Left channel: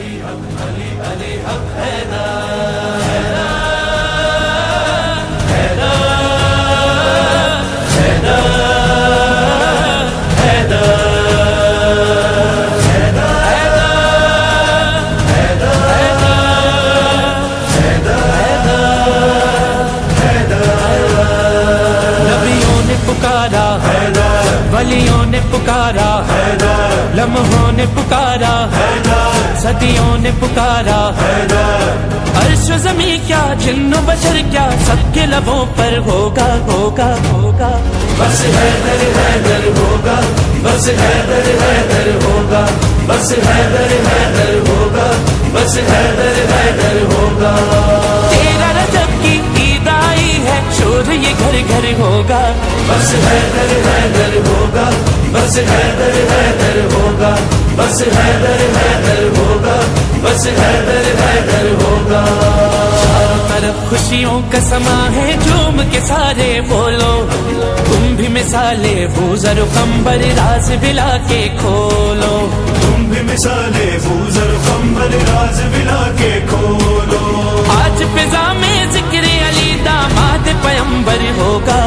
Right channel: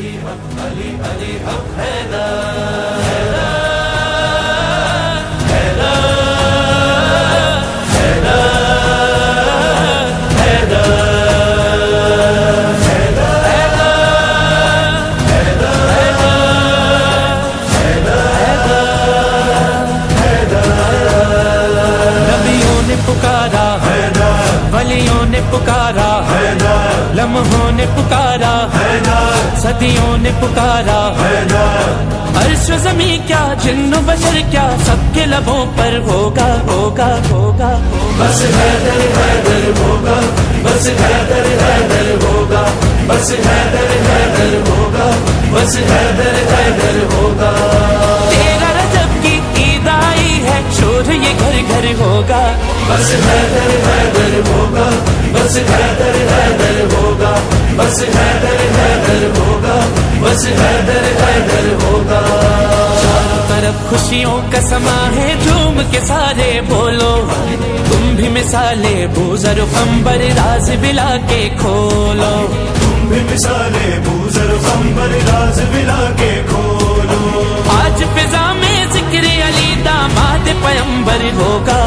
अली हक अली अली हक हैदर हैदर हैदर हैदर पुकारा वलियों ने पुकारा, लम्हों ने पुकारा, सदियों ने पुकारा। अर्श ज़मीं क्या जिन्नो बशर क्या सबके लबों पर होगा होगा होगा। बस हैदर हैदर होगा, बस हैदर हैदर होगा, बस हैदर हैदर होगा, बस हैदर हैदर होगा। तेरा रजब की ईद आई है, शोर ये घर घर होगा। बस हैदर हैदर होगा, बस हैदर हैदर होगा, बस हैदर हैदर होगा, बस हैदर हैदर होगा। चारों तरफ खुशियों का समा है, झूम के सारे बोलो। तुम भी मिसाले बूज़र कंबर राज बिला के खोलो। तुम भी मिसाले बूज़र कंबर राज बिला के खोलो। आज फिजा में जिक्र अली दामाद पैगंबर होगा।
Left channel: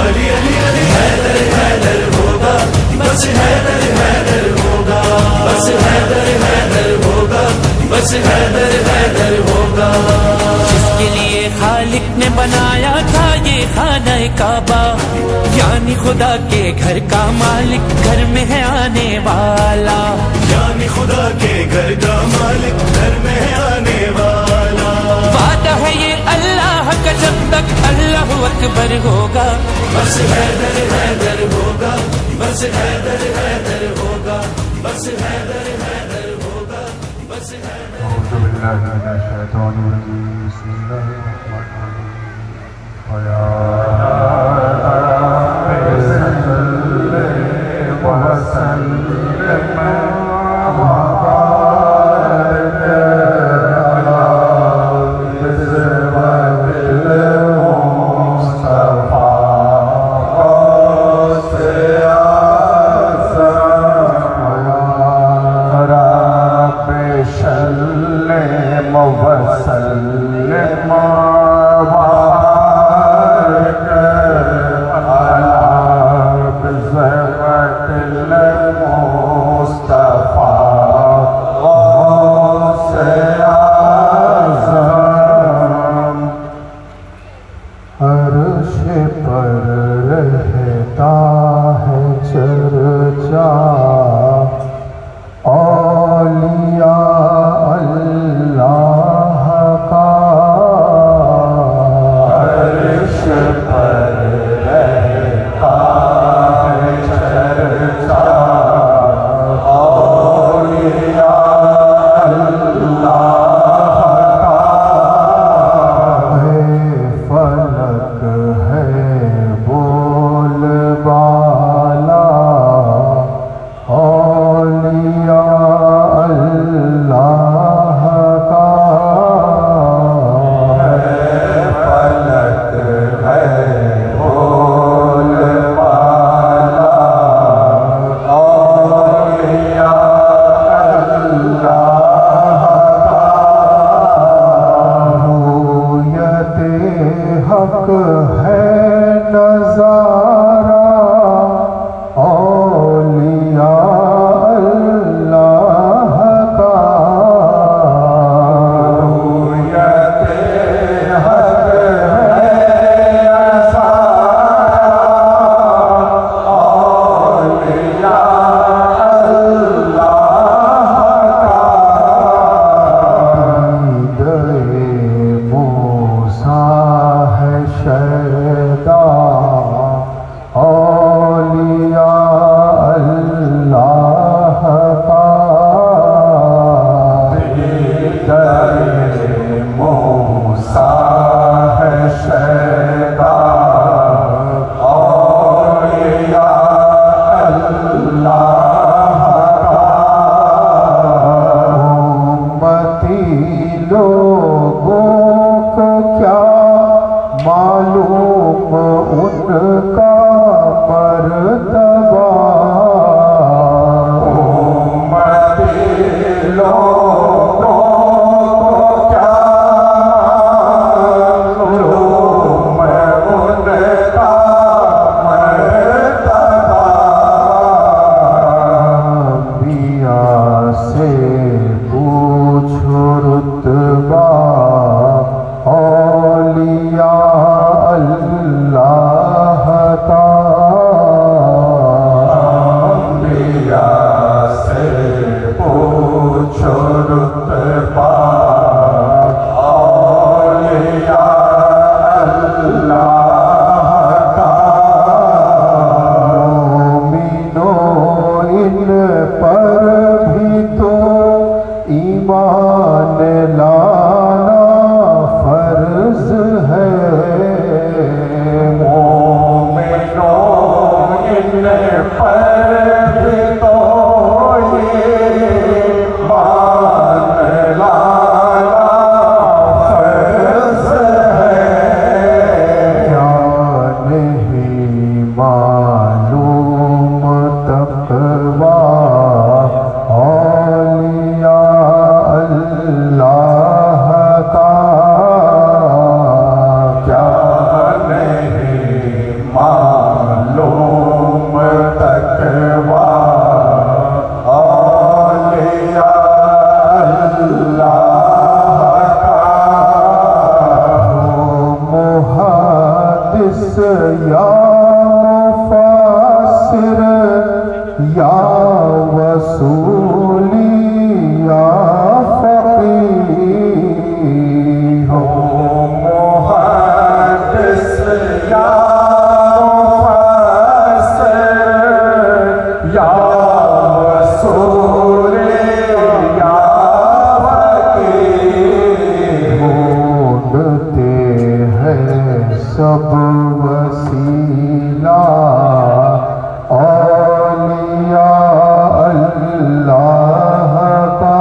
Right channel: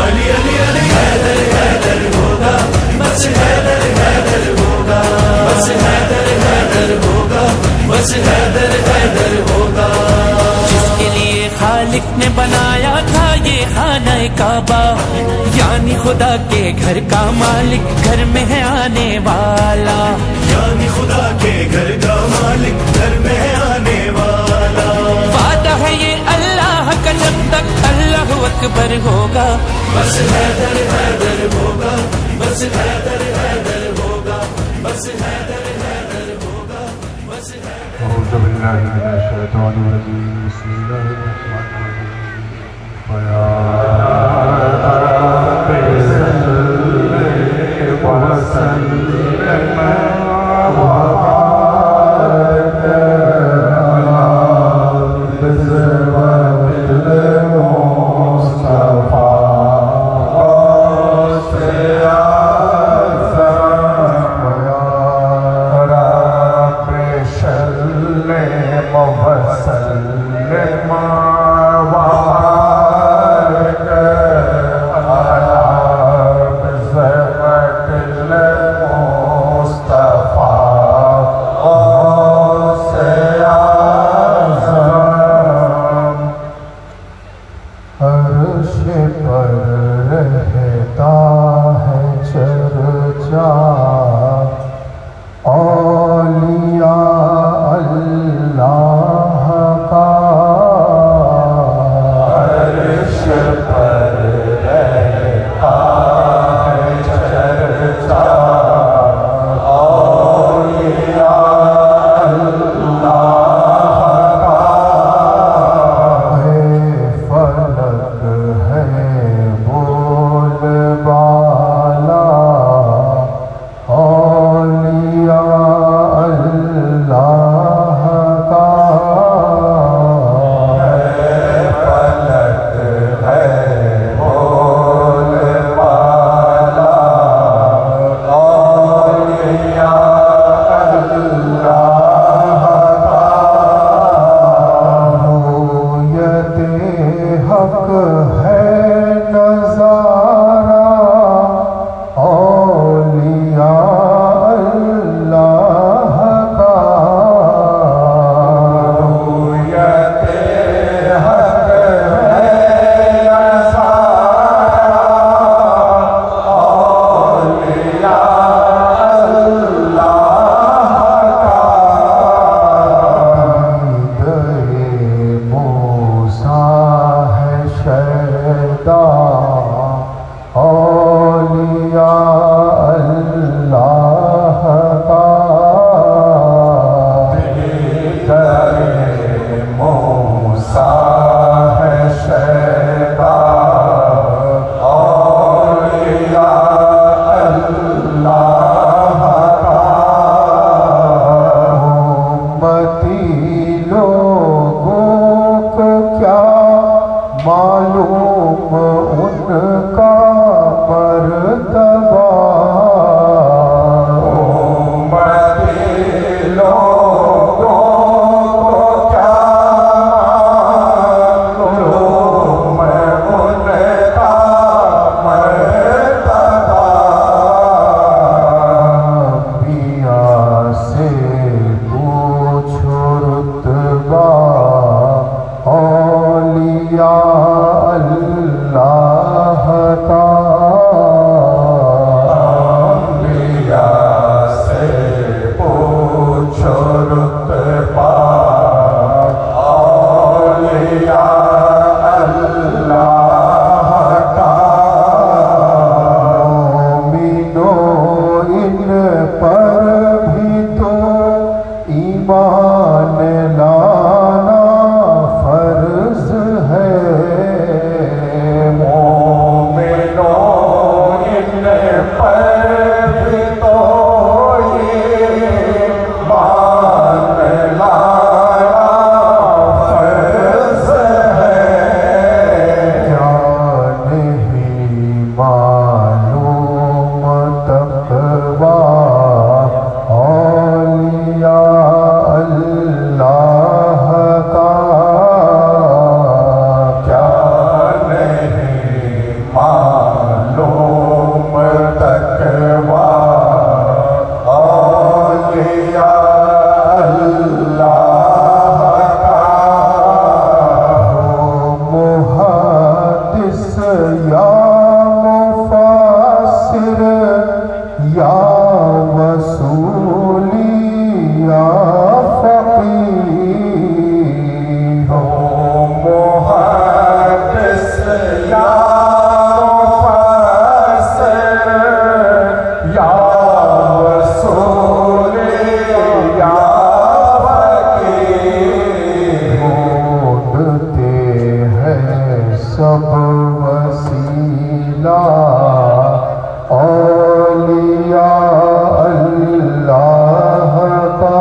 अली अली अली हैदर हैदर होगा, बस हैदर हैदर होगा, बस हैदर हैदर होगा, बस हैदर हैदर होगा। जिसके लिए खालिक ने बनाया था ये खाना काबा, यानी खुदा के घर का मालिक घर में है आने वाला। यानी खुदा के घर का मालिक घर में है आने वाला। वादा है ये अल्लाह का जब तक अल्लाह अकबर होगा। बस हैदर हैदर होगा, बस हैदर हैदर होगा, बस हैदर हैदर होगा, बस हैदर। उनका मर्तबा उम्मते लोग ईमान लाना फर्ज है। मोमिनों इन पर भी तो ये ईमान लाना फर्ज है। क्या नहीं मालूम तक़वा औलिया अल्लाह का। क्या नहीं मालूम तक़वा औलिया अल्लाह का। मुहद्दिस या मुफस्सिर या वसूली या फ़क़ीह। मुहद्दिस या मुफस्सिर या वसूली या फ़क़ीह। ढूंढते हैं सब वसीला औलिया अल्लाह का।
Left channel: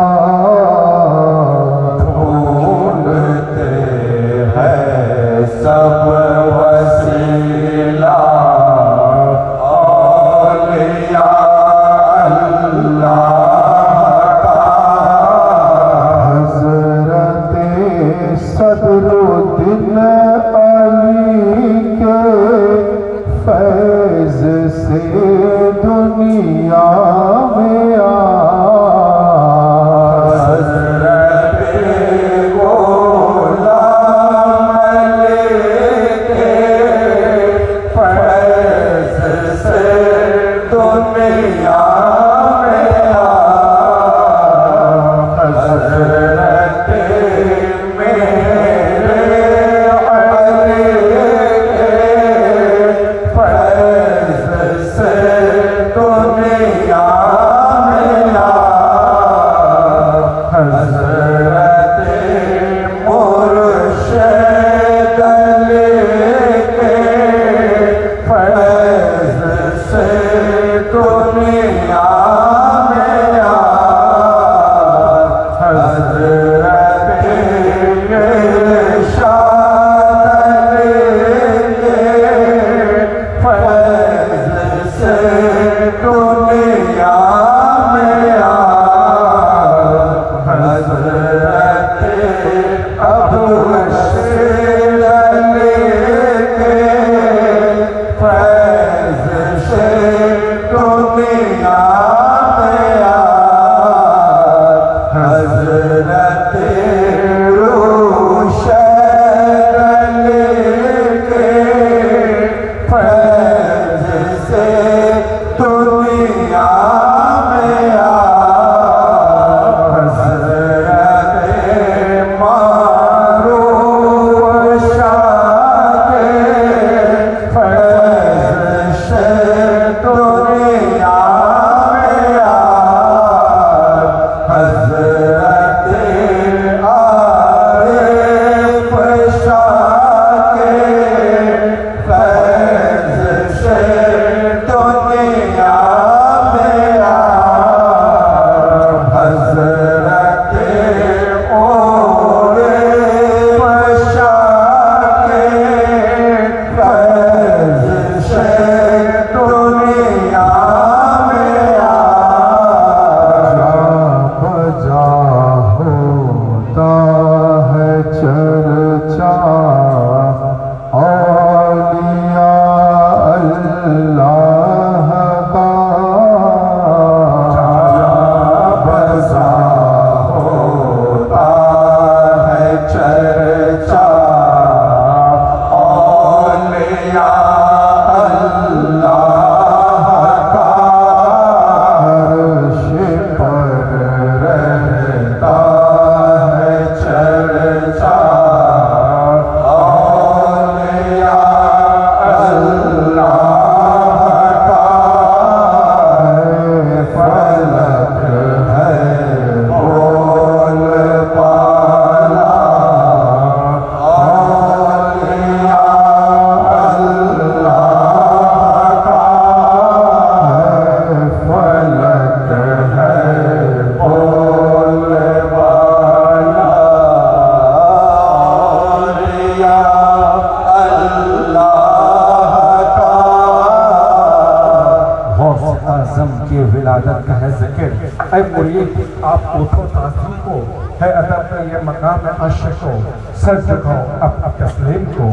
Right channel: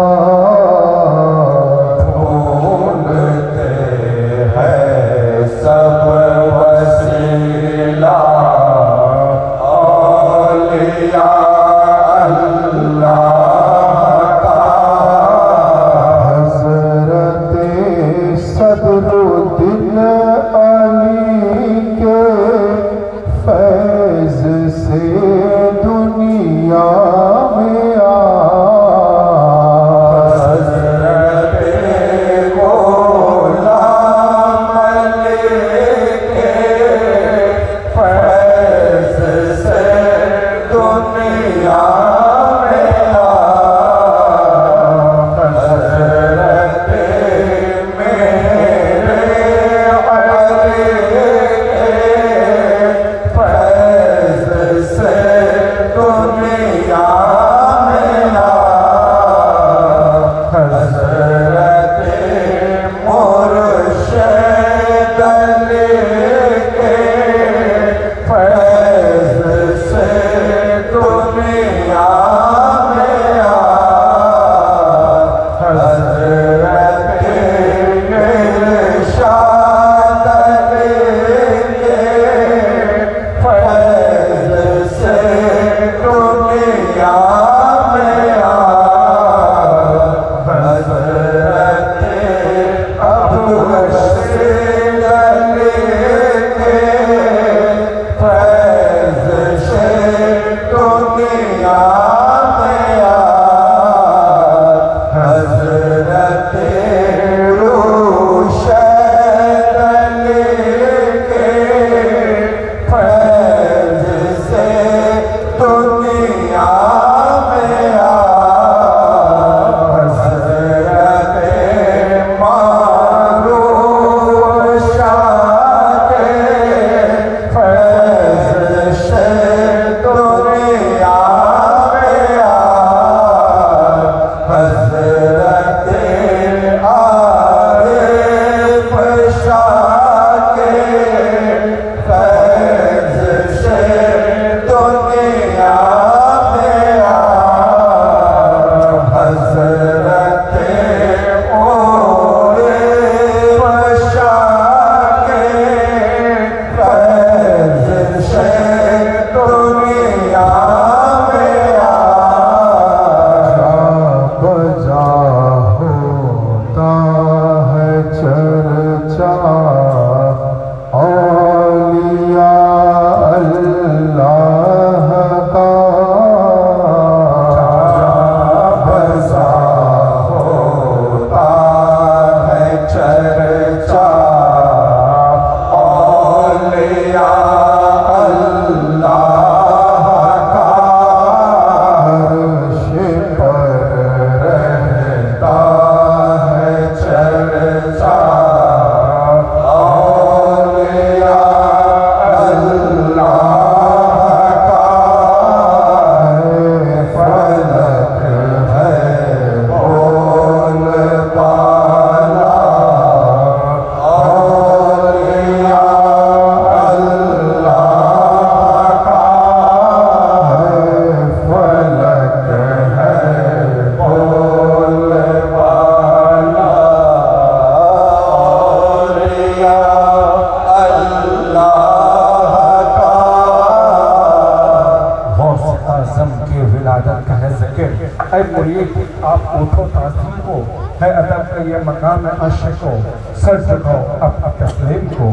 हमको है अदब का ये मकाम आशिक को सर झुकाओ अब तस्लीम को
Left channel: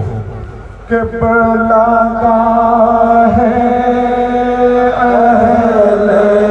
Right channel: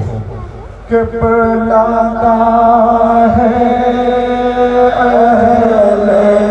कि बुलाता है अहले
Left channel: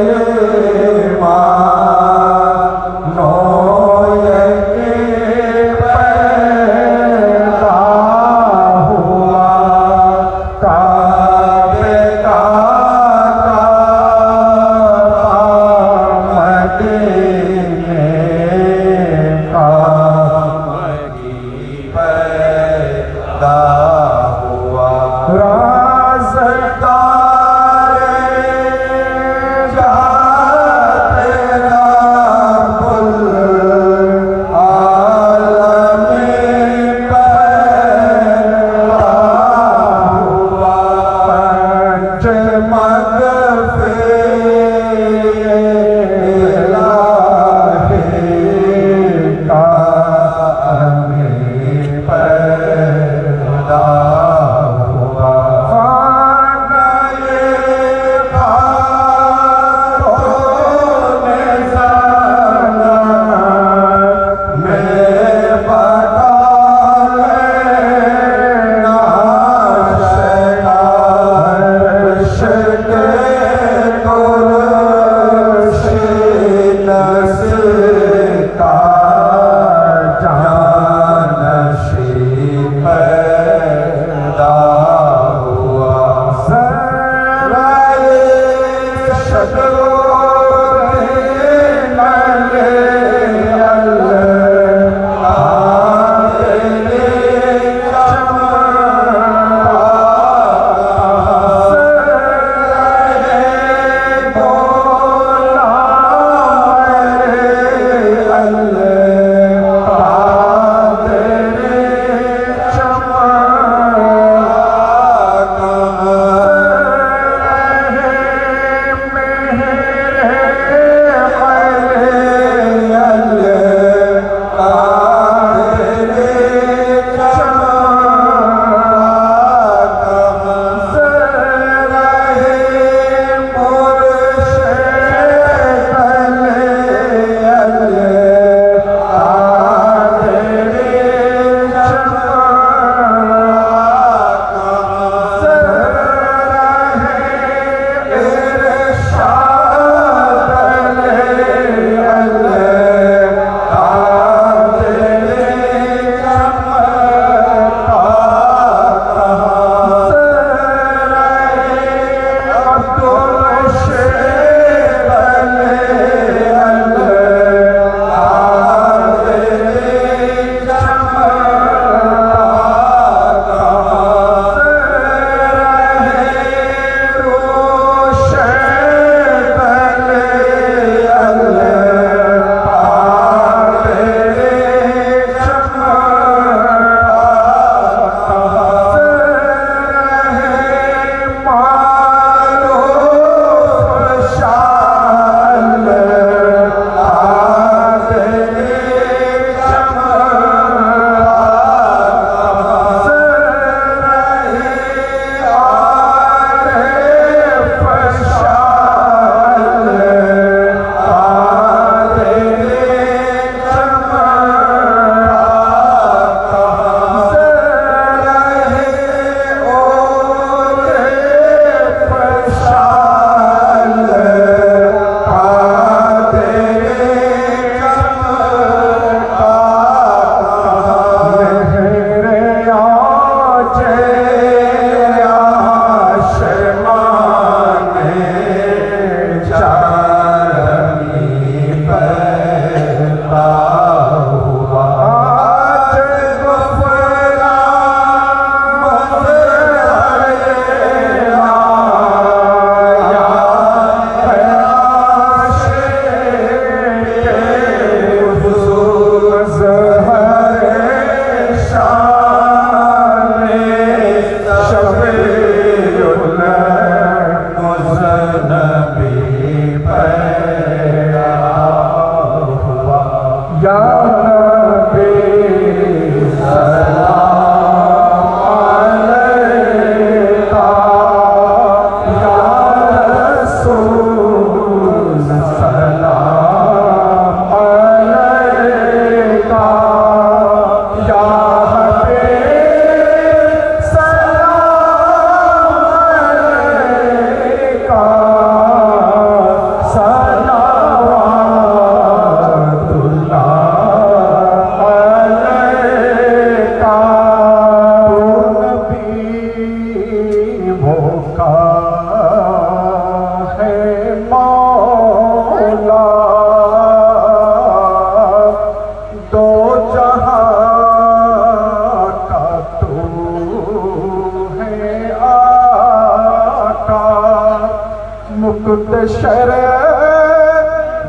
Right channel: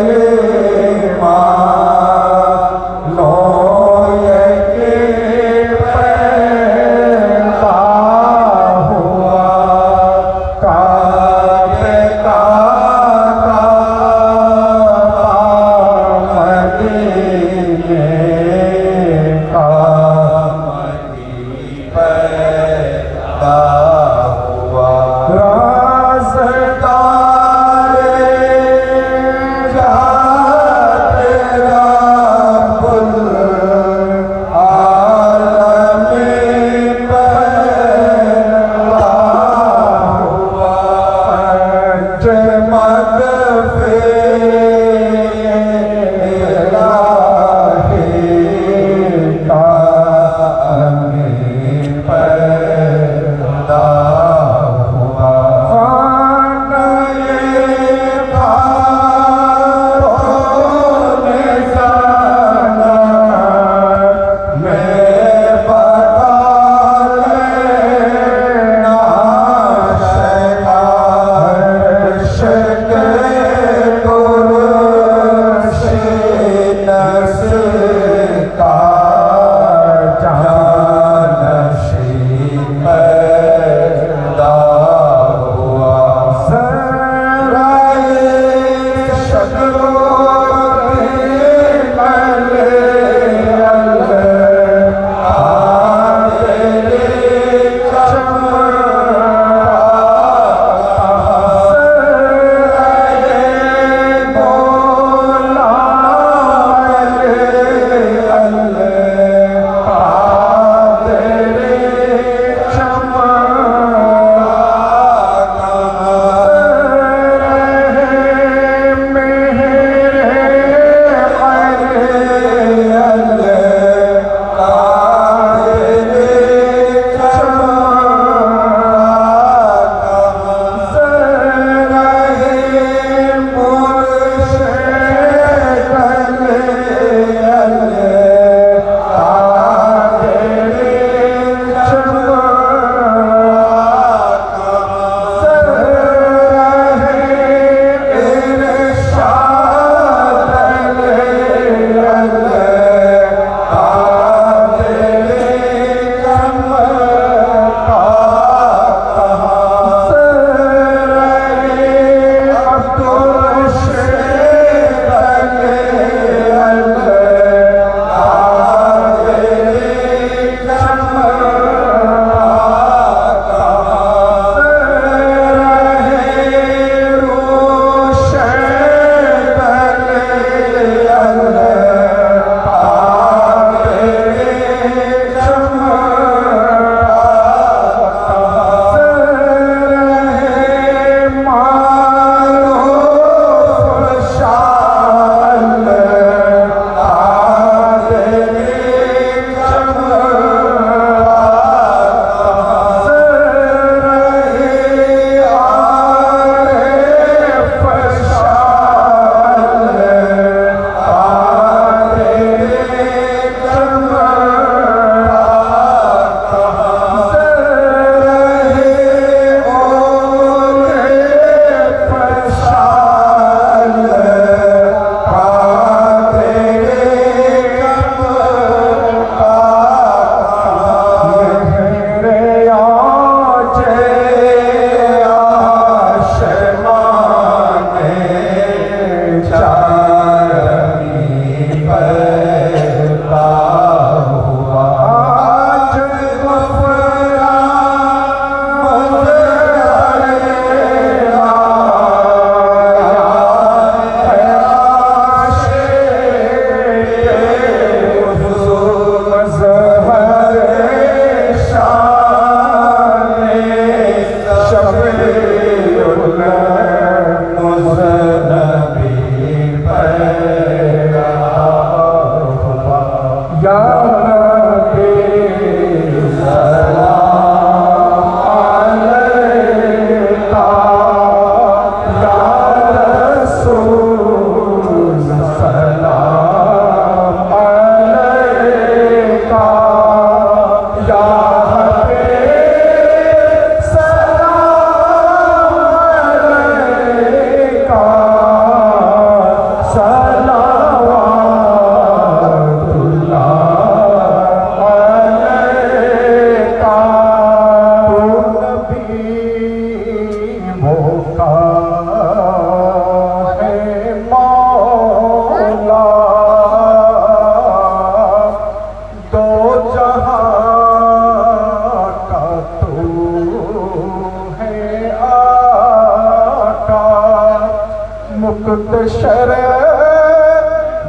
कुत शरे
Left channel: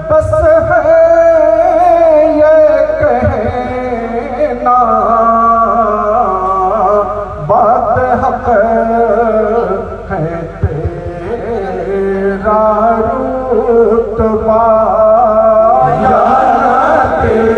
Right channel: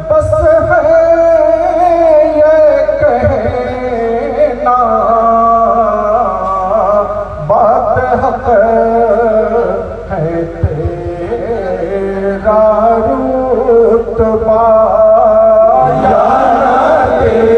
बस है ये कहना बात हक है तेरा रुतबा या नबी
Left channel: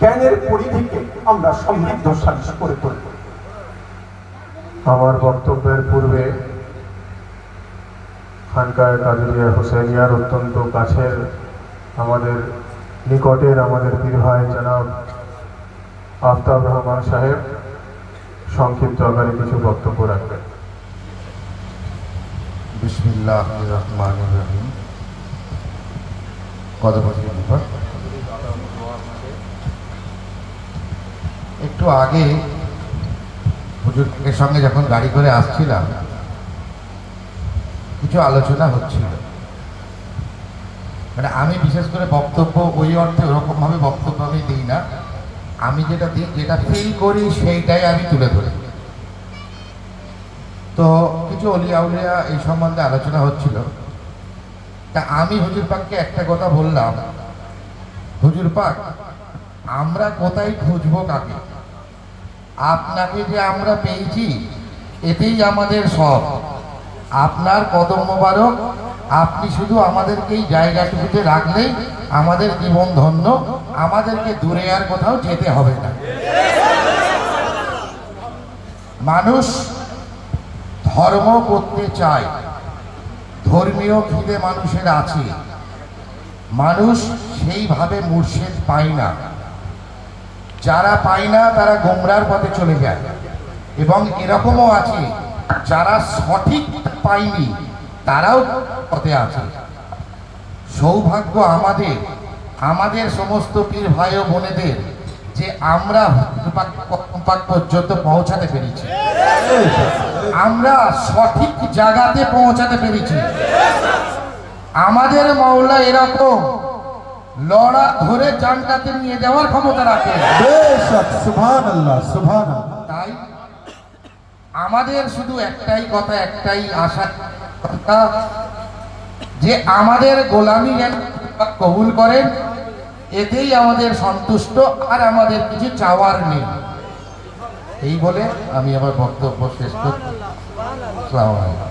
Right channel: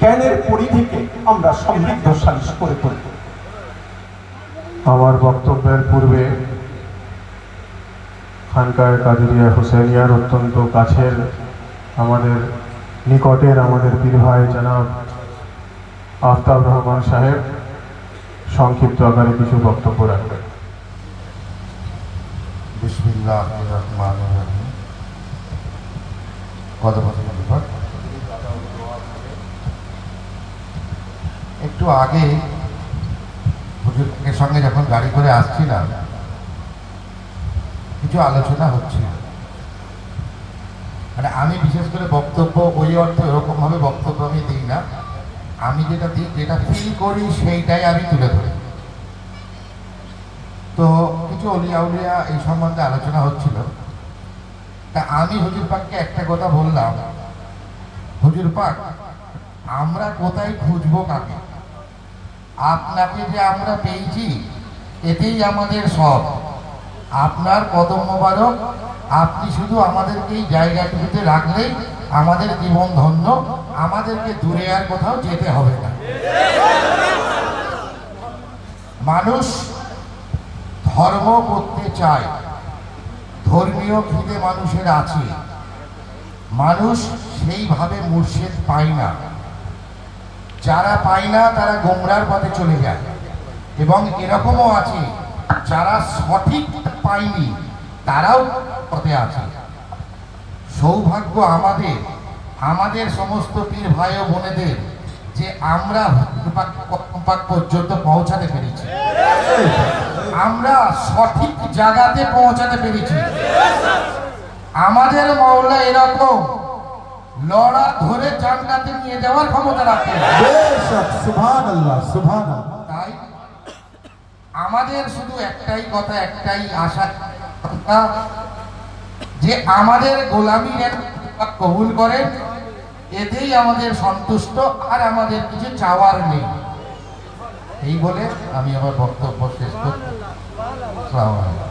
জ্ঞানের পরিধিকে আমরা সমৃদ্ধশালী করে তুলব। আমার বক্তব্যের পূর্বে খানকায়ে কাদেরিয়া হুসেনিয়ার অত্যন্ত কাছের আমাদের নিকটের আমাদের পীর ভাই জনাব আফতাব রহমান সাহেব সংক্ষিপ্ত আকারে কিছু বক্তব্য রাখবেন। বিসমিল্লাহির রহমানির রহিম। একটু আগে হুজুরের সঙ্গে যখন গাড়ি করে আসছিলাম কিছু আলোচনা হচ্ছিল, মানে আমি বিশেষ করে বক্তব্য ওই অর্থে ওরকম ভাবে বক্তব্য আমি দিই না, আমি যেটা ফিল করি সেইটাই আমি তুলে ধরি। তো কিছু অলিয়া উলিয়া এই সম্বন্ধে আলোচনা হচ্ছিল, তা আমি হুজুর পাককে একটা কথা বললাম, হুজুর পাক আমরা কোথায় খুঁজবো কাকে? আপনাকে যে আমরা পেয়েছি এতেই আমাদের সব। আপনার কদম মোবারক, আপনি শুধু আমাদেরকে এই জায়গাটুকুতে রাখলেই আমাদের জীবন ধন্য, আমাদেরকে দূরে আর কোথাও যেতে হবে না। মানুষ ধর্ম করতে চায়, ধর্মীয় খিদে মানুষের আছে, মানুষ সেইভাবে মুর্শিদ পায় না। যারা পায় না তারা গোমরার পথে চলে যায়, এবং এরকমও আছে যারা সঠিক পায়নি তারাও পথে আছে। সৌভাগ্য আমাদের সমস্ত পীর ভাই ও বোনেদের যে আমরা পর্যন্ত পৌঁছাতে পেরেছি, আমরা সঠিক জায়গাতে পৌঁছাতে পেরেছি। আমাদের মওলা এরকম লড়া ধরে জান্নাতে নিয়ে যাওয়ার ক্ষমতা রাখে। সুবহানাল্লাহ, সুবহানাল্লাহ। তাই আমাদের শুধু একটাই কথা, একটাই আশা যে আমাদের গোলামি যেন কবুল করেন, এতেই আমাদের সন্তুষ্ট, আর আমাদের কিছু চাওয়ার নেই। এই বলে আমি আমার বক্তব্য শেষ করছি। আসসালামু আলাইকুম।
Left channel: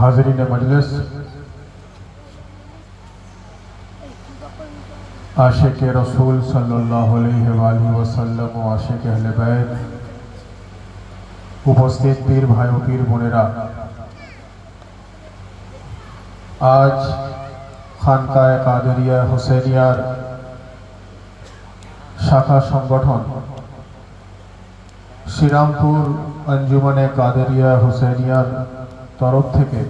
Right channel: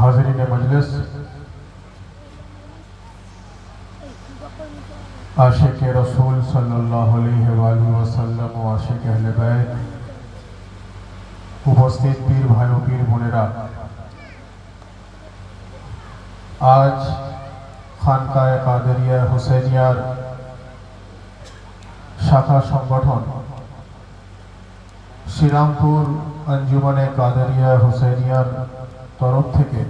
हाज़रीन मजलिस, आशिक रसूल सल्लल्लाहु अलैहि वसल्लम व आशिक अहले बैत, उपस्थित पीर भाइयों पीर बोनेरा, आज खानकाए कादेरिया हुसैनियार शाखा संगठन श्रीरामपुर अंजुमने कादेरिया हुसैनियार तरफ থেকে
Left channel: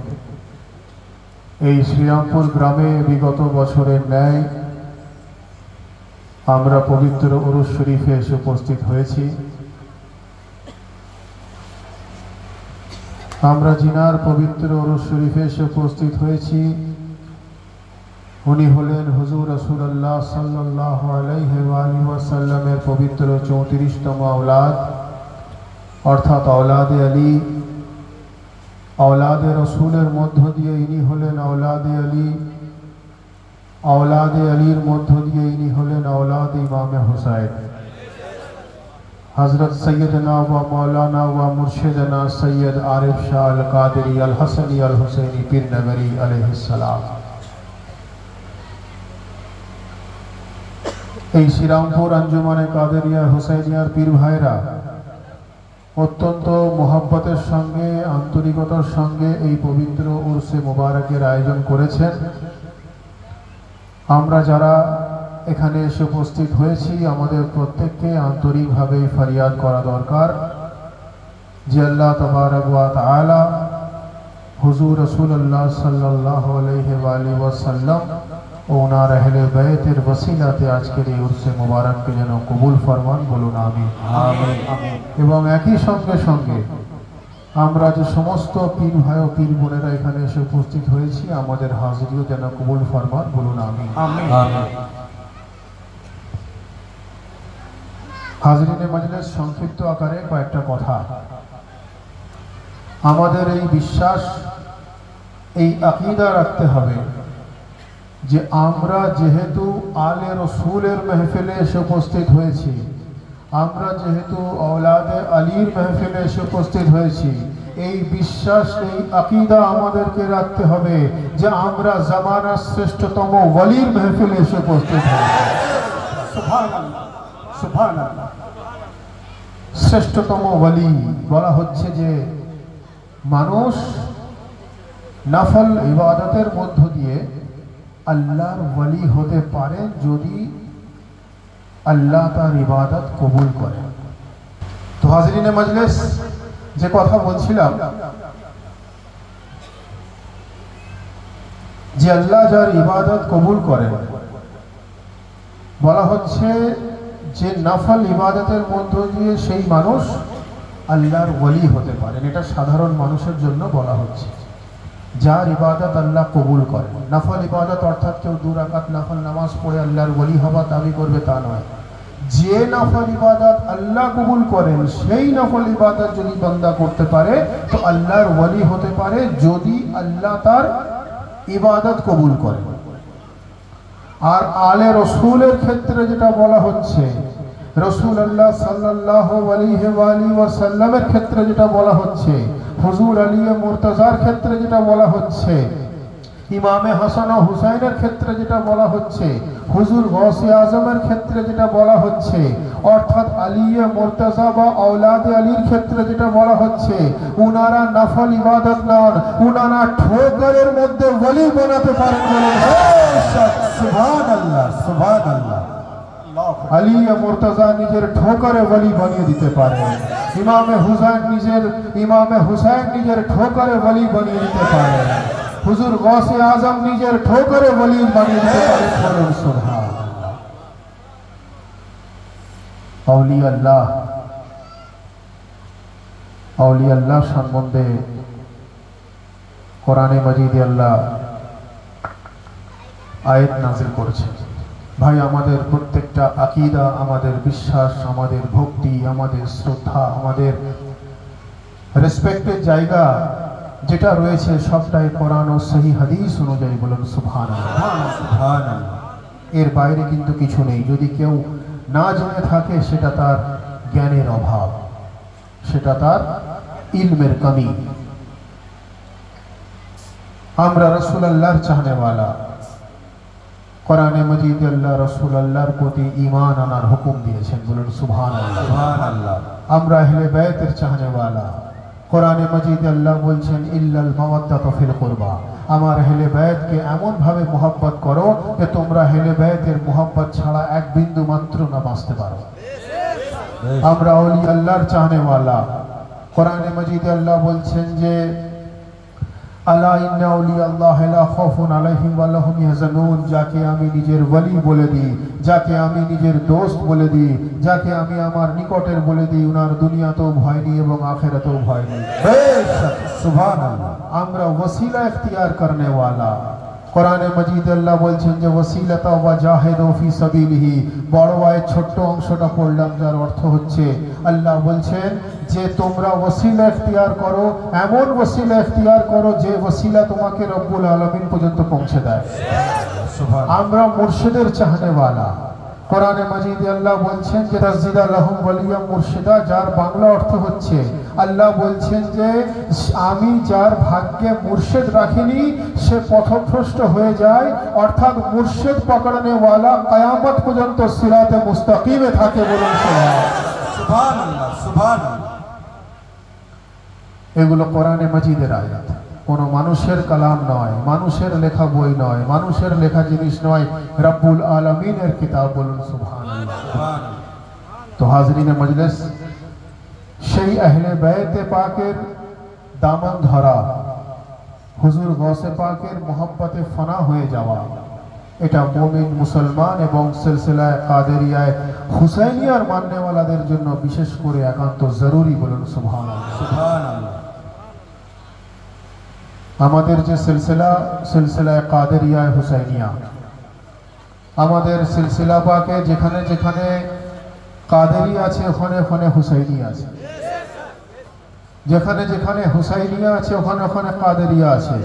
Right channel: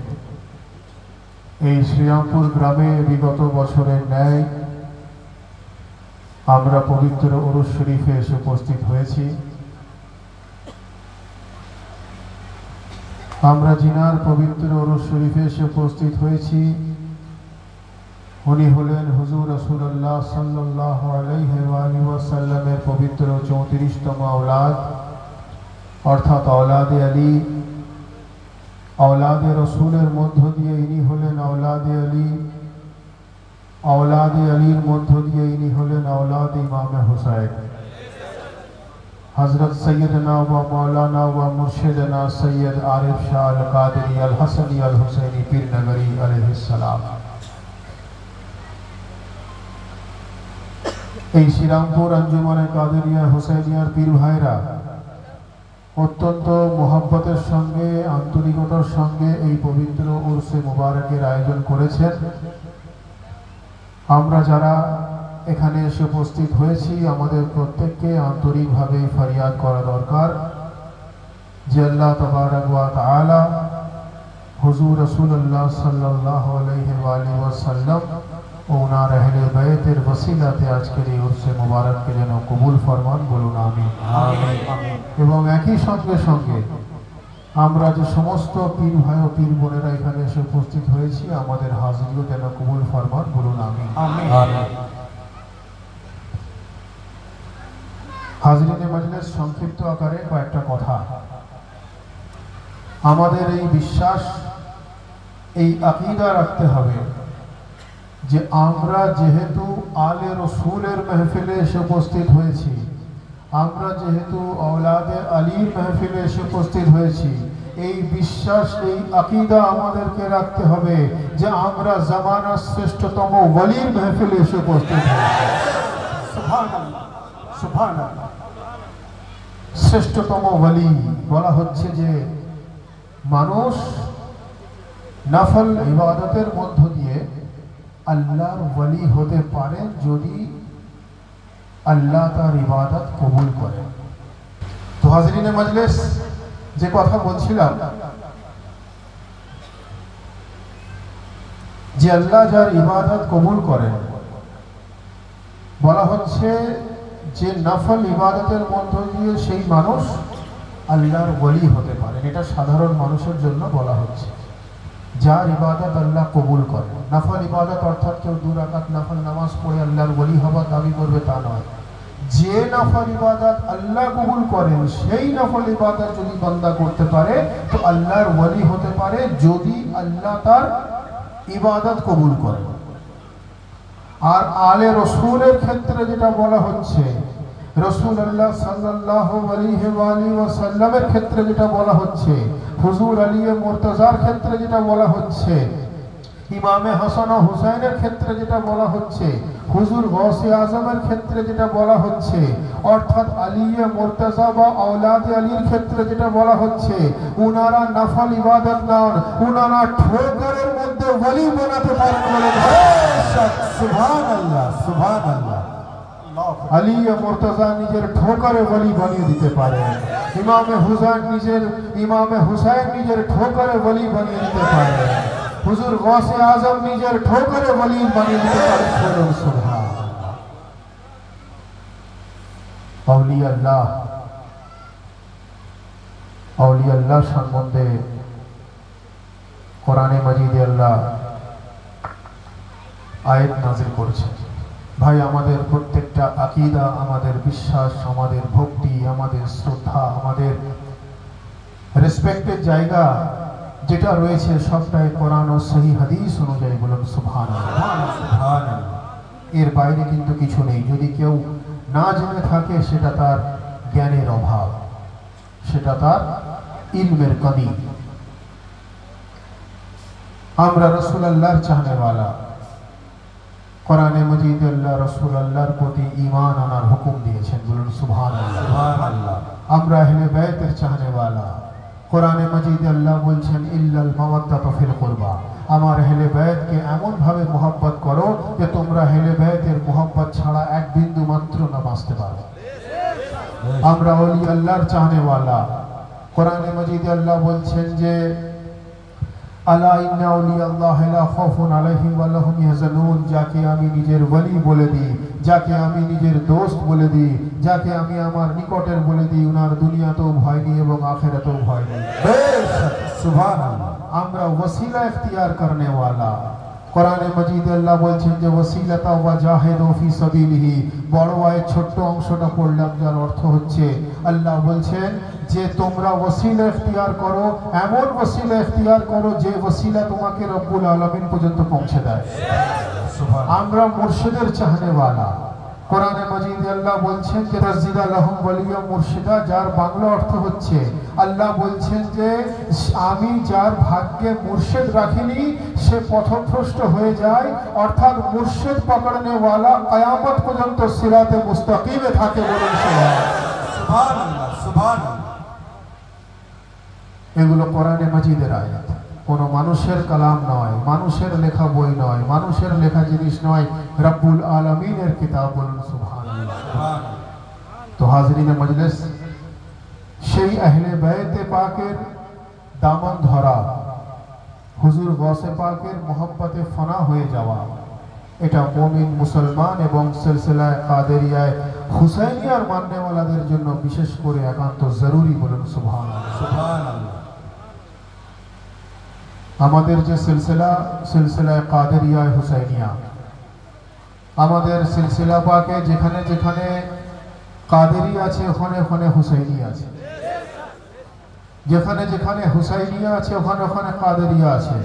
এই শ্রীরামপুর গ্রামে বিগত বছরের ন্যায় আমরা পবিত্র উরুস শরীফে এসে উপস্থিত হয়েছি। আমরা জিনার পবিত্র উরুস শরীফে এসে উপস্থিত হয়েছি, উনি হলেন হুজুর রাসূলুল্লাহ সাল্লাল্লাহু আলাইহি ওয়াসাল্লামের পবিত্র 34তম औलाद অর্থাৎ औलादे আলী। औलादे रसूलेर मध्य दिए इनी हलेन औलादे अली, औलादे अलीर मध्य दिए इनी हलेन औलादे इमाम हुसैन। हजरत सैयदना व मौलाना व मुर्शिदना सैयद आरिफ शाह अल कादरी अल हसनी अल हुसैनी पीर नगरी अलैहिस्सलाम। এই শ্রীরামপুর अंजुमने कादेरिया हुसैनियार पीर भाईरा অত্যন্ত মোহাব্বতের সঙ্গে আন্তরিকতার সঙ্গে এই পবিত্র উরসে মুবারকের আয়োজন করেছেন। আমরা যারা এখানে এসে উপস্থিত হয়েছি আমাদের প্রত্যেককে আন্তরিকভাবে ফরিয়াদ করা দরকার যে আল্লাহ তাবারক ওয়া তাআলা হুজুর রাসূলুল্লাহ সাল্লাল্লাহু আলাইহি ওয়াসাল্লাম ও ওনার আহলে বাইতের ওসিলাতে আজকের এই উরসে মুবারককে যেন কবুল ফরমান, বলুন আমিন। এবং একই সঙ্গে সঙ্গে আমরা যে সমস্ত পীর ভাই ও পীর বোনেরা এখানে এসে উপস্থিত হয়েছি, আমাদের হাজিরিও যেন কবুল ফরমান, বলুন আমিন। হাজিরিনে মাজলিস, সংক্ষিপ্ত আকারে কয়েকটা কথা। আমাদের এই বিশ্বাস, এই আকীদা রাখতে হবে যে আমরা যেহেতু আলে রসুলের মেহফিলে এসে উপস্থিত হয়েছি, আমরা যেহেতু औलादे আলীর মেহফিলে এসে উপস্থিত হয়েছি, এই বিশ্বাস, এই আকীদা আমাদেরকে রাখতে হবে যে আমরা জামানার শ্রেষ্ঠতম ওয়ালির মেহফিলে এসে উপস্থিত হয়েছি। সুবহানাল্লাহ, সুবহানাল্লাহ। শ্রেষ্ঠতম ওয়ালি বলা হচ্ছে যে মানুষ নফল ইবাদতের মধ্য দিয়ে আল্লাহর ওয়ালি হতে পারে যদি আল্লাহ তার ইবাদত কবুল করে। তো হাজিরিনে মাজলিস, যে কথা বলছিলাম যে আল্লাহ যার ইবাদত কবুল করেন, বলা হচ্ছে যে নফল ইবাদতের মধ্য দিয়ে সেই মানুষ আল্লাহর ওয়ালি হতে পারে। এটা সাধারণ মানুষের জন্য বলা হচ্ছে যার ইবাদত আল্লাহ কবুল করেন। নফল ইবাদত অর্থাৎ কেউ 2 রাকাত নফল নামাজ পড়ে আল্লাহর ওয়ালি হওয়া দাবি করবে তা নয়। যে নফল ইবাদত আল্লাহ কবুল করেন সেই নফল ইবাদত যদি বান্দা করতে পারে তো আল্লাহর ওয়ালি হতে পারে, যদি আল্লাহ তার ইবাদত কবুল করেন। আর আলে রসুলের ক্ষেত্রে যেটা বলা হচ্ছে, রাসূলুল্লাহ সাল্লাল্লাহু আলাইহি ওয়াসাল্লামের ক্ষেত্রে যেটা বলা হচ্ছে, হুজুর আলী মুর্তজার ক্ষেত্রে যেটা বলা হচ্ছে, ইমামে হাসান ও হুসাইনের ক্ষেত্রে যেটা বলা হচ্ছে, হুজুর গৌসে আজমের ক্ষেত্রে যেটা বলা হচ্ছে, অর্থাৎ আলী মুর্তজা বা औलादे আলীর ক্ষেত্রে যেটা বলা হচ্ছে, উনারা নফল ইবাদত নন, উনারা ঠোকরের মধ্যে ওয়ালি বানাতে পারেন। সুবহানাল্লাহ, সুবহানাল্লাহ। আলী মুর্তজা নিজের ঠোকরে ওয়ালি বানিয়ে দিতে পারেন, ইমামে হুসাইন নিজের ঠোকরে ওয়ালি বানিয়ে দিতে পারেন, হুজুর গৌসে আজম নিজের ঠোকরে ওয়ালি বানিয়ে দিতে পারেন। সুবহানাল্লাহ। আউলিয়া আল্লাহ সম্বন্ধে কোরআনে মাজিদে আল্লাহ আয়াত নাযিল করেছেন। ভাই, আমাদের প্রত্যেকটা আকীদা, আমাদের বিশ্বাস, আমাদের ভক্তি, আমাদের শ্রদ্ধা, আমাদের রেসপেক্টের জায়গা যেটা রয়েছে সবটাই কোরআন ও সহি হাদিস অনুযায়ী। বলুন সুবহানাল্লাহ, সুবহানাল্লাহ। এর বাইরে কিন্তু কিছু নেই। যদি কেউ না জেনে থাকে সেটা তার জ্ঞানের অভাব, সেটা তার ইলমের কমি। আমরা রাসূলুল্লাহর চাহনেওয়ালা, কোরআনে মাজিদে আল্লাহ রাসূলুল্লাহর প্রতি ঈমান আনার হুকুম দিয়েছেন। বলুন সুবহানাল্লাহ, সুবহানাল্লাহ। আমরা আহলে বাইতের চাহনেওয়ালা, কোরআনে মাজিদে আল্লাহ বলছেন ইল্লাল মাওয়াদ্দাতা ফিল কুরবা, আমার আহলে বাইতকে এমন ভাবে মোহাব্বত করো যে তোমরা আহলে বাইতের মোহাব্বত ছাড়া এক বিন্দু মাত্র না বাঁচতে পারো। আমরা আউলিয়া আল্লাহর চাহনেওয়ালা, কোরআনে মাজিদে আল্লাহ বলছেন যে আলা ইন্না আউলিয়া আল্লাহ লা খাউফুন আলাইহিম ওয়া লা হুম ইয়াহজানুন, যাকে আমি নিজের ওয়ালি বলে দিই, যাকে আমি নিজের দোস্ত বলে দিই, যাকে আমি আমার নিকটের বলে দিই, উনার দুনিয়াতেও ভয় নেই এবং আখিরাতেও ভয় নেই। সুবহানাল্লাহ। আমরা ওসিলা ইখতিয়ার করনে ওয়ালা, কোরআনে মাজিদে আল্লাহ বলছেন যে ওসিলাতা ওয়া জাহিদু ফি সাবিলিহি, বড় আয়াত ছোট্ট অংশটা পড়লাম যার অর্থ হচ্ছে আল্লাহ বলছেন যে তোমরা ওসিলা ইখতিয়ার করো, এমন ওসিলা ইখতিয়ার করো যে ওসিলা তোমাকে রব্বুল আলামিন পর্যন্ত পৌঁছে দেয়। আমরা মুর্শিদের চাহনেওয়ালা, কোরআনে মাজিদে আল্লাহ বলছেন যে রাজিদা লাহুম ওয়ালিয়া মুর্শিদা, যার বাংলা অর্থ হচ্ছে আল্লাহ বলছেন যে আমি যার ভাগ্যে মুর্শিদ রাখিনি সে পথভ্রষ্ট হয়ে যায়, অর্থাৎ মুর্শিদ পকড়নে ওয়ালা কিয়ামত পর্যন্ত সিরাতে মুস্তাকিমে থাকে। বলুন সুবহানাল্লাহ, সুবহানাল্লাহ। এগুলো কোরআনে মাজিদের আয়াত, কোনো মানুষের কালাম নয়, মানুষের লেখা বই নয়, মানুষের লেখা জিনিস নয়, রব্বুল আলামিনের কিতাব। বলুন সুবহানাল্লাহ। তো হাজরিনে মজলিস, সেই আহলে বাইতে পাকের দামন ধরা, হুজুর গৌসে পাকের মোহাব্বতে ফানা হয়ে যাওয়া, এটা মুমিন মুসলমান এবং সিলসিলায়ে কাদেরিয়ায় হুসাইনিয়ার মাননেওয়ালাদের জন্য বিশেষ করে একান্ত জরুরি। বলুন সুবহানাল্লাহ, সুবহানাল্লাহ। আমাদের যে সিলসিলা কাদেরিয়া হুসাইনিয়া, আমাদের সিলসিলা পাকে যেখানে যেখানে কাদেরি আছে ওখানে ওখানে হুসাইনি আছে, যেখানে যেখানে হুসাইনিয়া আছে ওখানে ওখানে কাদেরিয়া আছে।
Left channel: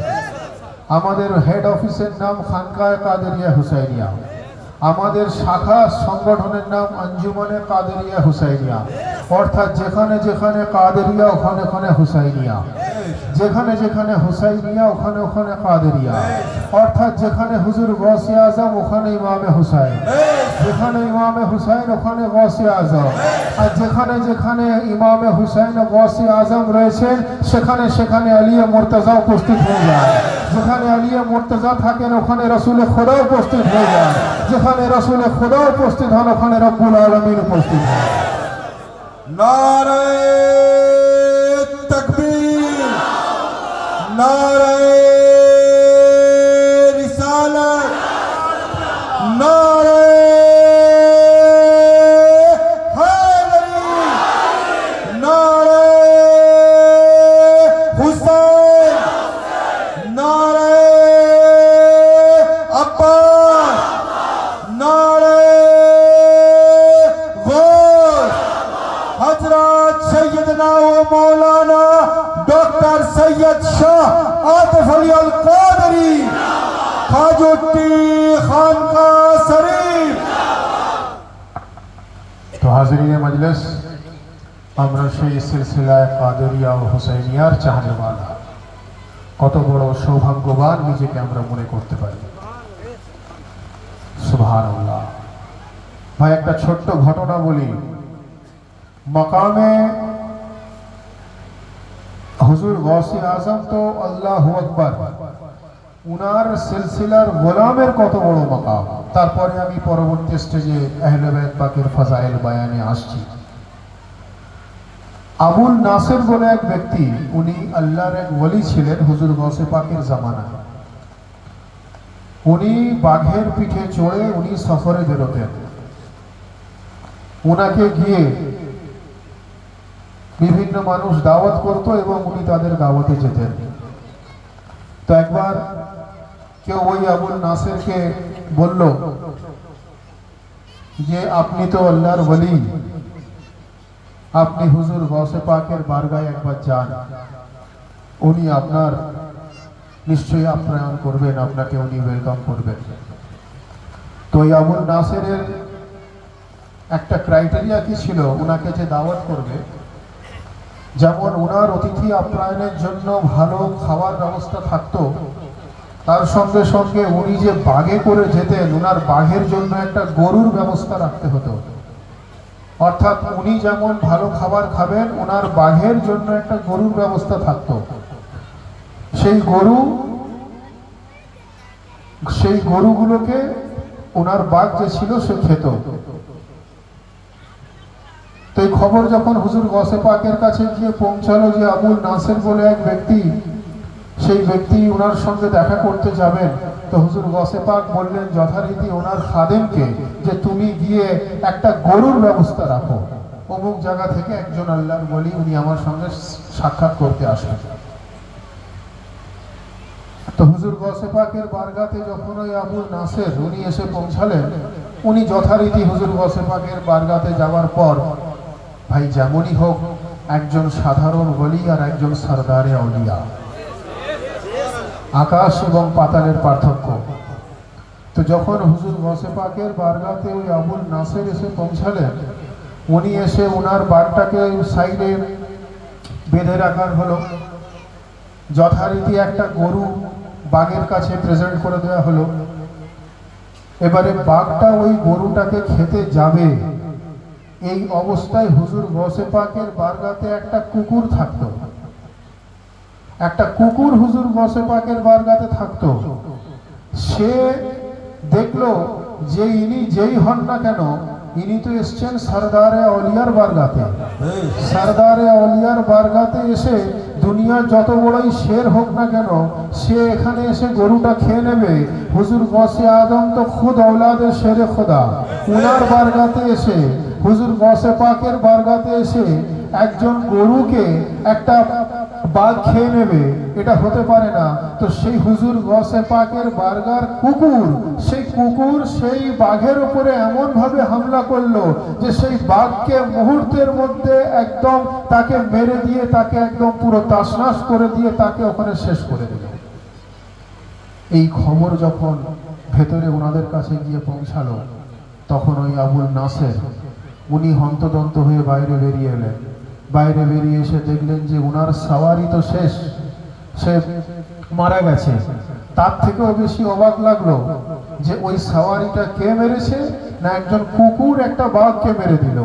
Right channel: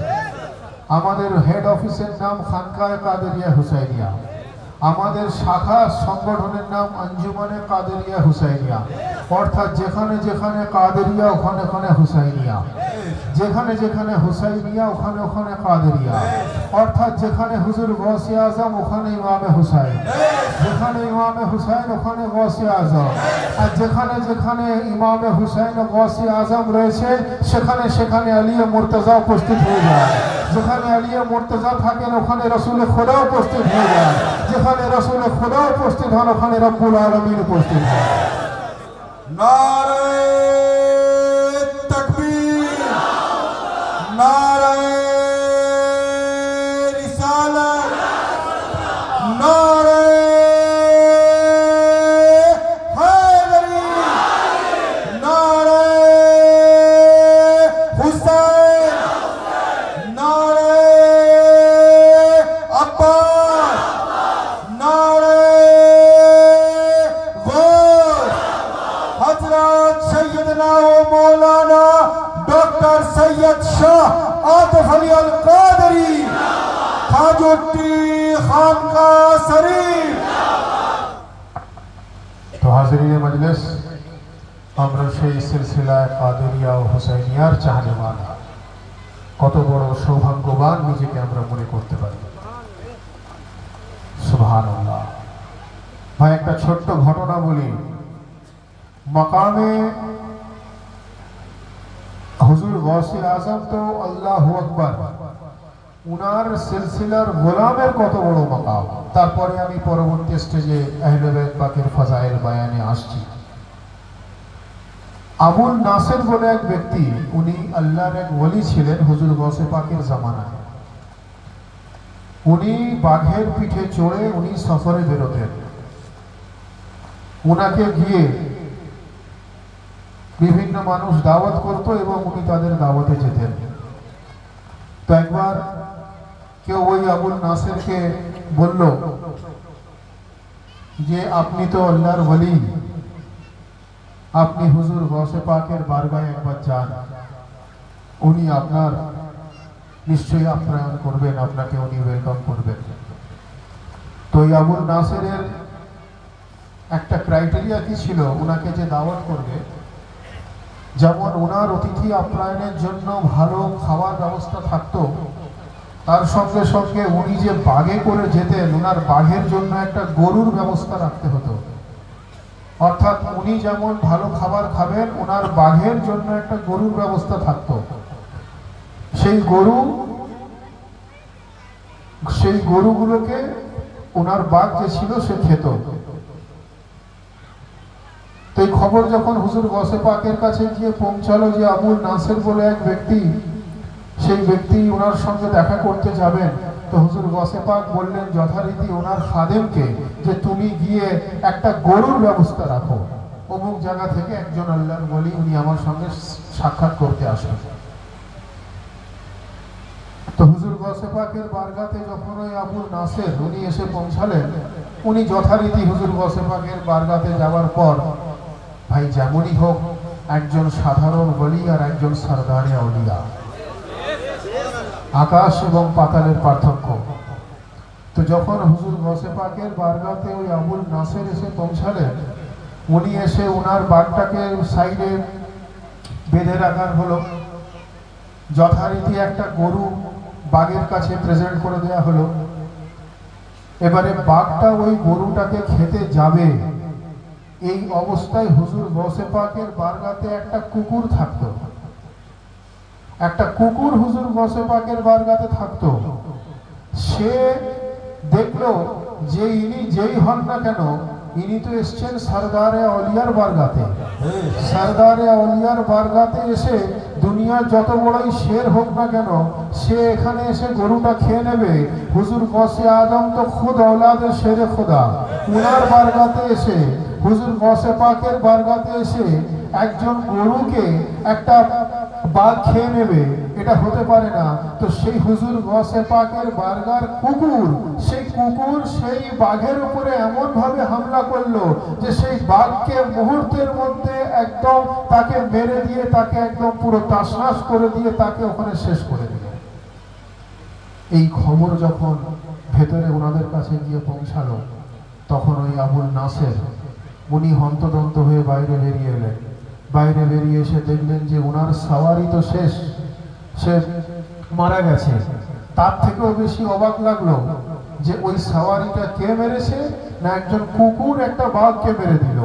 আমাদের হেড অফিসের নাম খানকাহ কাদেরিয়া হুসাইনিয়া, আমাদের শাখা সংগঠনের নাম আঞ্জুমানে কাদেরিয়া হুসাইনিয়া। অর্থাৎ যেখানে যেখানে কাদেরিয়া ওখানে ওখানে হুসাইনিয়া, যেখানে যেখানে হুসাইনিয়া ওখানে ওখানে কাদেরিয়া। অর্থাৎ যেখানে হুজুর গৌসে আজম ওখানে ইমামে হুসাইন, যেখানে ইমামে হুসাইন ওখানে গৌসে আজম। আর যেখানে যেখানে ইমামে হুসাইন ও গৌসে আজম রয়েছে সেখানে সেখানে আলিয়া মুর্তজা উপস্থিত হয়ে যায়। যেখানে আলিয়া মুর্তজা থাকেন ওখানে রাসূলে খোদা উপস্থিত হয়ে যায়। যেখানে রাসূলে খোদা উপস্থিত হন ওখানে রব্বুল আলামিন উপস্থিত হয়। নারে তাকবীর, নারে রিসালাত, নারে হায়দারি, নারে হুসাইন, নারে আব্বাস, নারে গৌস, হযরত সৈয়দনা ও মাওলানা ডক্টর সৈয়দ শাহ আতিফ আলী আল কাদরি খাজুট্টি খানকাহ শরীফ। তো হাজিরিন মজলিস, আমরা সেই সিলসিলায় কাদেরিয়া ও হুসাইনিয়ার চাহনিওয়ালা, কত বড় সৌভাগ্যবান নিজেকে আমরা মনে করতে পারি। সুবহানাল্লাহ। ভাই একটা ছোট্ট ঘটনা বলি। মাকামে হুজুর গৌসে আজম তো আল্লাহু আকবার, উনার সিলসিলার গোলামের কত বড় মাকাম। তারপরে আমি পরবর্তী স্টেজে আহলে বাইত পাকের ফাজাইল বায়ানে আসছি। আবুল নাসের বলে এক ব্যক্তি, উনি আল্লাহর এক ওলি ছিলেন হুজুর গৌসে পাকের জামানায়। উনি বাঘের পিঠে চড়ে উনি সফরে বেরোতেন। উনাকে গিয়ে বিভিন্ন মানুষ দাওয়াত করত এবং উনি তাদের দাওয়াতে যেতেন। তো একবার কেউ ওই আবুল নাসেরকে বলল যে আপনি তো আল্লাহর ওলি, আপনি হুজুর গৌসে পাকের বারগাহে একবার যান, উনি আপনার নিশ্চয়ই আপ্যায়ন করবেন, আপনাকে উনি ওয়েলকাম করবেন। তো এই আবুল নাসেরের একটা ক্রাইটেরিয়া কি ছিল, উনাকে যে দাওয়াত করবে, যেমন ওনার অতিথি আপ্যায়নের জন্য ভালো খাবার ব্যবস্থা থাকতো, তার সঙ্গে সঙ্গে উনি যে বাগে করে যেতেন ওনার বাঘের জন্য একটা গরুর ব্যবস্থা রাখতে হতো। অর্থাৎ উনি যেমন ভালো খাবার খাবেন ওনার বাঘের জন্য একটা গরুর ব্যবস্থা থাকতো। সেই গরুগুলোকে ওনার বাঘ যে ছিল সে খেত। তো এই খবর যখন হুজুর গৌসে পাকের কাছে গিয়ে পৌঁছালো যে আবুল নাসের বলে এক ব্যক্তি, সেই ব্যক্তি ওনার সঙ্গে দেখা করতে যাবেন, তো হুজুর গৌসে পাক বললেন যথারীতি ওনার খাদেমকে যে তুমি গিয়ে একটা গরুর ব্যবস্থা রাখো, অমুক জায়গা থেকে একজন আল্লাহর ওলি উনি আমার সঙ্গে সাক্ষাৎ করতে আসেন। তো হুজুর গৌসে পাকের বারগাতে যখন ওই আবুল নাসের উনি এসে পৌঁছালেন, উনি যথারীতি হুজুর গৌসে পাকের বারগাতে যাওয়ার পর, ভাই যেমনই হোক একজন সাধারণ ওলি আর একজন সরদারে আউলিয়া, আকাশ এবং পাতালের পার্থক্য। তো যখন হুজুর গৌসে পাকের বারগাতে ওই আবুল নাসের এসে পৌঁছালেন, উনি এসে ওনার বাঘটাকে সাইডে বেঁধে রাখার হলো, যথারীতি একটা গরু বাঘের কাছে প্রেজেন্ট করে দেওয়া হলো। এবারে বাঘটা ওই গরুটাকে খেতে যাবে, এই অবস্থায় হুজুর গৌসে পাকের বারগাতে একটা কুকুর থাকতো। একটা কুকুর হুজুর গৌসে পাকের বারগাতে থাকতো। সে দেখলো যে ইনি যেই হন না কেন, ইনি তো এসছেন সরদারে আউলিয়ার বারগাতে। সরদারে আউলিয়ার বারগাতে এসে দুনিয়ার যত বড়ই শের হোক না কেন, সে এখানে এসে গরুটা খেয়ে নেবে। হুজুর গৌসে আজম তো খুদ औलाद শেরে খোদা, ওনার বারগাতে এসে হুজুর গৌসে পাকের বারগাতে এসে একজন গরুকে একটা বাঘ খেয়ে নেবে, এটা হতে পারে না। তো সেই হুজুর গসে পাকের বারগার কুকুর, সেই কুকুর সেই বাঘের উপরে এমন ভাবে হামলা করলো যে সেই বাঘকে মুহূর্তের মধ্যে একদম তাকে মেরে দিয়ে, তাকে একদম পুরো তাসনাস করে দিয়ে তাকে ওখানে শেষ করে দিল। এই খবর যখন ভেতরে ওনাদের কাছে গিয়ে পৌঁছালো, তখন ওই আবুল নাসের উনি হন্তদন্ত হয়ে বাইরে বেরিয়ে এলেন। বাইরে বেরিয়ে এসে দেখলেন যে উনার সাওয়ারি তো শেষ, সে মারা গেছে। তার থেকেও বেশি অবাক লাগলো যে ওই সাওয়ারিটা কে মেরেছে, না একজন কুকুর একটা বাঘকে মেরে দিল।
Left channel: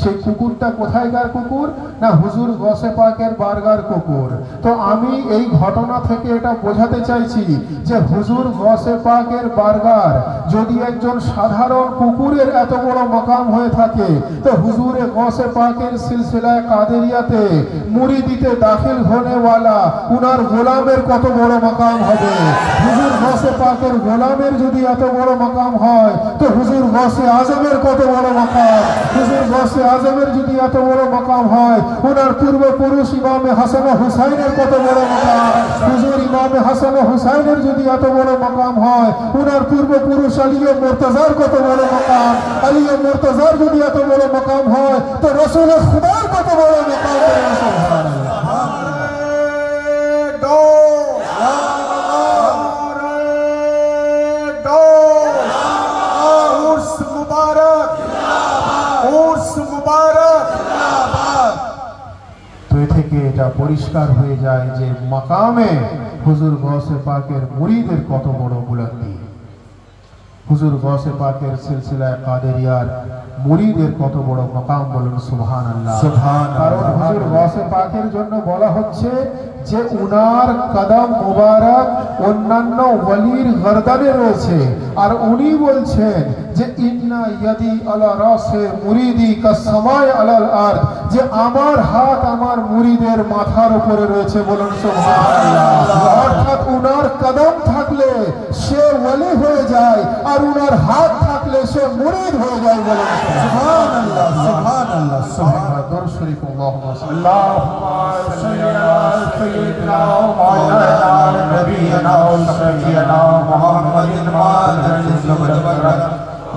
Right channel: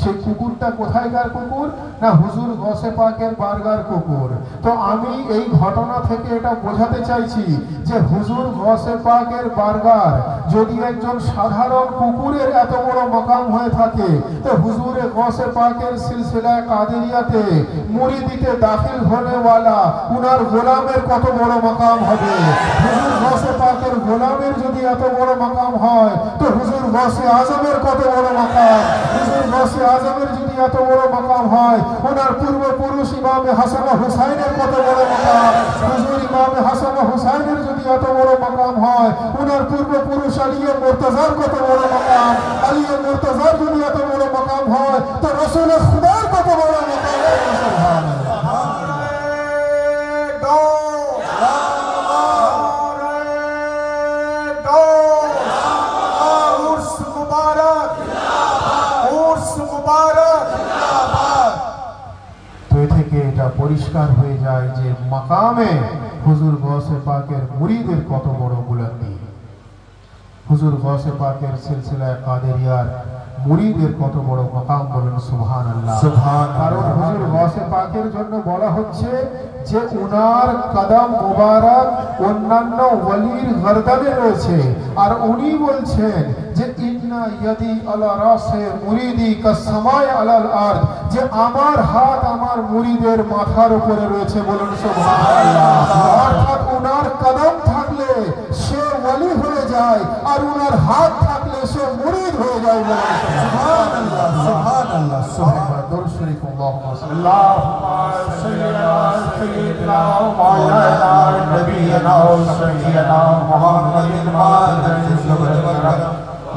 সেই কুকুরটা কোথায়কার কুকুর, না হুজুর গসে পাকের বারগার কুকুর। তো আমি এই ঘটনা থেকে এটা বোঝাতে চাইছি যে হুজুর গসে পাকের বারগার যদি একজন সাধারণ কুকুরের এত বড় মাকাম হয়ে থাকে, তো হুজুরে গসে পাকের সিলসিলা কাদেরিয়াতে মুরিদিতে দাখিল होने वाला উনার গোলামের কত বড় মাকাম হবে। হুজুর গসে পাকের গোলামের যদি এত বড় মাকাম হয়, তো হুজুর গসে আজমের কত বড় মাকাম। হুজুর গসে আজমের যদি এত বড় মাকাম হয়, ওনার পূর্বপুরুষ ইমামে হাসান হুসাইনের কত বড় মাকাম। হুজুর ইমামে হাসান হুসাইনের যদি এত বড় মাকাম হয়, ওনার পূর্বপুরুষ আলিয়া মুর্তজার কত বড় মাকাম। আলিয়া মুর্তজার যদি এত বড় মাকাম হয়, তো রাসূল খুদার কত বড় মাকাম। এটা পরিষ্কার হয়ে যায় যে মাকামে হুজুর গৌসে পাকের মুরিদের কত বড় বুলন্দি, হুজুর গৌসে পাকের সিলসিলায়ে কাদেরিয়ার মুরিদের কত বড় মাকাম। বলেন সুবহানাল্লাহ। কারণ হুজুর গৌসে পাকের জন্য বলা হচ্ছে যে উনার কদম মুবারক অন্যান্য ওলির গর্দানে রয়েছে, আর উনি বলছেন যে ইন্না ইয়াদি আলা রাসে মুরিদি কাসসামায়ে আলাল আরদ, যে আমার হাত আমার মুরিদের মাথার উপরে রয়েছে। বলেন সুবহানাল্লাহ। অর্থাৎ উনার কদম থাকলে সে ওলি হয়ে যায়, আর উনার হাত থাকলে সে মুরিদ হয়ে যায়। বলেন সুবহানাল্লাহ। সুবহানাল্লাহ। সুবহানাল্লাহ। দরুদ শরীফ আল্লাহুম্মা সাল্লি আলা সাইয়্যিদিনা মাওলানা নবিয়িনা ওয়া সাইয়্যিদিনা মুহাম্মাদিন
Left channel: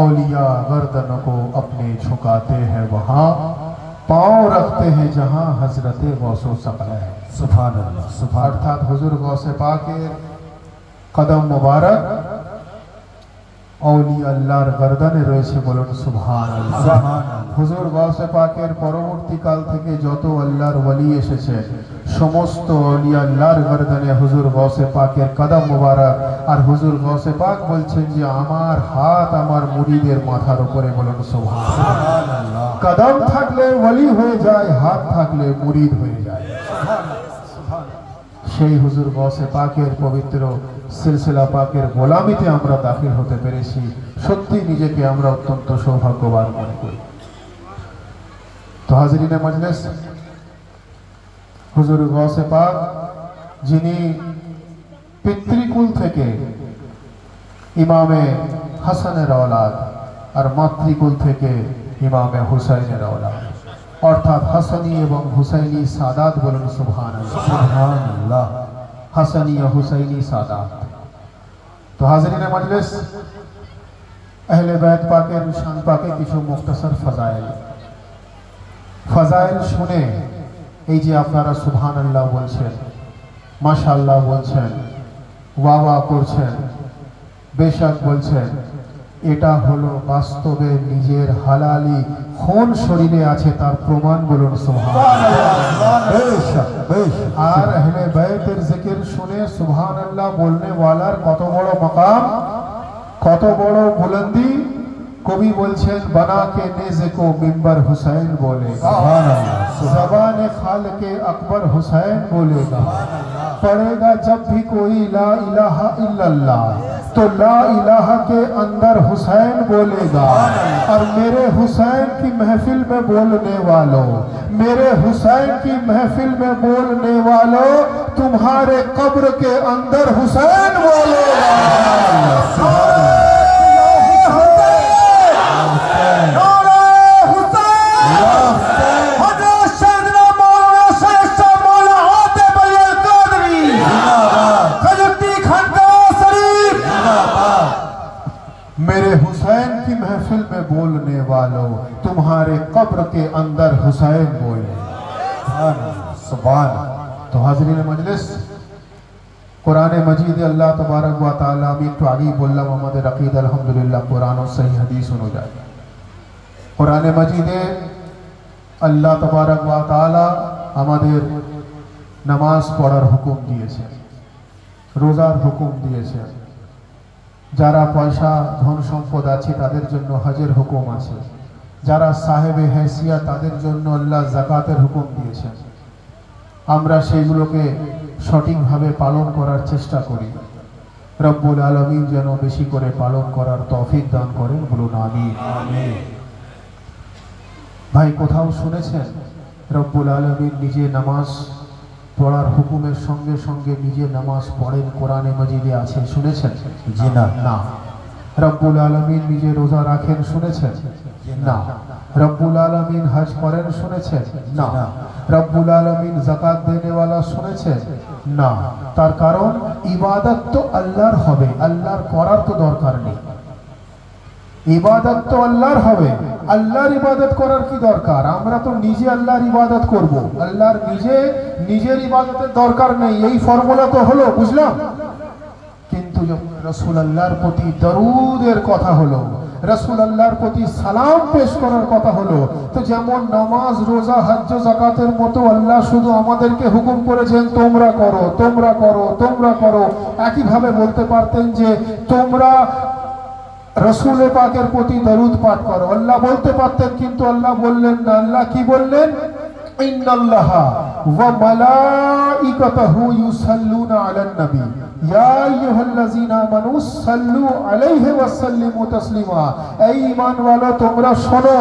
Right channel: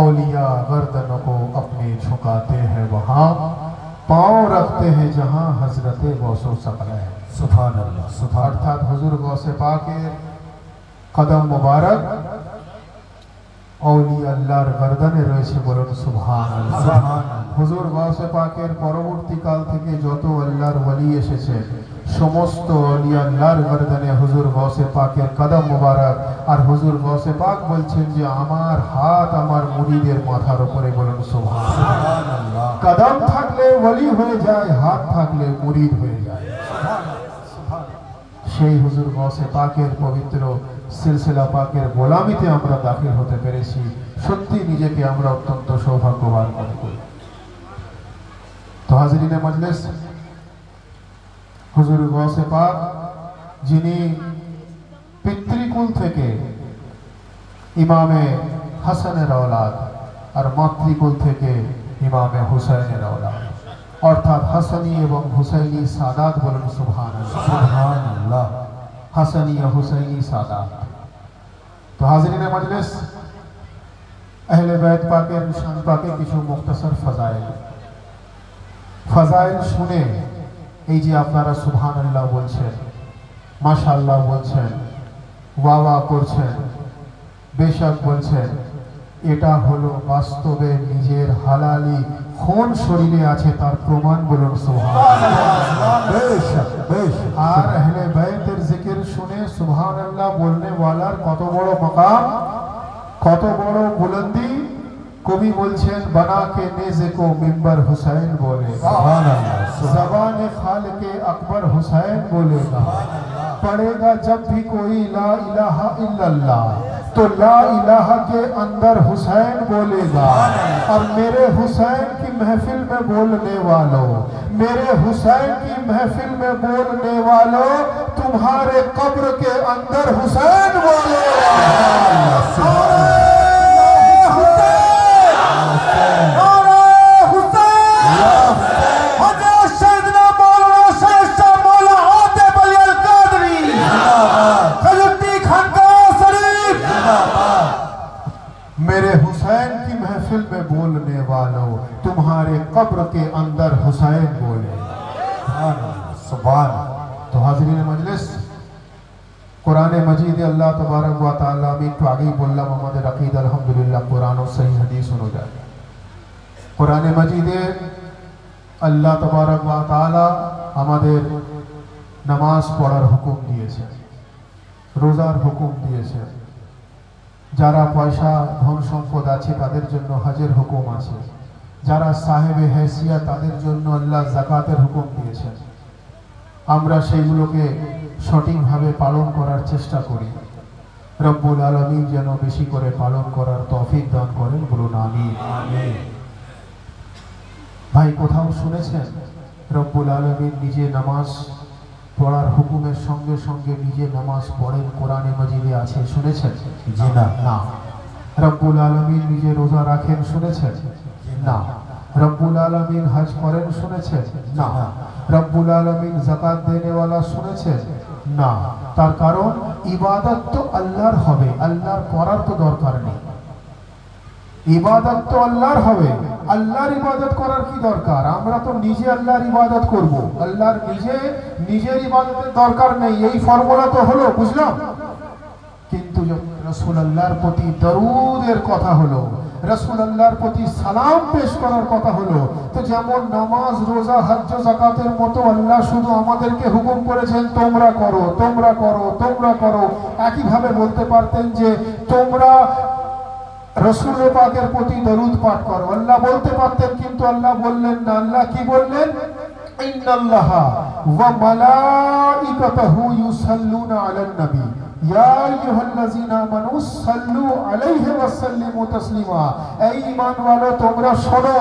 औलिया गर्दन को अपने झुकाते हैं वहाँ, पाँव रखते हैं जहाँ हजरते गौसो सकल है। सुभान अल्लाह। अर्थात हुजूर गौसे पाके कदम मुबारक औलिया अल्लाहर गर्दने রয়েছে। বলেন সুবহানাল্লাহ। হুজুর গৌসে পাকের পরবর্তী কাল থেকে যত আল্লাহর ওলি এসেছে, সমস্ত ওলিয়া আল্লাহর গর্দনে হুজুর গৌসে পাকের কদম মুবারক। আর হুজুর গৌসে পাক বলছেন যে আমার হাত আমার মুরিদের মাথার উপরে। বলেন সুবহানাল্লাহ। কদম থাকলে ওলি হয়ে যায়, হাত থাকলে মুরিদ হয়ে যায়। সেই হুজুর গৌসে পাকের পবিত্র সিলসিলা পাকের গোলামিতে আমরা দাখিল হতে পেরেছি। সত্যি নিজেকে আমরা অত্যন্ত সৌভাগ্যবান মনে করি। তো হাজিরিনে মজলিস, হুজুর গৌসে পাক যিনি পিতৃকুল থেকে ইমামে হাসানের औलाद আর মাতৃকুল থেকে ইমামে হুসাইনের औलाद, অর্থাৎ হাসানি এবং হুসাইনি সাদাত। বলেন সুবহানাল্লাহ। হাসানি ও হুসাইনি সাদাত। তো হাজিরিনে মজলিস, আহলে বাইত পাকের শান পাকে কিছু মুখতাসার ফাজাইল শুনে এই যে আপনারা সুবহানাল্লাহ বলছেন, মাশাআল্লাহ বলছেন, ওয়া করছেন, বেশক বলছেন, এটা হলো বাস্তবে নিজের হালালি খুন শরীরে আছে তার প্রমাণ। বলুন সুবহানাল্লাহ। বেশক বেশক। আর আহলে বাইতের জিকির শুনে সুবহানাল্লাহ বলনে ওয়ালার কত বড় মাকাম, কত বড় বুলন্দি। কবি বলছেন बना के नेज़े को मिंबर हुसैन बोलेगा, ज़बाने खालिक़े अकबर हुसैन बोलेगा, पढ़ेगा जब भी कोई ला इलाहा इल्लल्लाह, तो ला इलाहा के अंदर हुसैन बोलेगा। और मेरे हुसैन की महफिल में बोलने वालों, मेरे हुसैन की महफिल में बोलने वालों, तुम्हारे कब्र के अंदर हुसैन बोलो। मेरे हुसैन की महफिल में बोलने वालों, तुम्हारे कब्र के अंदर हुसैन बोले। तो हाज़रीन मजलिस, कुरान मजीद अल्लाह तबारक व तआला আমি একটু আগেই বললাম আমাদের আকীদা আলহামদুলিল্লাহ কোরআন ও সহিহ হাদিস অনুযায়ী কোরআন মজিদে আল্লাহ তবারক व तआला আমাদের নামাজ পড়ার হুকুম দিয়েছেন, রোজার হুকুম দিয়েছেন, যারা পয়সা ধন সম্পদ আছে তাদের জন্য হজের হুকুম আছে, যারা সাহেবে হেসিয়াত তাদের জন্য আল্লাহ যাকাতের হুকুম দিয়েছেন। আমরা সেগুলোকে সঠিকভাবে পালন করার চেষ্টা করি। রব্বুল আলামিন যেন বেশি করে পালন করার তৌফিক দান করেন, বলুন আমিন। ভাই, কোথাও শুনেছেন রব্বুল আলামিন নিজে নামাজ পড়ার হুকুমের সঙ্গে সঙ্গে নিজে নামাজ পড়েন? কোরআনে মাজিদে আছে, শুনেছেন? জি না। না। রব্বুল আলামিন নিজে রোজা রাখেন, শুনেছেন? না। রব্বুল আলামিন হজ করেন, শুনেছেন? না। রব্বুল আলামিন যাকাত দেনে वाला শুনেছেন? না। তার কারণ ইবাদত তো আল্লাহর হবে, আল্লাহর করার তো দরকার নেই। ইবাদত তো আল্লাহর হবে, আল্লাহর ইবাদত করার কি দরকার? আমরা তো নিজে আল্লাহর ইবাদত করব, আল্লাহর নিজের ইবাদতের দরকার নেই। এই ফর্মুলা তো হলো, বুঝলাম। কিন্তু রাসূল আল্লাহর প্রতি দরুদের কথা হলো, রাসূল আল্লাহর প্রতি সালাম পেশ করার কথা হলো, তো যেমন নামাজ, রোজা, হজ, যাকাতের মতো আল্লাহ শুধু আমাদেরকে হুকুম করেছেন তোমরা করো, তোমরা করো, তোমরা করো, একই ভাবে বলতে পারতেন যে তোমরা রাসূল পাকের প্রতি দরুদ পাঠ করো, আল্লাহ বলতে পারতেন, কিন্তু আল্লাহ বললেন না। আল্লাহ কি বললেন? ইন্নাল্লাহা ওয়া মালাইকাতাহু ইউসাল্লুনা আলান নবী ইয়া আইয়ুহাল্লাযীনা আমানু সাল্লু আলাইহি ওয়া সাল্লিমু তাসলিমা। এই ঈমানওয়ালা তোমরা শোনো,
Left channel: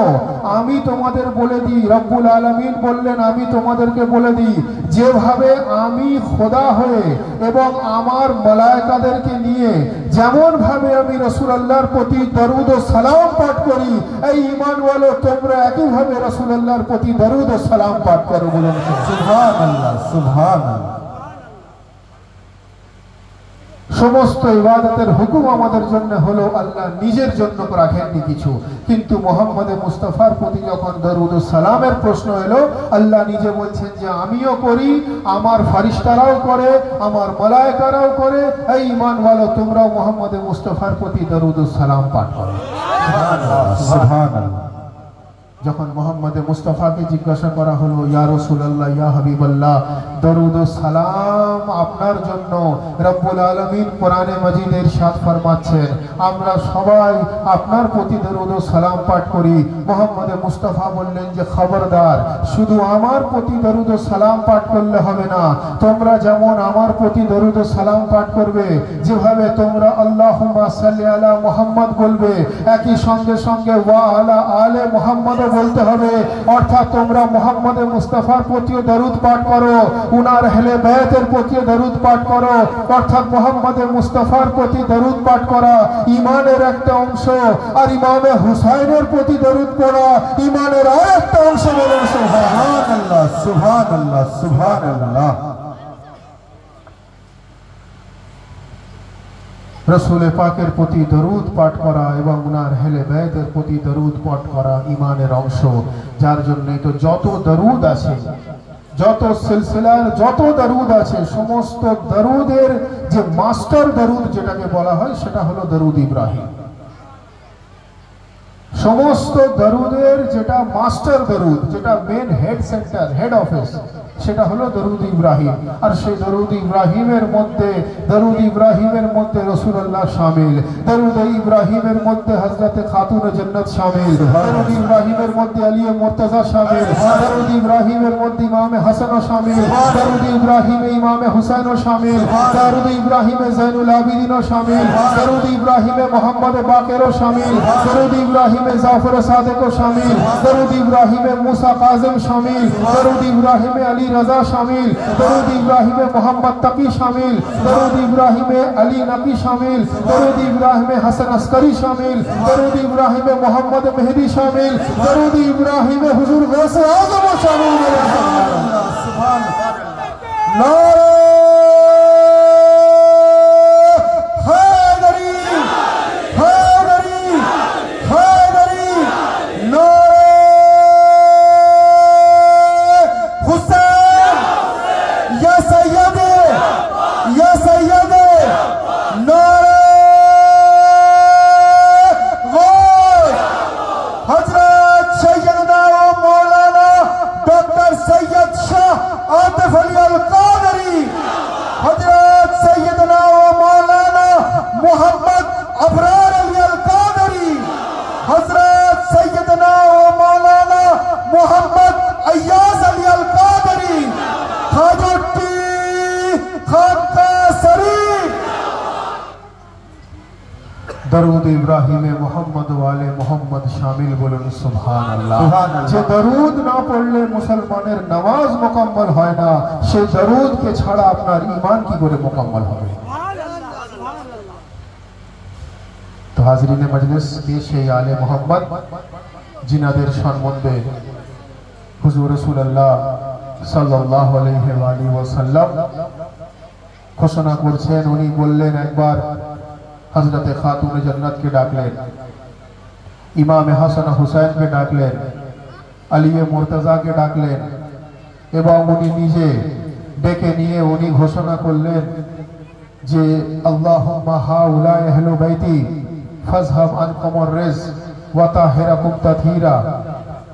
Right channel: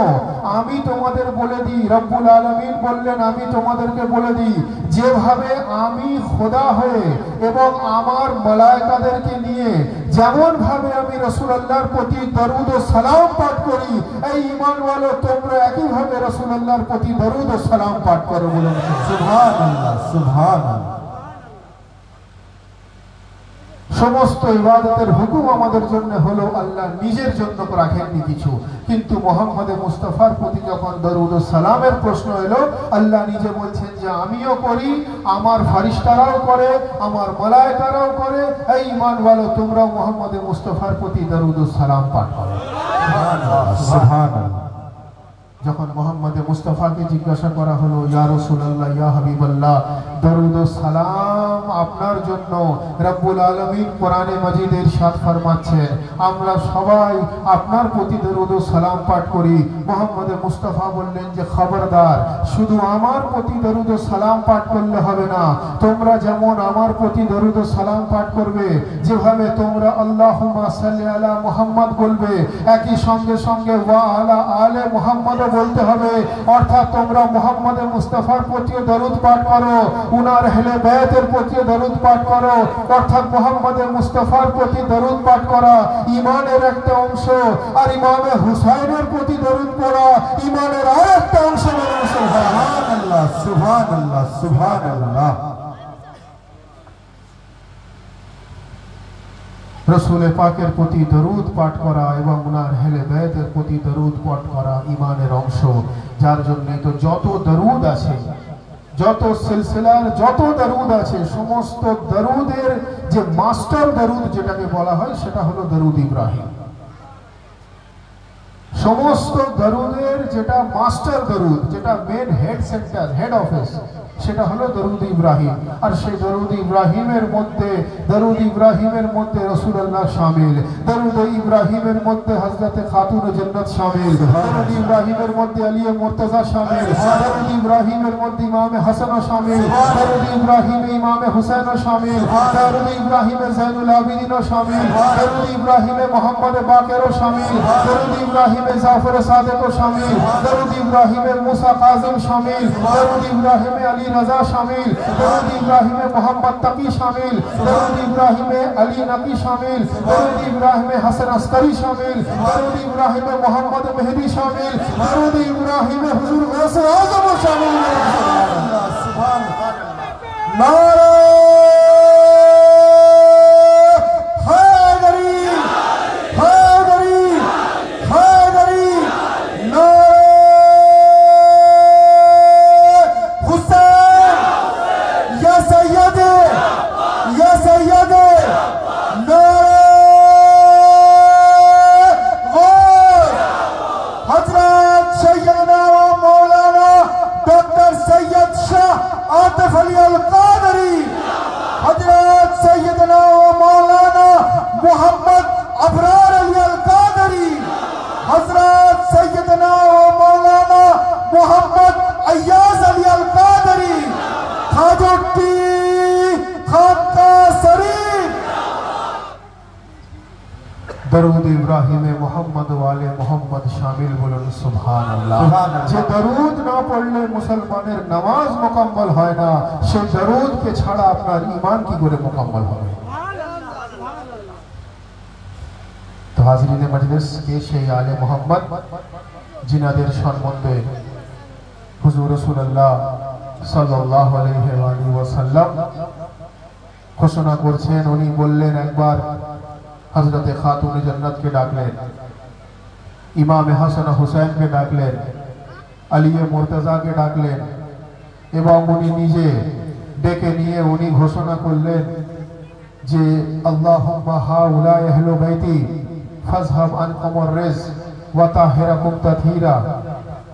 আমি তোমাদের বলে দিই, রব্বুল আলামিন বললেন আমি তোমাদেরকে বলে দিই, যেভাবে আমি খোদা হয়ে এবং আমার মালায়েকাদেরকে নিয়ে যেমন ভাবে আমি রাসূলুল্লাহর প্রতি দরুদ ও সালাম পাঠ করি, এই ঈমানওয়ালা তোমরা একই ভাবে রাসূলুল্লাহর প্রতি দরুদ ও সালাম পাঠ করো। বলুন সুবহানাল্লাহ, সুবহানাল্লাহ। সমস্ত ইবাদতের হুকুম আমাদের জন্য হলো, আল্লাহ নিজের জন্য রাখেননি কিছু। কিন্তু মুহাম্মদ মুস্তাফার প্রতি যখন দরুদ ও সালামের প্রশ্ন এলো, আল্লাহ নিজে বলছেন যে আমিও করি, আমার ফেরেশতারাও করে, আমার মালায়েকারাও করে। এই ঈমানওয়ালা তোমরা মুহাম্মদ মুস্তাফার প্রতি দরুদ ও সালাম পাঠ করো। সুবহানাল্লাহ, সুবহানাল্লাহ। যখন মুহাম্মদ মুস্তাফাকে জিজ্ঞাসা করা হলো, ইয়া রাসূলুল্লাহ, ইয়া হাবিবাল্লাহ, দরুদ ও সালাম আপনার জন্য রব্বুল আলামিন কোরআনে মাজিদে ইরশাদ ফরমাচ্ছেন, আমরা সবাই আপনার প্রতি দরুদ ও সালাম পাঠ করি। মুহাম্মদ মুস্তাফা বললেন যে খবরদার, শুধু আমার প্রতি দরুদ ও সালাম পাঠ করলে হবে না, তোমরা যেমন আমার প্রতি দরুদ ও সালাম পাঠ করবে, যেভাবে তোমরা আল্লাহুম্মা সাল্লি আলা মুহাম্মদ বলবে, একই সঙ্গে সঙ্গে ওয়া আলা আলে মুহাম্মদ বলতে হবে। অর্থাৎ তোমরা মুহাম্মদ মুস্তাফার প্রতি দরুদ পাঠ করো, উনার আহলে বাইতের প্রতি দরুদ পাঠ করো। অর্থাৎ মুহাম্মদ মুস্তাফার প্রতি দরুদ পাঠ করা ঈমানের একটা অংশ, আর ইমামে হুসাইনের প্রতি দরুদ পড়া ঈমানের আরেকটা অংশ। সুবহানাল্লাহ, সুবহানাল্লাহ, সুবহানাল্লাহ। রাসূল পাকের প্রতি দরুদ পাঠ করা এবং উনার আহলে বাইতের প্রতি দরুদ পাঠ করা ঈমানের অংশ। যার জন্যই তো যত দরুদ আছে, যত সিলসিলার যত দরুদ আছে, সমস্ত দরুদের যে মাস্টার দরুদ যেটাকে বলা হয় সেটা হলো দরুদ ইব্রাহিম। সমস্ত দরুদের যেটা মাস্টার দরুদ, যেটা main head centre, head office, সেটা হলো দরুদ ইব্রাহিম। আর সেই দরুদ ইব্রাহিমের মধ্যে রাসূলুল্লাহ শামিল, দরুদ ইব্রাহিমের মধ্যে হযরতে খাতুন জান্নাত শামিল, দরুদ ইব্রাহিমের মধ্যে আলী মুর্তজা শামিল, দরুদ ইব্রাহিমের মধ্যে ইমামে হাসান শামিল, দরুদ ইব্রাহিমে ইমামে হুসাইন শামিল, দরুদ ইব্রাহিমে যায়নুল আবিদিন শামিল, দরুদ बाकेरो शामिल, दरूद इब्राहिम जाफर सादिक शामिल, दरूद इब्राहिम मूसा काजिम शामिल, दरूद इब्राहिम अली रजा शामिल, दरूद इब्राहिम मोहम्मद तकी शामिल, दरूद इब्राहिम अली नकी शामिल, दरूद इब्राहिम हसन अस्करी शामिल, दरूद इब्राहिम मोहम्मद मेहदी शामिल, दरूद इब्राहिम हुजूर गौसे आजम शामिल। दरूद इब्राहिम मोहम्मद वाले मोहम्मद शामिल बोलুন সুবহানাল্লাহ। যে দরুদ না পড়লে মুসলমানের নামাজ মুকম্মল হয় না, সেই দরুদ কে ছাড়া আপনার ঈমান কি করে মুকম্মল হবে? তো হাজিরিনে মজলিস, পেশে আলে মোহাম্মদ জিনাদের সম্বন্ধে হুজুর রাসূলুল্লাহ সাল্লাল্লাহু আলাইহি ওয়াসাল্লাম ঘোষণা করছেন। উনি বললেন, একবার हजरत खातून जन्नत के डाकलें, इमाम हसन हुसैन के डाकलें, अली मुर्तजा के डाकलें এবং উনি নিজে ডেকে নিয়ে উনি ঘোষণা করলেন যে আল্লাহুম্মা হাউলা আহলু বাইতি ফাজহাব আনকুমুর রিজক ওয়া তাহিরাকুম তাথীরা।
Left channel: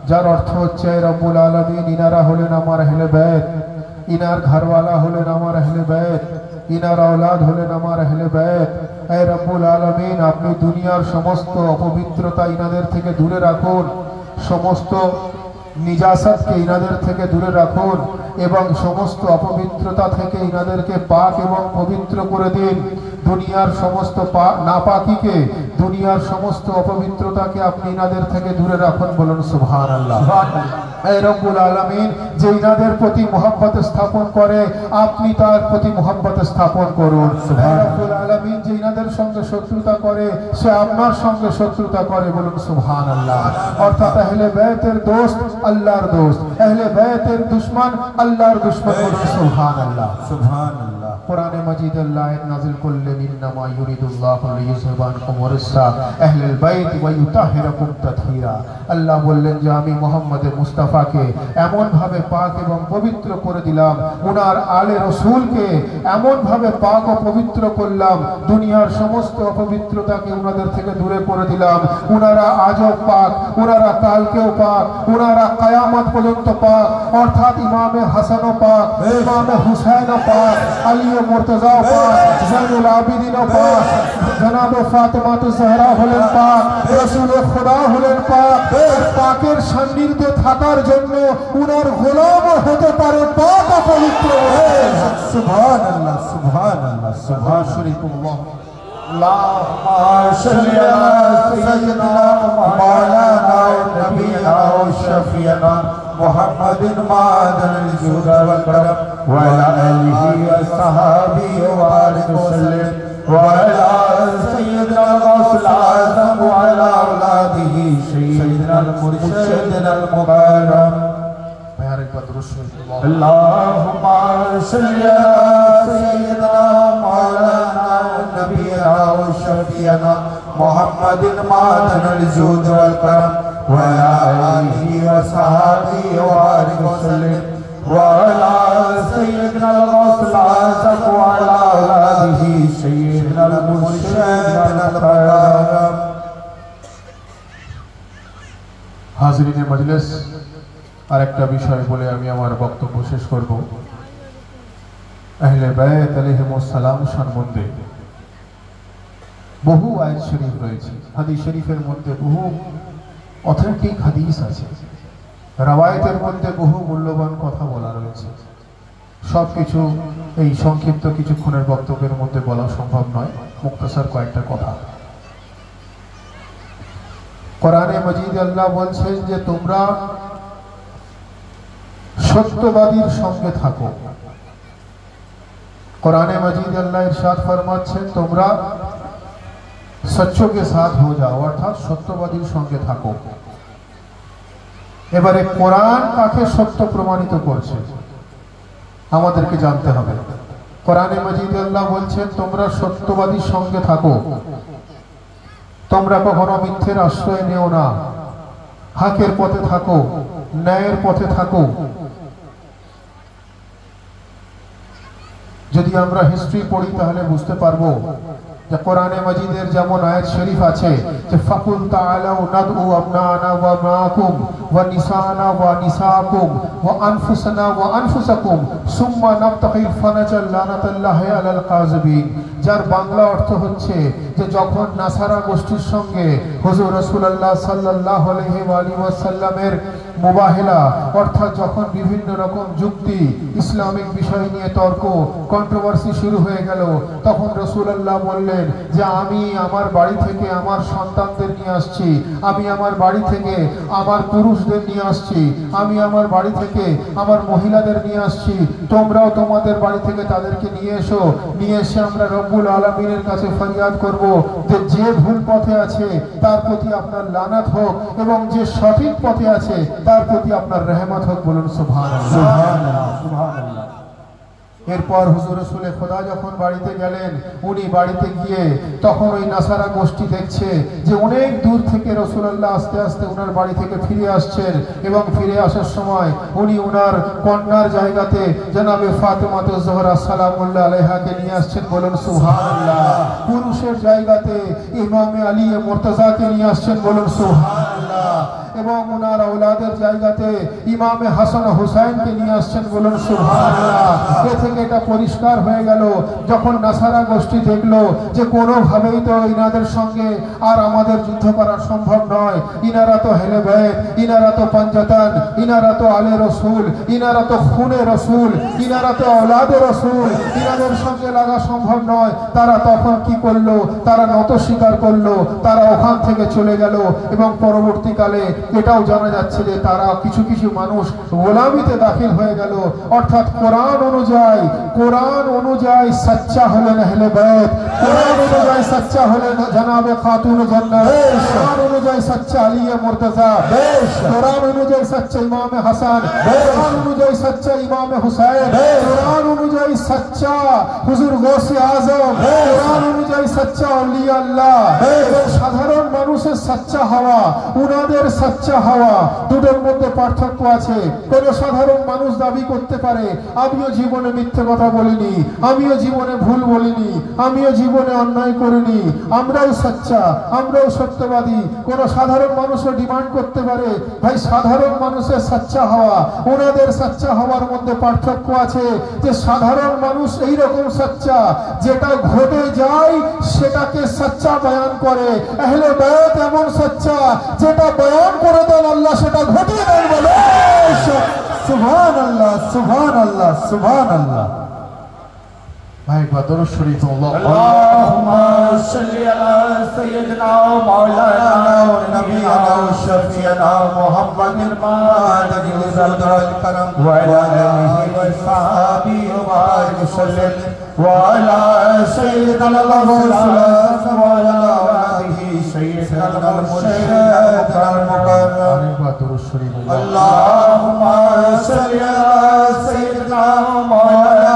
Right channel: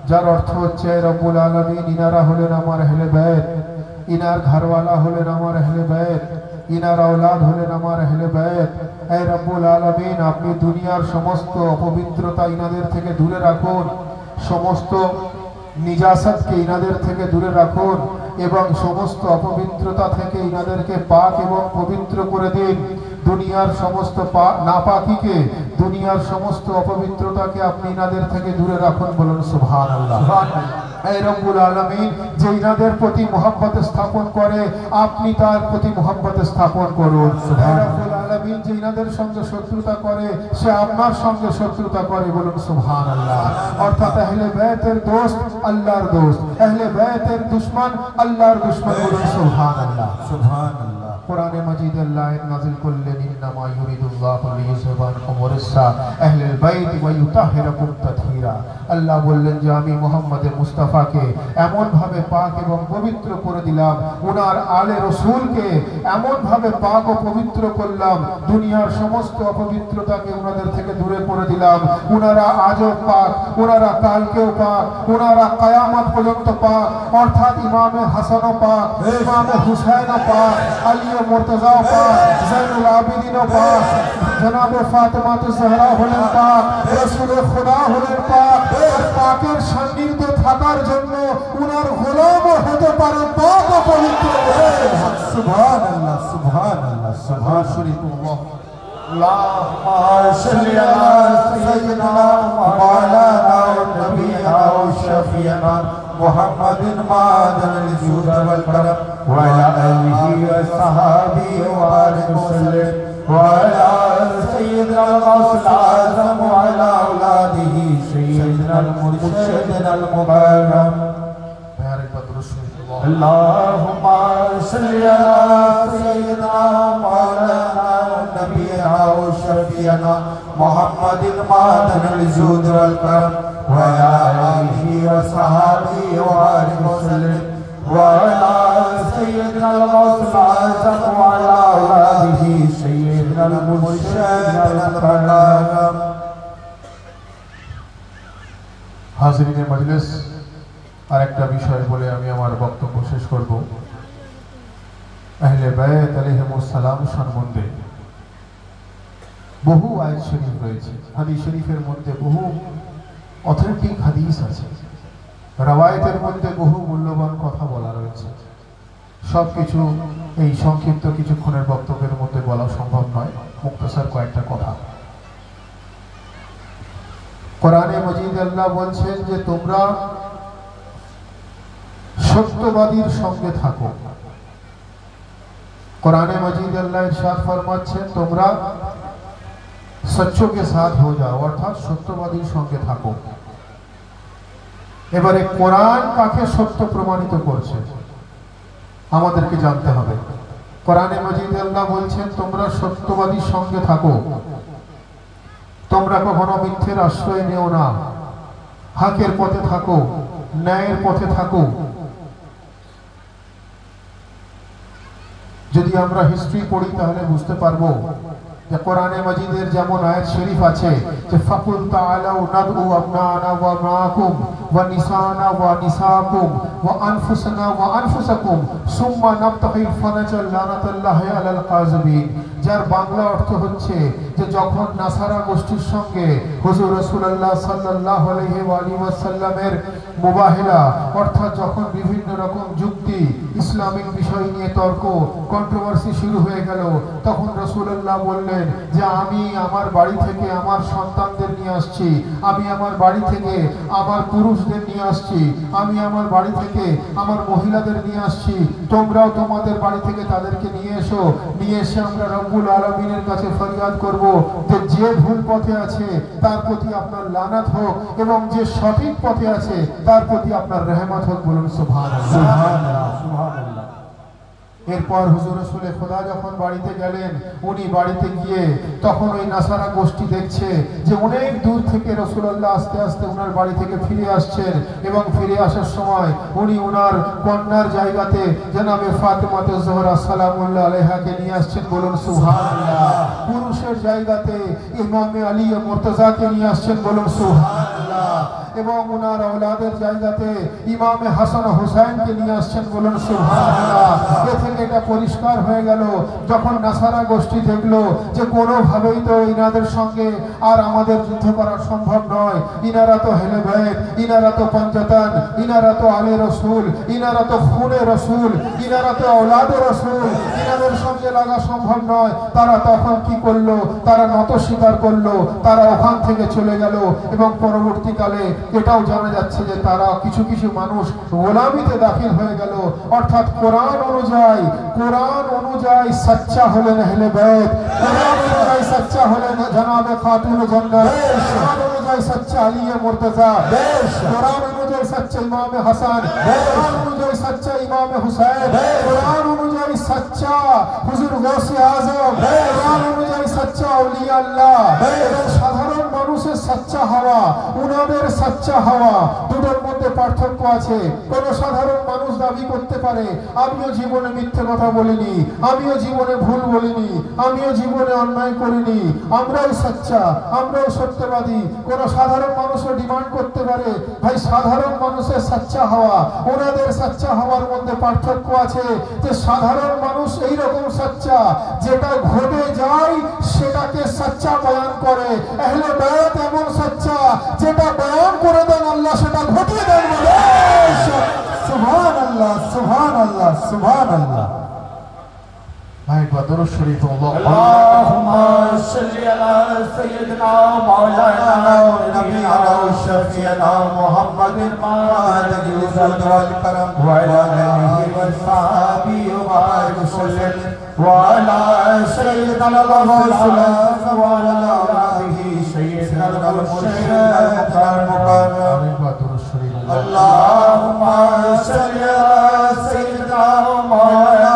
যার অর্থ হচ্ছে, রব্বুল আলামিন ইনারা হলেন আমার আহলে বাইত, ইনার ঘরওয়ালা হলেন আমার আহলে বাইত, ইনার আওলাদ হলেন আমার আহলে বাইত। হে রব্বুল আলামিন, আপনি দুনিয়ার সমস্ত অপবিত্রতা ইনাদের থেকে দূরে রাখুন, সমস্ত নিজাসাতকে ইনাদের থেকে দূরে রাখুন এবং সমস্ত অপবিত্রতা থেকে ইনাদেরকে পাক এবং পবিত্র করে দিন। দুনিয়ার সমস্ত নাপাকিকে, দুনিয়ার সমস্ত অপবিত্রতাকে আপনি ইনাদের থেকে দূরে রাখুন। বলুন সুবহানাল্লাহ। হে রব্বুল আলামিন, যে ইনাদের প্রতি মোহাব্বত স্থাপন করে আপনি তার প্রতি মোহাব্বত স্থাপন করুন। হে রব্বুল আলামিন, যে ইনাদের সঙ্গে শত্রুতা করে সে আপনার সঙ্গে শত্রুতা করে। বলুন সুবহানাল্লাহ। অর্থাৎ আহলে বাইতের দোস্ত আল্লাহর দোস্ত, আহলে বাইতের দুশমন আল্লাহর দুশমন। বলুন সুবহানাল্লাহ। সুবহানাল্লাহ। কোরআনে মাজিদ আল্লাহ আয়াত নাযিল করলেন, ইন্নামা ইউরিদুল্লাহু লিইয়ুযহিবা আনকুম রিজসা আহলিল বাইত ওয়া ইউতাহিরাকুম তাথীরা। আল্লাহ বললেন যে আমি মুহাম্মদের মুস্তাফাকে এমন ভাবে পাক এবং পবিত্র করে দিলাম, ওনার আলে রাসূলকে এমন ভাবে পাক ও পবিত্র করলাম, দুনিয়ার সমস্ত অপবিত্রতাকে ওনাদের থেকে দূরে করে দিলাম। ওনারা আজও পাক, ওনারা কালকেও পাক, ওনারা কিয়ামত পর্যন্ত পাক। অর্থাৎ ইমামে হাসানও পাক, ইমামে হুসাইনও পাক, আলী মুর্তজা পাক, জয়নুল আবিদিনও পাক, জনাবে ফাতেমাতুজ জহরা হলেন পাক, রাসূলুল খুদা হলেন পাক। পাকের সান্নিধ্যে থাকার জন্য উনার গোলাম হতে পারে পাক ও পবিত্র। সুবহানাল্লাহ। সুবহানাল্লাহ। সুবহান শরীফুল্লাহ। আল্লাহুম্মা সাল্লি আলা সাইয়্যিদিনা মাওলানা নবিয়্যিনা ওয়া শাফিয়িনা মুহাম্মাদিন মা'আদানিল জুদ ওয়াল কারাম ওয়া আলা আলিহি ওয়া সাহবিহি ওয়া আলিহি ওয়াসাল্লাম ওয়া আলা সাইয়্যিদিনা আল-গাউসুল আযম ওয়া আলা আওলাদিহি সাইয়্যিদিনা al-murshidina al-mukarram। প্যারে পদ্রুল্লাহ। আল্লাহুম্মা সাল্লি আলা সাইয়্যিদিনা মাওলানা নবিয়্যিনা ওয়া শাফিয়িনা মুহাম্মাদিন মা'আদানিল জুদ ওয়াল কারাম ওয়া আলা আলিহি ওয়া সাহবিহি ওয়া আলিহি ওয়াসাল্লাম ওয়া আলা সাইয়্যিদিনা al-গাউসুল আযম ওয়া আলা আওলাদিহি সাইয়্যিদিনা al-murshidina al-mukarram। হাজিরিনে মজলিস, আরেকটা বিষয় বলে আমি আমার বক্তব্য শেষ করব। আহলে বাইত আলাইহিমুস সালাম সম্বন্ধে বহু আয়াত শরীফ রয়েছে, হাদিস শরীফের মধ্যে বহু অথেন্টিক হাদিস আছে, রওয়ায়াতের মধ্যে বহু মূল্যবান কথা বলা রয়েছে। সবকিছু এই সংক্ষিপ্ত কিছুক্ষণের বক্তব্যের মধ্যে বলা সম্ভব নয়, মুক্তাসার কয়েকটা কথা। কোরআনে মাজিদে আল্লাহ বলছেন যে তোমরা সত্যবাদীর সঙ্গে থাকো। कुरान मजीद अल्लाह इरशाद फरमाচ্ছেন তোমরা सच्चों के साथ हो जाओ, अर्थात सत्यवादीर संगे থাকো। এবারে কোরআন কাকে সত্য প্রমাণিত করছে আমাদেরকে জানতে হবে। কোরআনে মাজিদ আল্লাহ বলছেন তোমরা সত্যবাদীর সঙ্গে থাকো, তোমরা কখনো মিথ্যের আশ্রয় নেও না, হকের পথে থাকো, ন্যায়ের পথে থাকো। যদি আমরা হিস্ট্রি পড়ি তাহলে বুঝতে পারবো যে কোরআনে মাজিদের যেমন আয়াত শরীফ আছে যে ফাকুল তাআলাউ নাদউ আবনানা ওয়া আবনাকুম ওয়া নিসানা ওয়া নিসাকুম ওয়া আনফুসানা ওয়া আনফুসাকুম সুম্মা নাবতাহিল ফানাজাল লানাতাল্লাহি আলাল কাযিবিন। যার বাংলা অর্থ হচ্ছে যে যখন নাসারা গোষ্ঠীর সঙ্গে হুজুর রাসূলুল্লাহ সাল্লাল্লাহু আলাইহি ওয়া আলিহি ওয়াসাল্লামের মুবাহিলা, অর্থাৎ যখন বিভিন্ন রকম যুক্তি ইসলামিক বিষয় নিয়ে তর্ক কন্ট্রোভার্সি শুরু হয়ে গেল, তখন রাসূলুল্লাহ বললেন যে আমি আমার বাড়ি থেকে আমার সন্তানদের নিয়ে আসছি, আমি আমার বাড়ি থেকে আমার পুরুষদের নিয়ে আসছি, আমি আমার বাড়ি থেকে আমার মহিলাদের নিয়ে আসছি, তোমরাও তোমাদের বাড়ি থেকে তাদেরকে নিয়ে এসো। নিয়ে এসে আমরা রব্বুল আলামিনের কাছে ফরিয়াদ করব যে যে ভুল পথে আছে তার প্রতি আপনার লানত হোক এবং যে সঠিক পথে আছে তার প্রতি আপনার রহমত হোক। বলুন সুবহানাল্লাহ, সুবহানাল্লাহ। এরপর হুজুর রাসূলে খোদা যখন বাড়িতে গেলেন, উনি বাড়িতে গিয়ে তখন ওই নাসারা গোষ্ঠী দেখছে যে অনেক দূর থেকে রাসূলুল্লাহ আস্তে আস্তে ওনার বাড়ি থেকে ফিরে আসছেন এবং ফিরে আসার সময় উনি ওনার কন্যার জায়গাতে জনাবে ফাতেমা জোহরা সালামুল্লাহ আলাইহাকে নিয়ে আসছেন। বলুন সুবহানাল্লাহ। পুরুষের জায়গাতে ইমামে আলী মুর্তজাকে নিয়ে আসছেন। বলুন সুবহানাল্লাহ। এবং ওনার আওলাদের জায়গাতে ইমামে হাসান হুসাইনকে নিয়ে আসছেন। বলুন সুবহানাল্লাহ। এ থেকে এটা পরিষ্কার হয়ে গেল যখন নাসারা গোষ্ঠী দেখলো যে কোনোভাবেই তো ইনাদের সঙ্গে আর আমাদের যুদ্ধ করা সম্ভব নয়, ইনারা তো হেলে বাইত, ইনারা তো পঞ্জাতান, ইনারা তো আলে রসুল, ইনারা তো খুনে রসুল, ইনারা তো আওলাদে রসুল, ইনাদের সঙ্গে লাগা সম্ভব নয়। তারা তখন কি করলো? তারা নত স্বীকার করলো, তারা ওখান থেকে চলে গেল এবং পরবর্তীকালে এটাও জানা যাচ্ছে যে তারা কিছু কিছু মানুষ গোলামিতে দাখিল হয়ে গেল। অর্থাৎ কোরআন অনুযায়ী সচ্চা হলেন আহলে বাইত, কোরআন অনুযায়ী সচ্চা হলেন জনাবে খাতুন জান্নাত, কোরআন অনুযায়ী সচ্চা আলী মুর্তজা, কোরআন অনুযায়ী সচ্চা ইমামে হাসান, কোরআন অনুযায়ী সচ্চা ইমামে হুসাইন, কোরআন অনুযায়ী সচ্চা হুজুর গৌসে আজম, কোরআন অনুযায়ী সচ্চা আউলিয়া আল্লাহ। এবং সাধারণ মানুষের সচ্চা হওয়া, উনাদের সচ্চা হওয়া, দুটোর মধ্যে পার্থক্য আছে। কোন সাধারণ মানুষ দাবি করতে পারে আমিও জীবনে মিথ্যে কথা বলিনি, আমিও জীবনে ভুল বলিনি, আমিও জীবনে অন্যায় করিনি, আমরাও সচ্চা, আমরাও সত্যবাদী। কোন সাধারণ মানুষও ডিমান্ড করতে পারে ভাই সাধারণ মানুষের সচ্চা হওয়া, ওনাদের সচ্চা হওয়ার মধ্যে পার্থক্য আছে যে সাধারণ মানুষ এইরকম সচ্চা যেটা ঘটে যায় সেটাকে সচ্চা বয়ান করে, আহলে বাইত এমন সচ্চা যেটা বয়ান করে দেন আল্লাহ সেটা ঘটে দেন। সুবহানাল্লাহ, সুবহানাল্লাহ, সুবহানাল্লাহ। ভাই বদর শরীফ আল্লাহুম্মা সাল্লি আলা সাইয়্যিদিনা মাওলানা নবিয়িনা শাফিয়ানা মুহাম্মাদিন মাদাদিল সাদরাল কারাম ওয়া আলা আলিহি ওয়া সাহবিহি ওয়া বারিক সাল্লাম ওয়া আলা সাইয়্যিদিনা রাসূলিল্লাহ ওয়া আলা আলিহি সাইয়্যিদিনা মুরশিদ ওয়াল মুকাররম। বদর শরীফ আল্লাহুম্মা সাল্লি আলা সাইয়্যিদিনা মাওলানা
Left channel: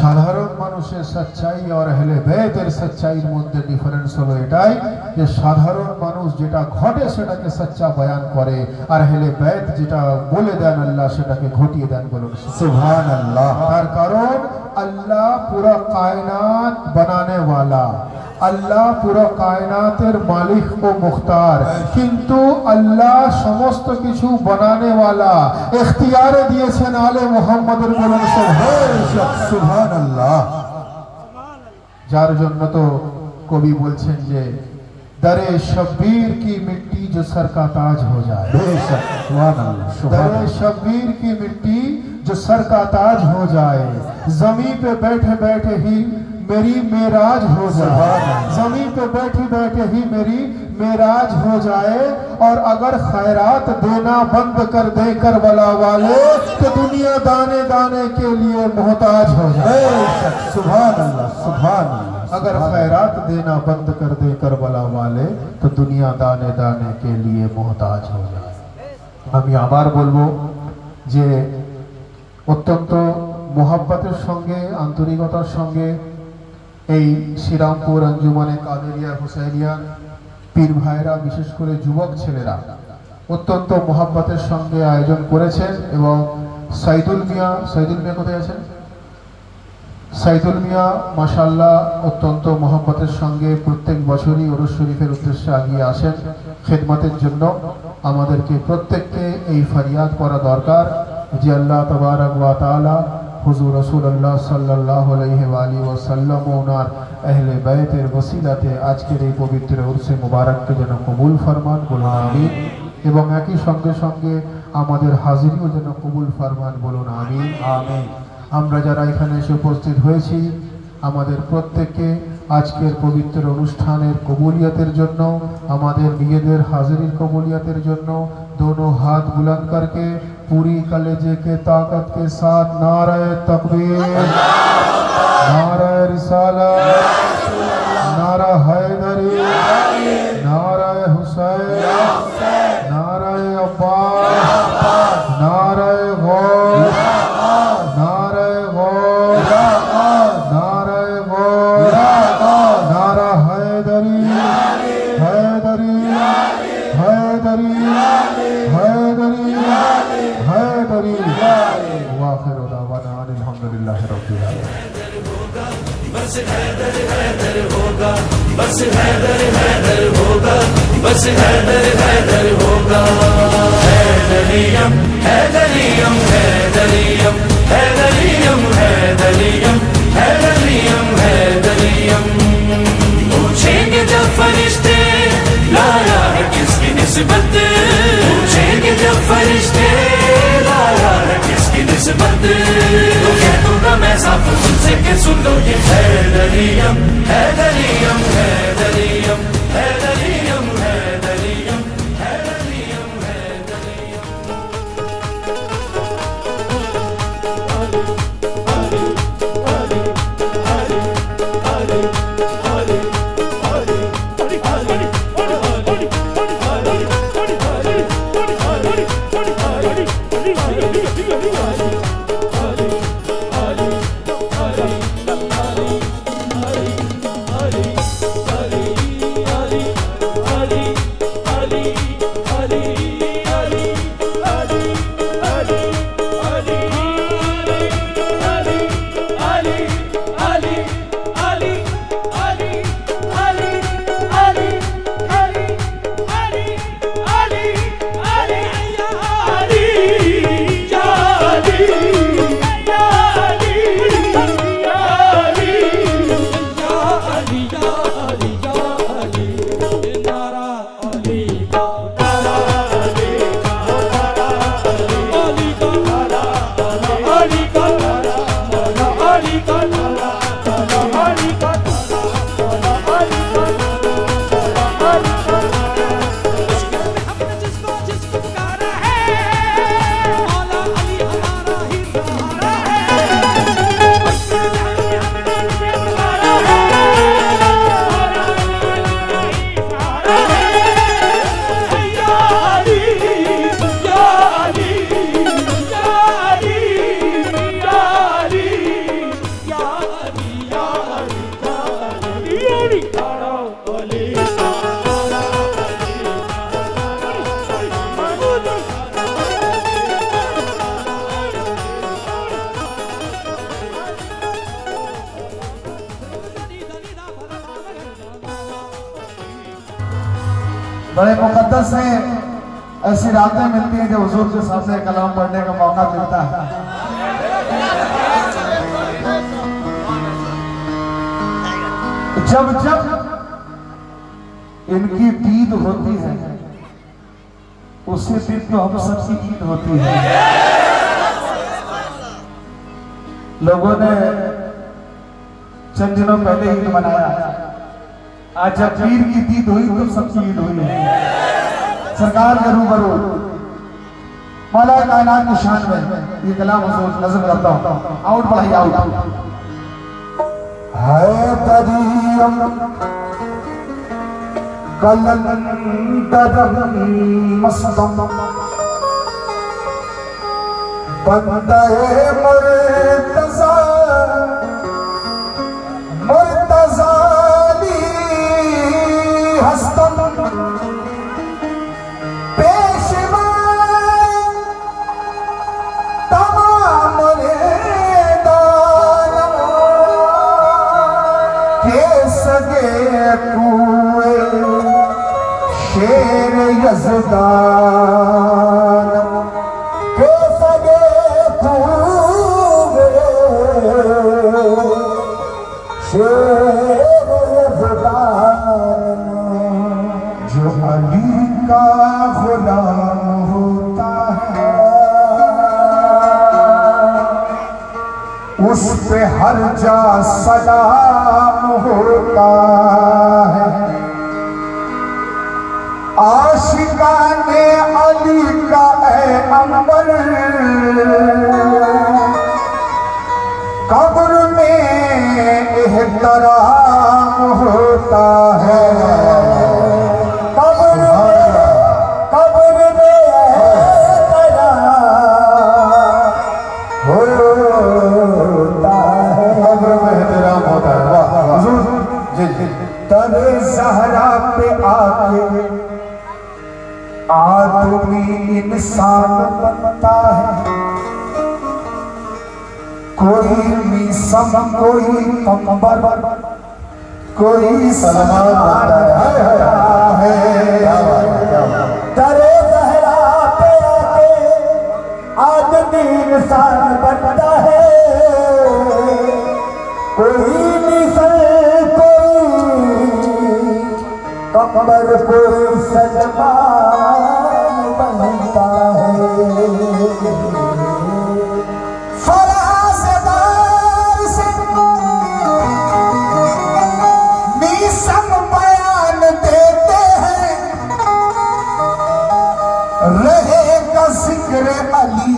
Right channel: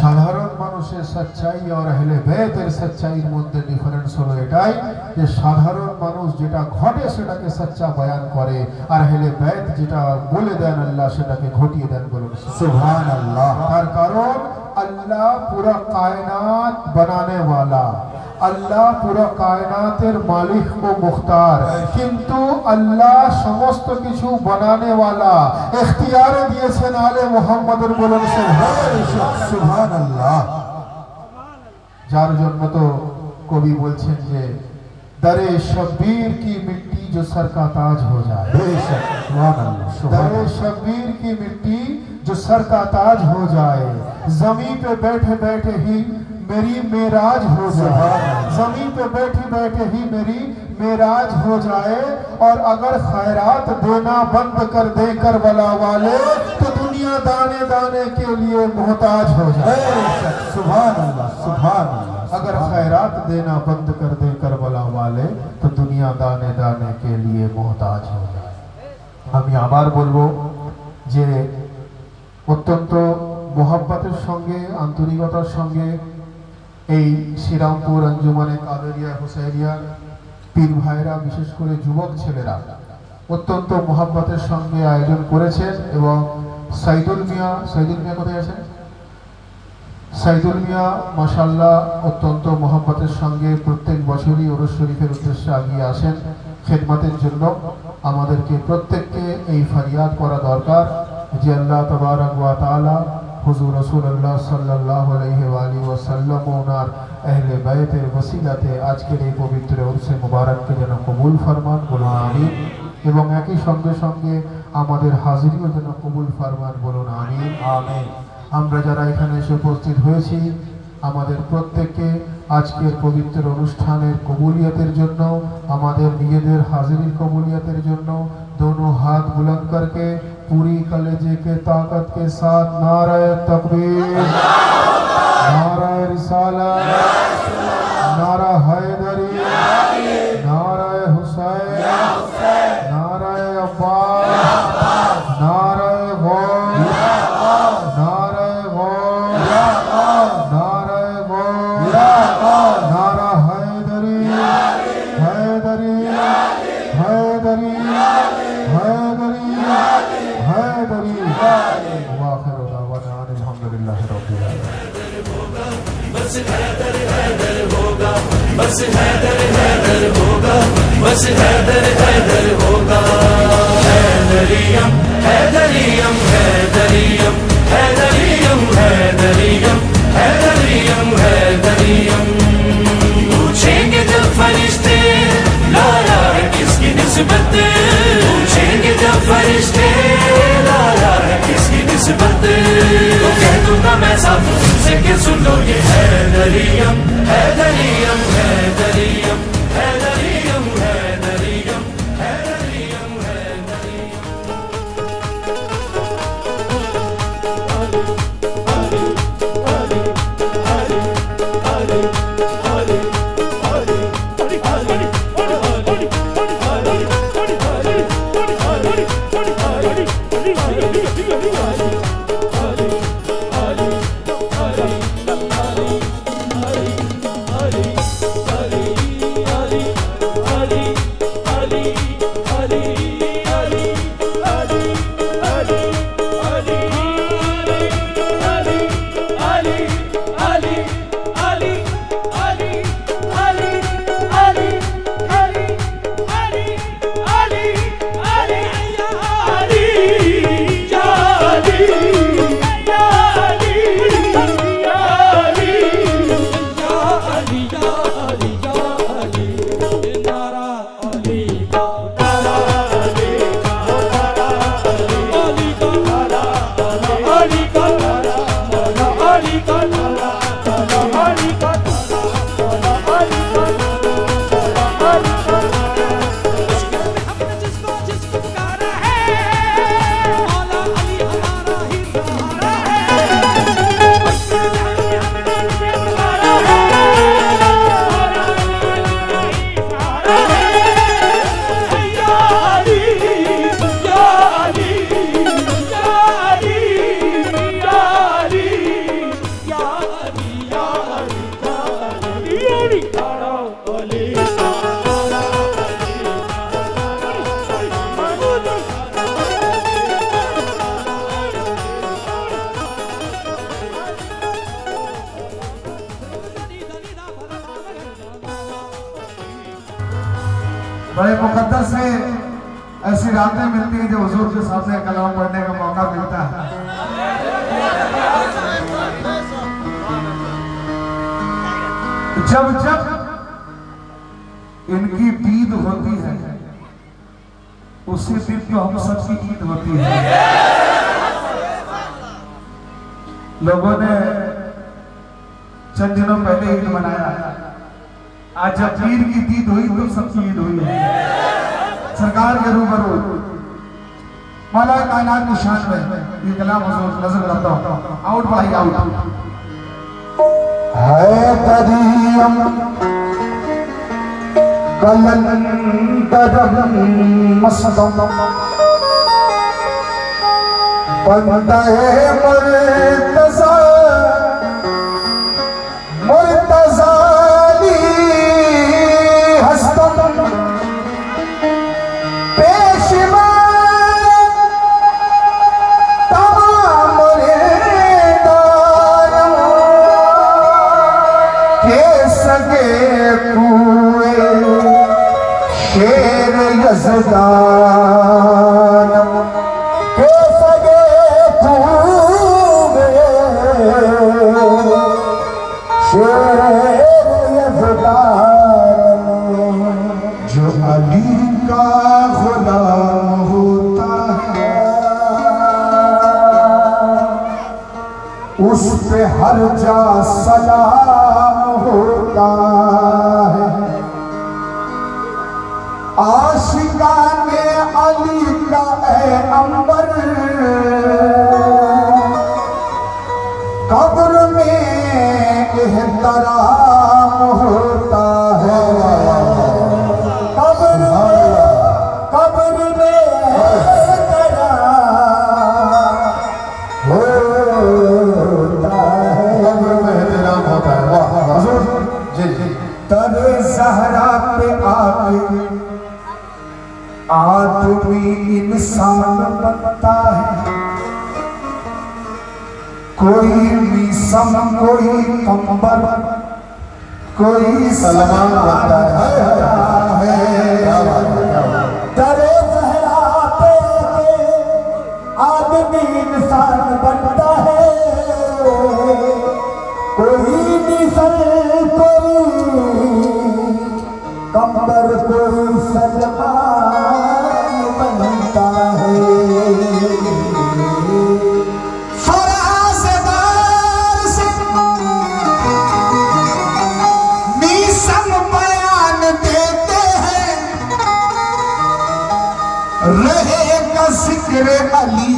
সাধারণ মানুষের সচ্চাই আর আহলে বাইতের সচ্চাইয়ের মধ্যে ডিফারেন্স হলো এটাই যে সাধারণ মানুষ যেটা ঘটে সেটাকে সচ্চা বয়ান করে আর আহলে বাইত যেটা বলে দেন আল্লাহ সেটাকে ঘটিয়ে দেন। বলুন সুবহানাল্লাহ। তার কারণ আল্লাহ পুরো কায়নাত বানানে ওয়ালা, আল্লাহ পুরো কায়নাতের মালিক ও মুখতার, কিন্তু আল্লাহ সমস্ত কিছু বানানে ওয়ালা ইখতিয়ারে দিয়েছেন আলে মুহাম্মদের। বলুন সুবহানাল্লাহ। যার জন্য তো কবি বলছেন যে दरे शब्बीर की मिट्टी जो सर का ताज हो जाए, दरे शब्बीर की मिट्टी जो सर का ताज हो जाए, जमीन पे बैठे बैठे ही मेरी मेराज हो जाए, जमीन पे बैठे बैठे ही मेरी मेराज हो जाए। और अगर खैरात देना बंद कर दे करबला वाले तो दुनिया दाने दाने के लिए मोहताज हो जाए। सुभान अल्लाह, सुभान अल्लाह। अगर खैरात देना बंद कर दे करबला वाले तो दुनिया दाने दाने के लिए मोहताज हो जाए। আমি আবার বলবো যে অত্যন্ত মোহাব্বতের সঙ্গে আন্তরিকতার সঙ্গে এই শ্রীরামপুর আঞ্জুমানে কাদেরিয়া হুসাইনিয়া পীর ভাইরা বিশেষ করে যুবক ছেলেরা অত্যন্ত মোহাব্বতের সঙ্গে আয়োজন করেছেন এবং সাইদুল মিয়া কোথায় আছেন? সাইদুল মিয়া মাশাআল্লাহ অত্যন্ত মোহাব্বতের সঙ্গে প্রত্যেক বছরই ওরস শরীফের উদ্দেশ্যে এগিয়ে আসেন খেদমতের জন্য। আমাদেরকে প্রত্যেককে এই ফরিয়াদ করা দরকার যে আল্লাহ তাবারক ওয়া তাআলা হুজুর রাসূলুল্লাহ সাল্লাল্লাহু আলাইহি ওয়া আলিহি ওয়াসাল্লাম ও ওনার আহলে বাইতের ওসিলাতে আজকের এই পবিত্র উরসে মুবারককে যেন কবুল ফরমান, বলুন আমিন। এবং একই সঙ্গে সঙ্গে আমাদের হাজিরিও যেন কবুল ফরমান, বলুন আমিন। আমিন। আমরা যারা এখানে এসে উপস্থিত হয়েছি আমাদের প্রত্যেককে আজকের পবিত্র অনুষ্ঠানের কবুলিয়তের জন্য, আমাদের নিজেদের হাজিরির কবুলিয়তের জন্য दोनों हाथ बुलंद करके पूरी कलेजे के ताकत के साथ नारे तकबीर, नारे रिसालत, नारा हैदरी, नारे हुसैन, नारे अब्बास, नारे गौस, नारे गौस, नारे गौस, नारा हैदरी, हैदरी, हैदरी, हैदरी, हैदरी। वाखिर दावाना अल्हम्दुलिल्लाहि रब्बिल आलमीन। बस हैदर हैदर होगा, बस हैदर हैदर होगा, बस हैदर हैदर होगा। हैदरियम हैदरियम हैदरियम हैदरियम हैदरियम हैदरियम हैदरियम। पूछेंगे जब फरिश्ते लाया है किसकी निस्बत, पूछेंगे जब फरिश्ते लाया है किसकी निस्बत, तो कह दूंगा मैं साफ तुझसे कि सुन लो ये हैदरियम हैदरियम हैदरियम हैदरियम हैदरियम हैदरियम हैदरियम। बड़े मुकद्दस है, ऐसी रातें मिलती हैं जब हुजूर के सामने कलाम पढ़ने का मौका मिलता है। जब जब इनकी ईद होती है, उसी दिन तो हम सबकी ईद होती है। लोगों ने चंद दिनों पहले ईद मनाया, आज जब पीर की ईद हुई तो सबकी ईद हुई है। सरकार के रूबरू मौला कायनात की शान में ये कलाम नजर करता हूं। आउट पढ़ाई आउट है तदीम कलंदर मसदम बंदा है मुर्तज़ा मुर्तज़ाली हस्तम पेशवा तमाम दानम के सगे पूरे शेर यज़दान के सगे पूरे शेर यज़दान जो अली का गुलाम होता है उस पे हर जा सलाम होता है। आशिकाने अली का ए अंबर कब्र में एहतराम होता है। कब्र में एहतराम होता है। तरे ज़हरा पे आके आदमी इंसान बनता है। कोई मीसम कोई पंबर कोई सलमान बनता है। तरे ज़हरा पे आके आदमी इंसान बनता है। कोई मिसल पंबर कोई सलमान बनता है। फराज़दार से मीसम बयान देते हैं। रहेगा जिक्र अली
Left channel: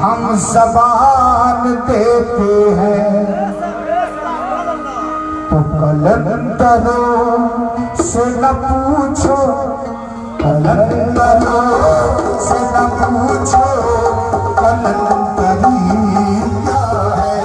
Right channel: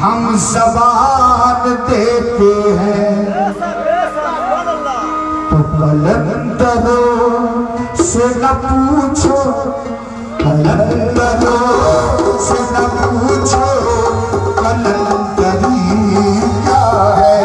हम ज़बान देते हैं। तो कलंदरों से न पूछो, कलंदरों से न पूछो कलंदरी क्या है।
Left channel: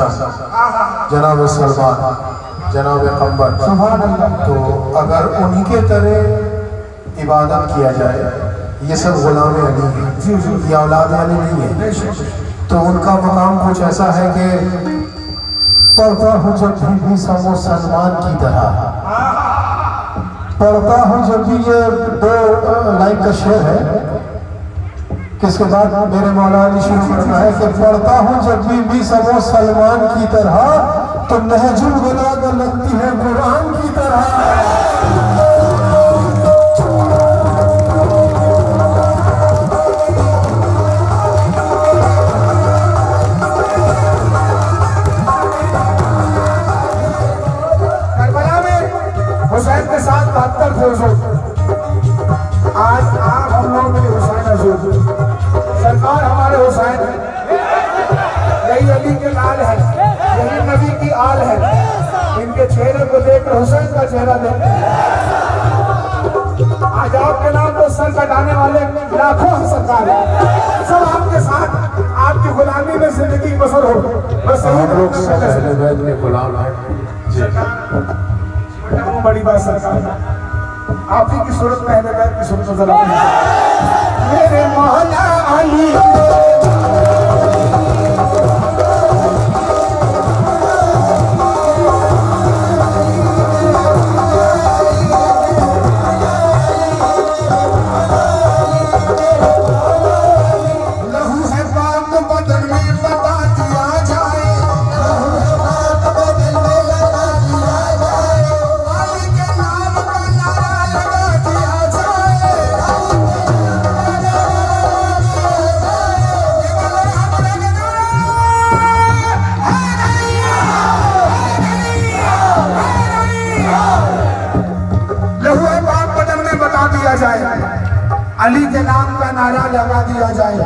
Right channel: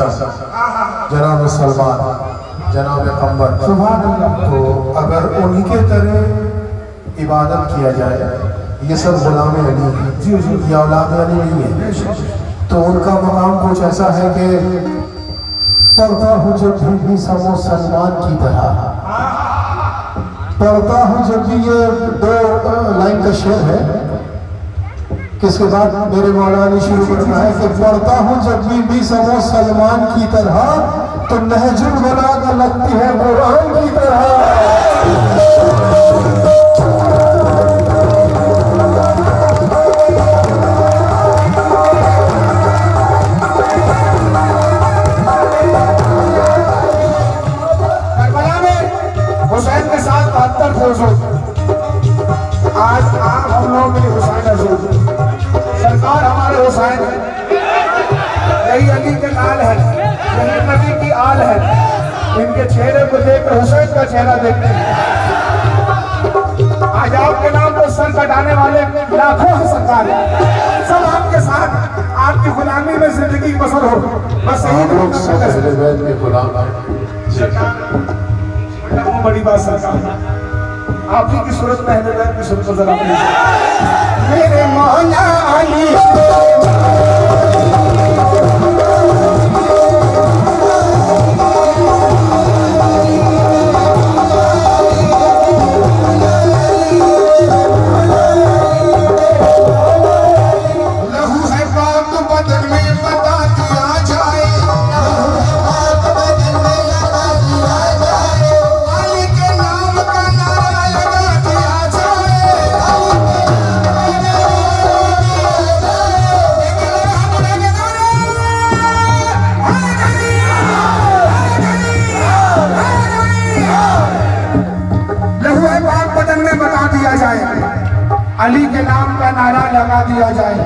हसन, जनाब सलमान, जनाब अंबर, तो अगर उन्हीं के तरह इबादत किया जाए, ये सब गुलाम अली हैं, ये औलाद अली नहीं है, तो उनका मकाम कुछ ऐसा है कि पढ़ता हूँ जब भी समो सलमान की तरह, पढ़ता हूँ जब भी, ये 2 लाइन का शेर है कि इसके बाद मेरे मौलाना ने शुरू करना है कि पढ़ता हूँ जब भी समो सलमान की तरह, तो नहजुल बलागा लगती है कुरान की तरह। हुसैन के साथ 72 फौज, आज हम लोग की हुसैन सरकार हमारे हुसैन है, यही अली के लाल है, यही नबी की आल है, इनके चेहरे को देखकर हुसैन का चेहरा देखते हैं। आज आपके नाम को सर कटाने वाले लाखों हैं सरकार, सब आपके साथ, आपकी गुलामी में जिंदगी बसर हो, बस यही गुलाम है। बड़ी बात सरकार, आप ही की सूरत पहले बैर की सूरत को जरा मेरे मौला अली लहू है पाक बदन में बता दिया जाए, अली के नाम का नारा लगा दिया जाए।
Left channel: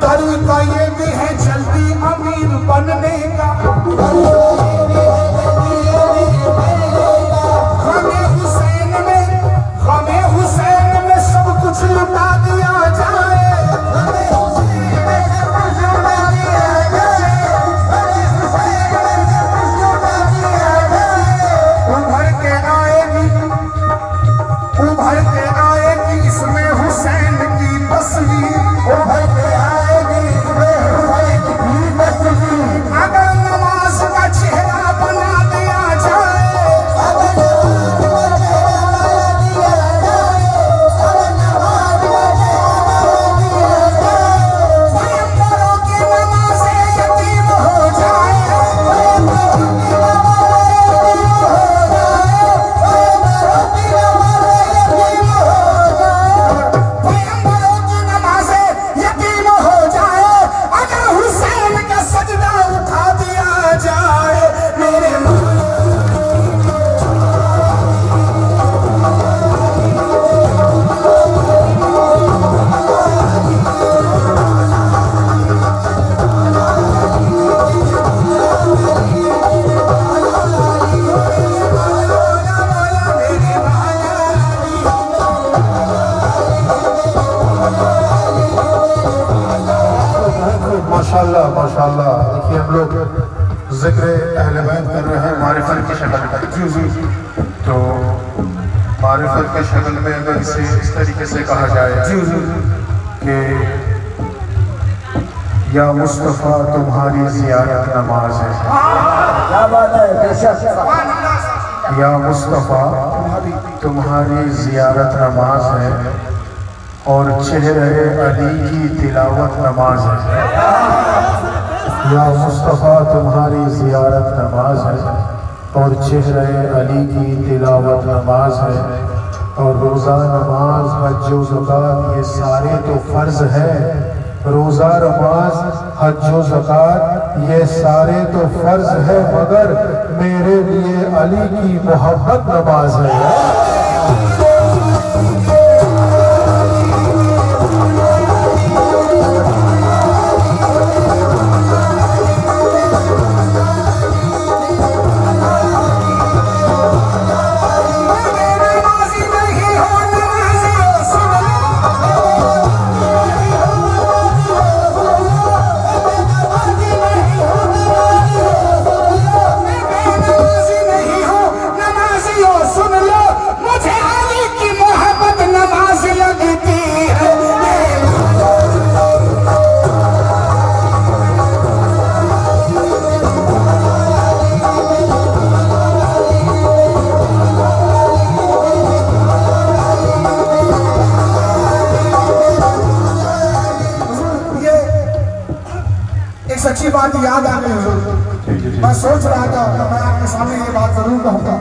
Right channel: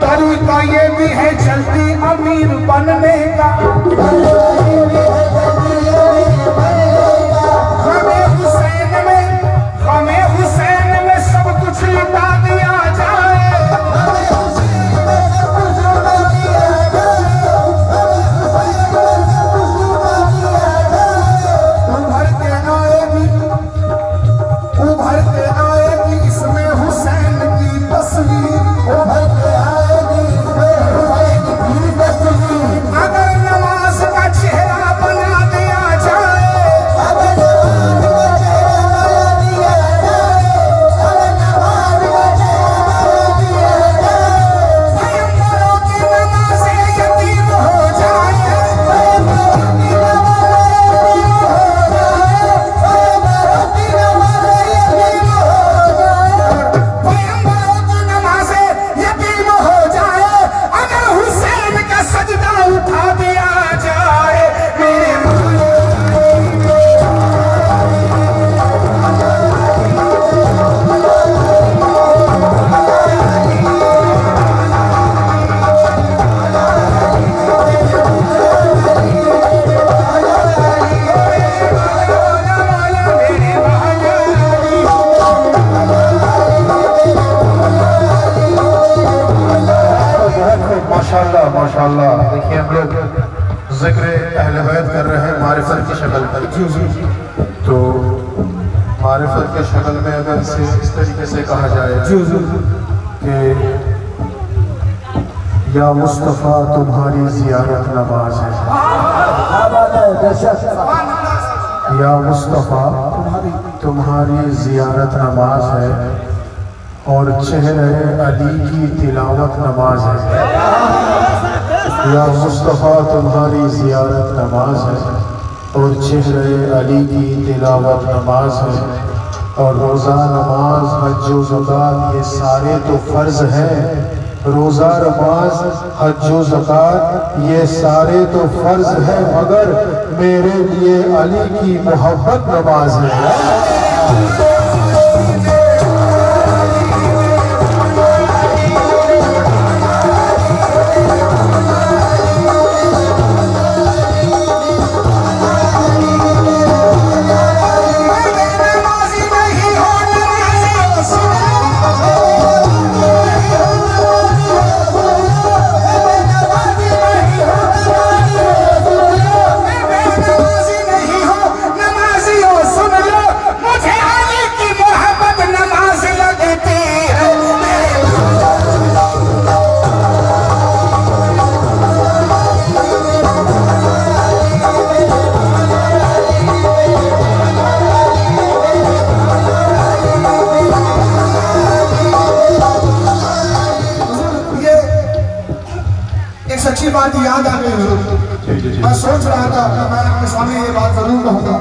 तरीका ये भी है जल्दी अमीर बनने का, हमें हुसैन में सब कुछ लुटा दिया जाए, उभर के आएगी इसमें हुसैन की तस्वीर, उभर के आएगी अगर नमाज का चेहरा बना दिया जाए, की नमाज़ें यतीम हो जाए, माशाल्लाह। देखिए हम लोग जिक्र अहले बैत कर रहे हैं मारिफत की शक्ल में, तो मारिफत की शक्ल में अगर इसे इस तरीके से कहा जाए कि या मुस्तफ़ा तुम्हारी ज़ियारत नमाज है, या मुस्तफ़ा तुम्हारी ज़ियारत नमाज है, और चेहरे अली की तिलावत नमाज है। या मुस्तफ़ा तुम्हारी ज़ियारत नमाज है, और चेहरे अली की तिलावत नमाज है, और रोज़ा नमाज हज व ज़कात ये सारे तो फ़र्ज़ है। रोज़ा नमाज हज व ज़कात ये सारे तो फ़र्ज़ है, मगर मेरे लिए अली की मोहब्बत नमाज है। बात याद आ गई हुजूर। मैं सोच रहा था कि मैं आपके सामने ये बात जरूर कहूँगा।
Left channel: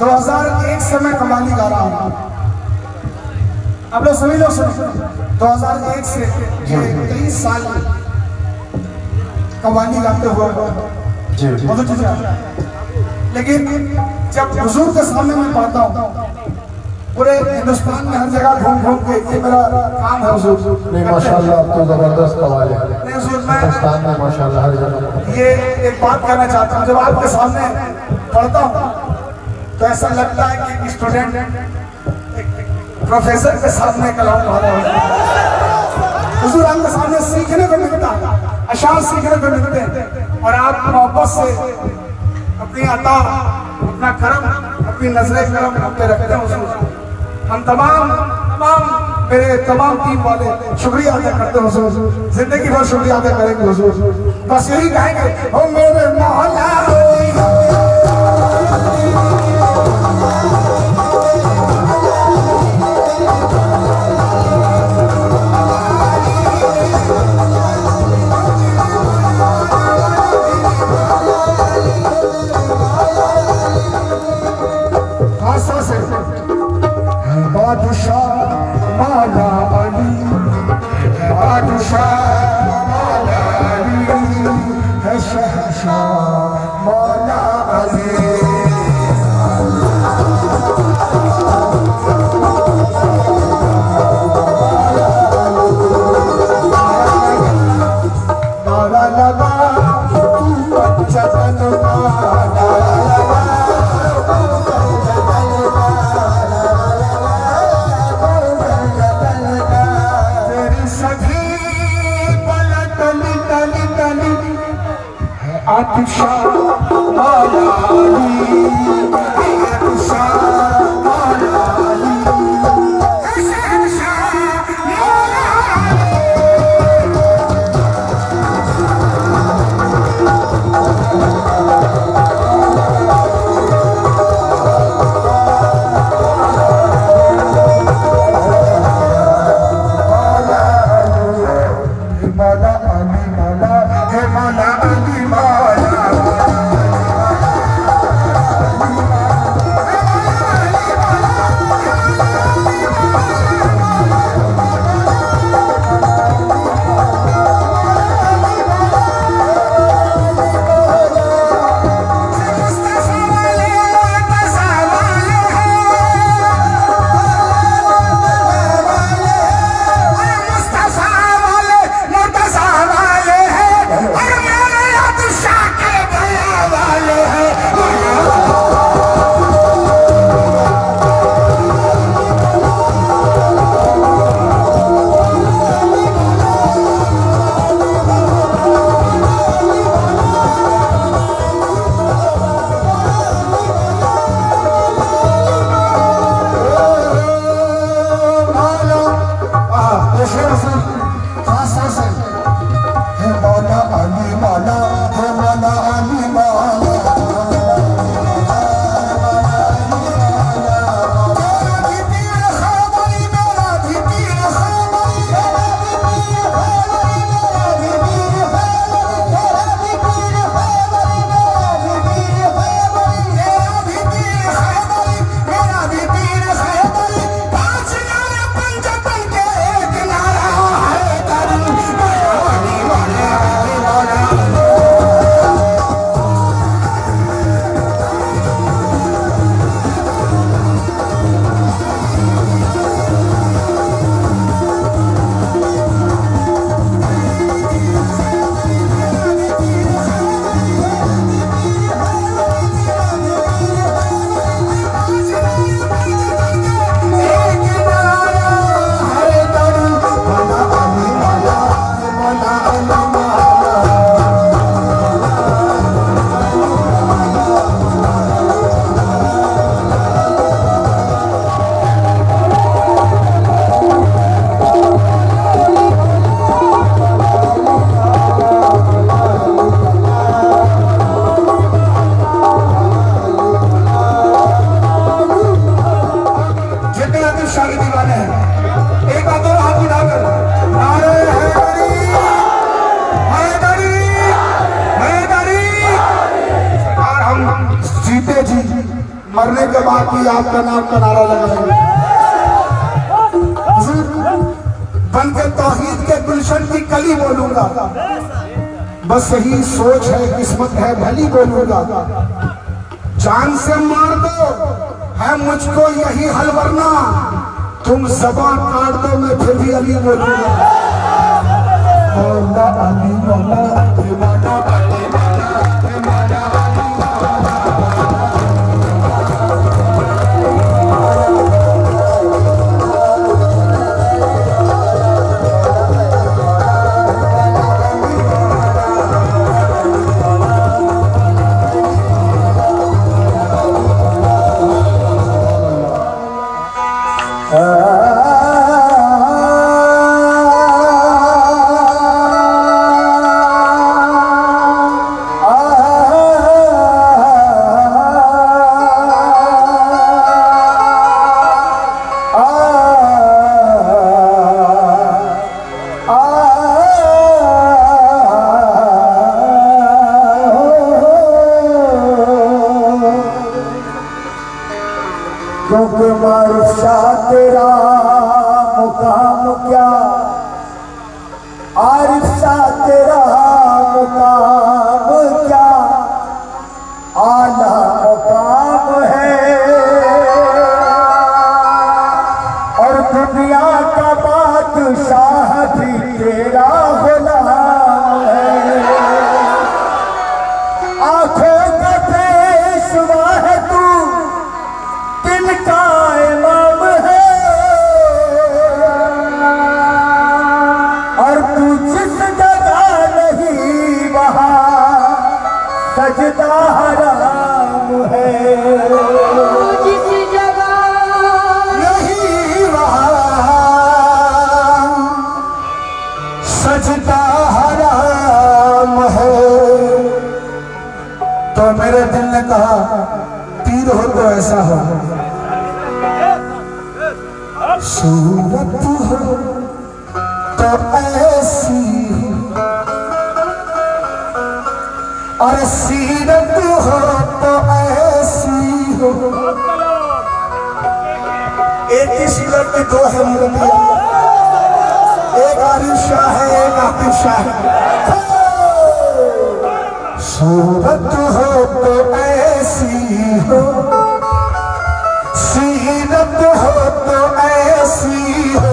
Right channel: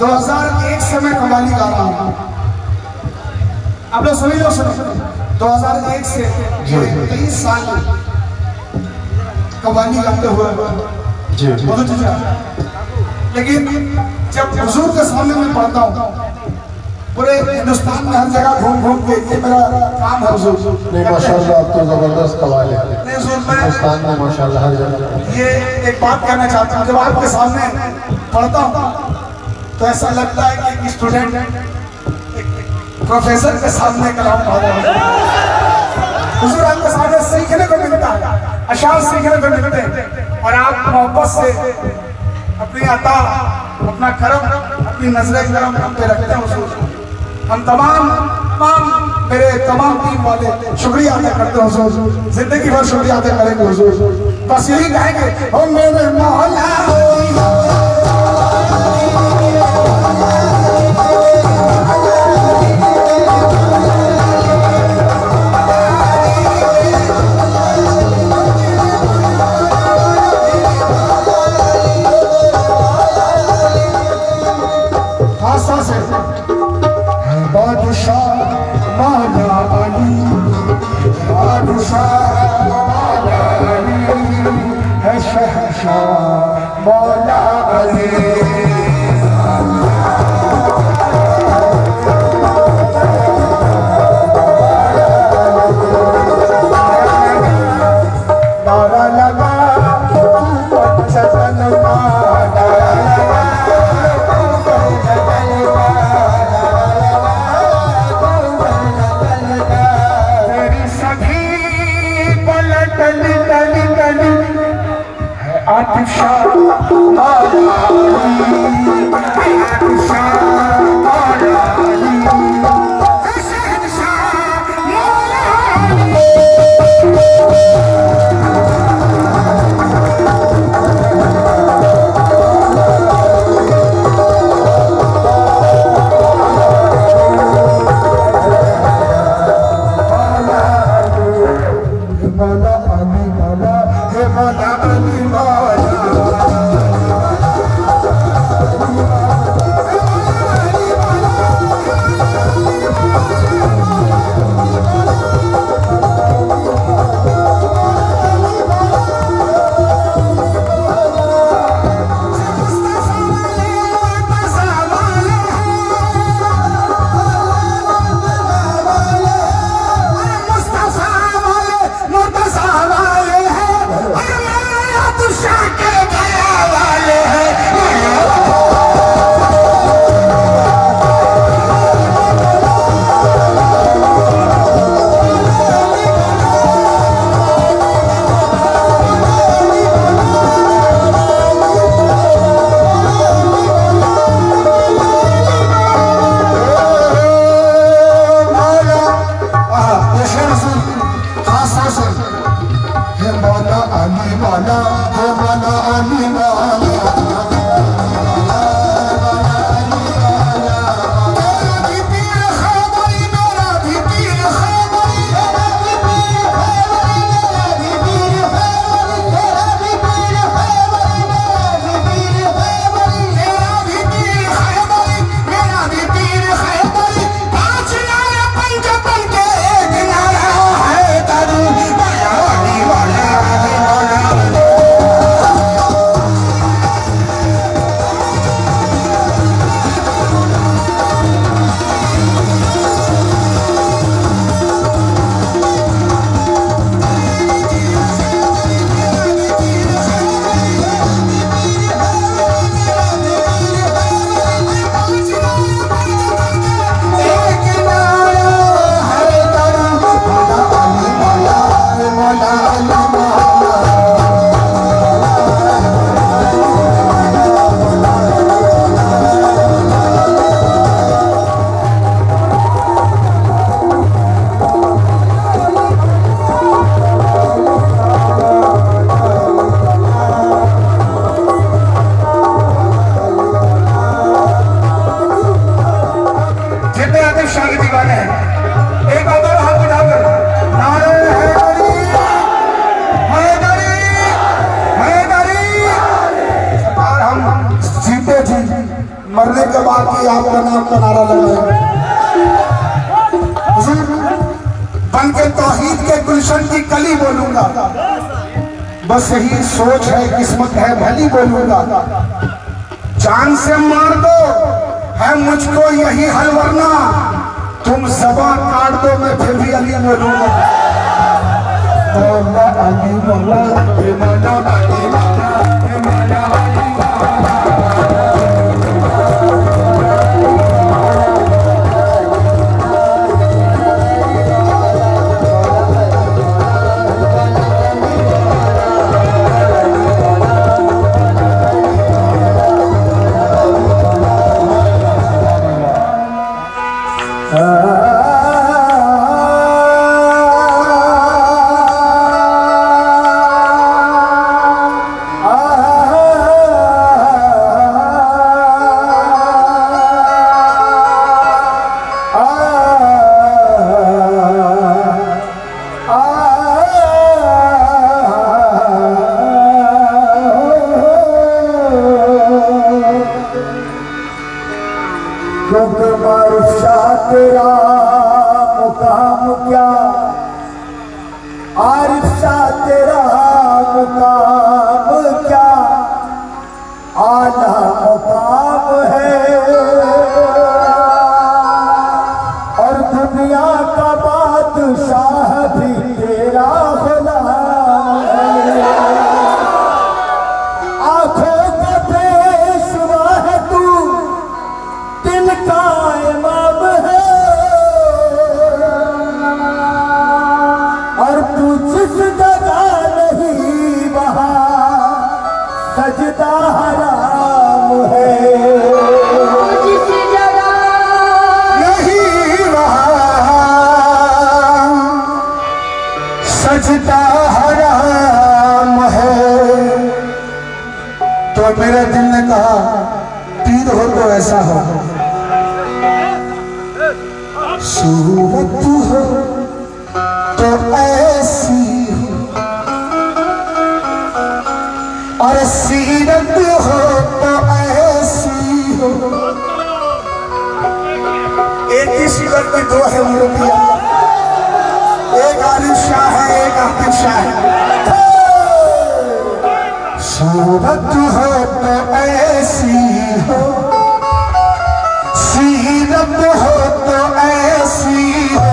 2001 से मैं कव्वाली गा रहा हूँ, आप लोग सभी लोग सुनो। 2001 से 23 साल कव्वाली गाते हुए बहुत अच्छा। लेकिन जब हुजूर के सामने मैं पढ़ता हूँ, पूरे हिंदुस्तान में हर जगह घूम घूम के, ये मेरा काम है हुजूर। नहीं माशाल्लाह, तो जबरदस्त कव्वाली है हिंदुस्तान में माशाल्लाह हर जगह। ये एक बात कहना चाहता हूँ, जब आपके सामने पढ़ता हूँ तो ऐसा लगता है कि स्टूडेंट प्रोफेसर के सामने कलाम पढ़ रहा है। हुजूर आपके सामने सीखने को मिलता है, अशार सीखने को मिलते हैं, और आप मोहब्बत से अपनी अता, अपना करम, अपनी नजरें करम हम पे रखते हैं हुजूर। हम तमाम मेरे तमाम टीम वाले शुक्रिया अदा करते हैं हुजूर, जिंदगी भर शुक्रिया अदा करेंगे हुजूर। बस यही कहेंगे, ओ मेरे मौला मौला जिंदे जी मरने के बाद की आपका नाम का नारा लगाएंगे। बन के तौहीद के गुलशन की कली बोलूंगा, बस यही सोच है किस्मत है भली बोलूंगा। जान से मार दो है मुझको यही हल, वरना तुम ज़बान काट दो मैं फिर भी अली बोलूंगा। मौला अली मौला बेमाना अली मौला बेमाना सूरत हो तो ऐसी और सीरत हो तो ऐसी हो। एक ही सीरत की दो है मूर्तियां, एक आरिफ शाह है एक आकिब शाह है। सूरत हो तो ऐसी हो, सीरत हो तो ऐसी हो।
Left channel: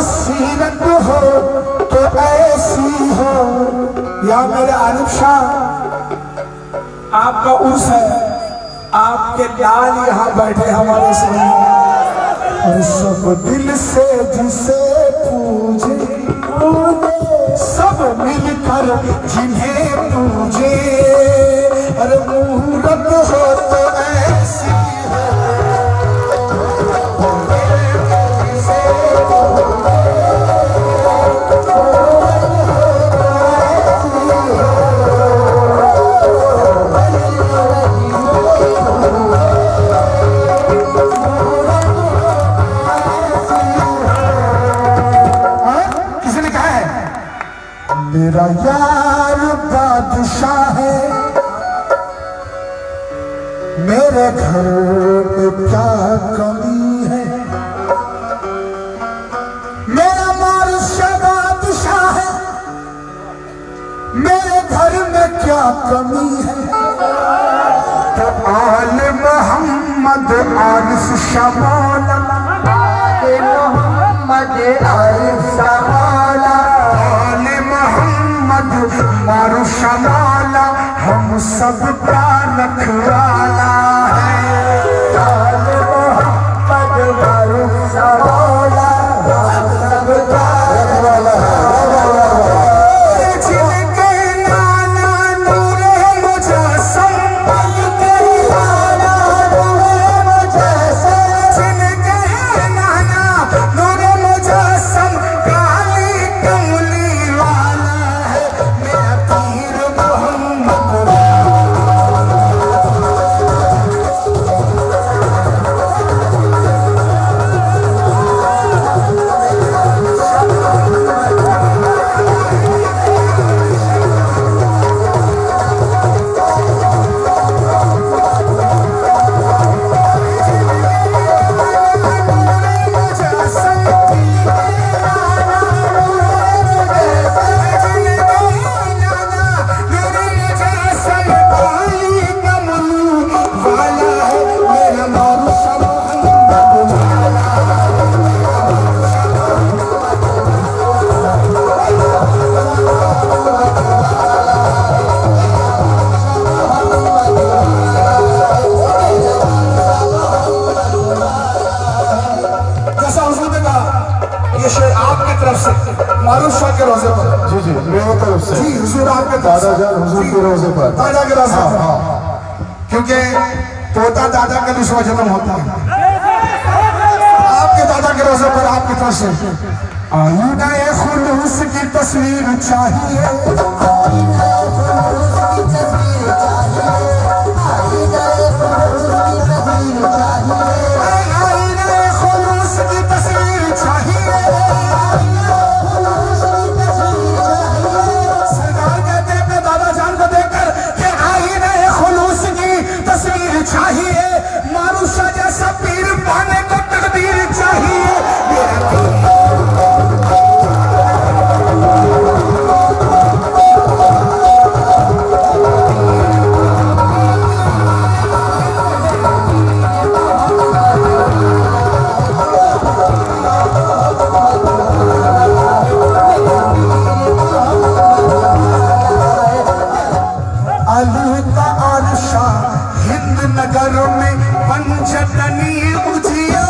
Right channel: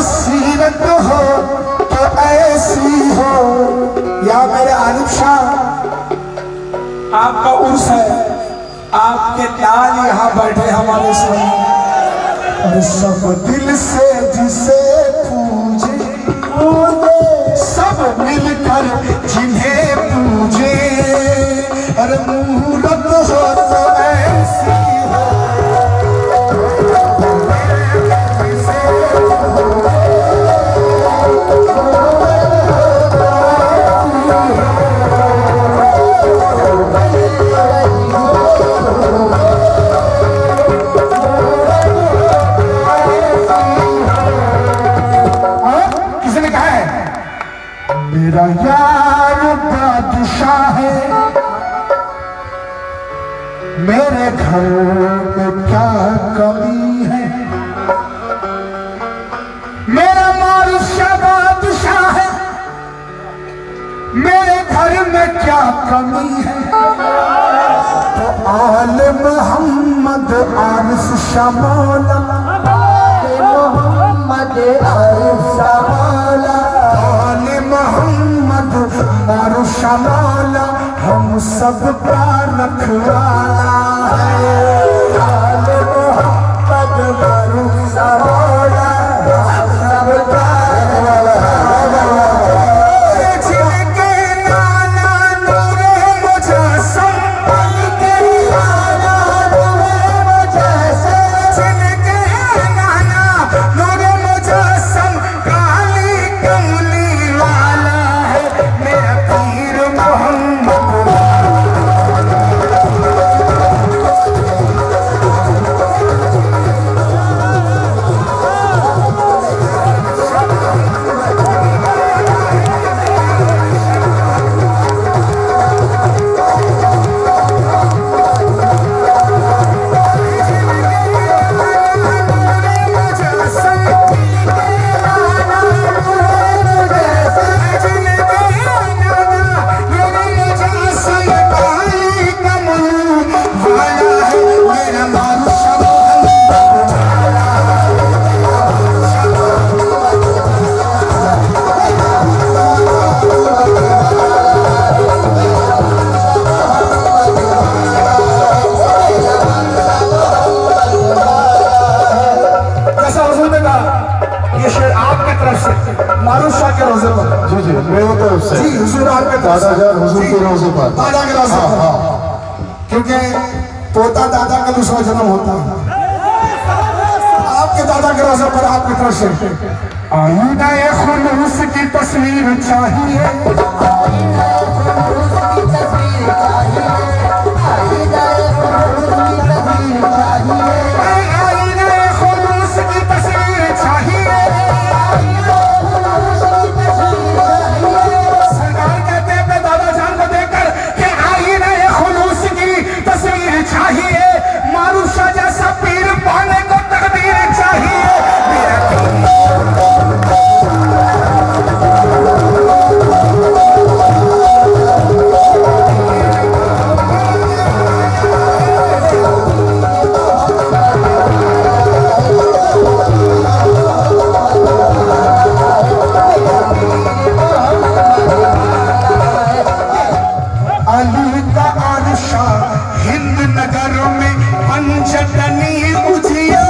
सीरत हो तो ऐसी हो। या मेरे आरिफ शाह, आपका उर्स है, आपके लाल यहाँ बैठे हमारे सामने। सब दिल से जिसे पूजे सब मिलकर जिन्हें पूजे। अरे मूरत हो तो ऐसी हो, मेरा यार बादशाह है, मेरे घर में क्या कमी है। मेरा मारुशा बादशाह है, मेरे घर में क्या कमी है। तो आले मोहम्मद आरिफ शमौला, मोहम्मद आरिफ शमौला, मारुशा मौला हम सब का रखवाला है। मोहम्मद मारुशा मौला हम सब का रखवाला है। जिनके नाना नूरे मुजस्सम, जिनके नाना नूरे मुजस्सम, जिनके नाना नूरे मुजस्सम काली कमली वाला है। मेरा पीर मोहम्मद क्योंकि पोता दादा का दूसरा जन्म होता है। आपके दादा के रोजे पर आपके प्रश्न आईना खुलूस की तस्वीर चाहिए, चाहिए मानुषा जैसा पीर पाने को तकदीर चाहिए। नगरों में पंचतनी उजिया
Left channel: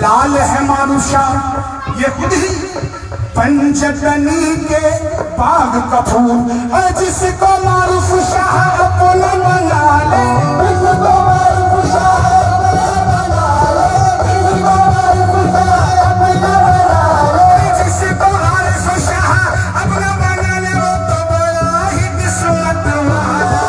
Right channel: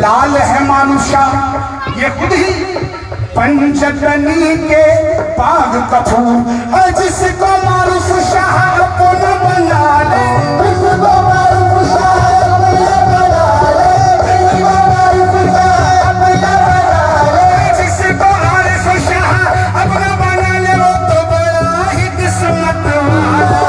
लाल है मानुषा ये खुद ही पंचतनी के बाग का फूल, जिसको मारूफ शाह अपना बना ले, जिसको मारूफ शाह अपना बना ले, जिसको आरिफ शाह अपना बना ले, वो तो बड़ा ही किस्मत वाला।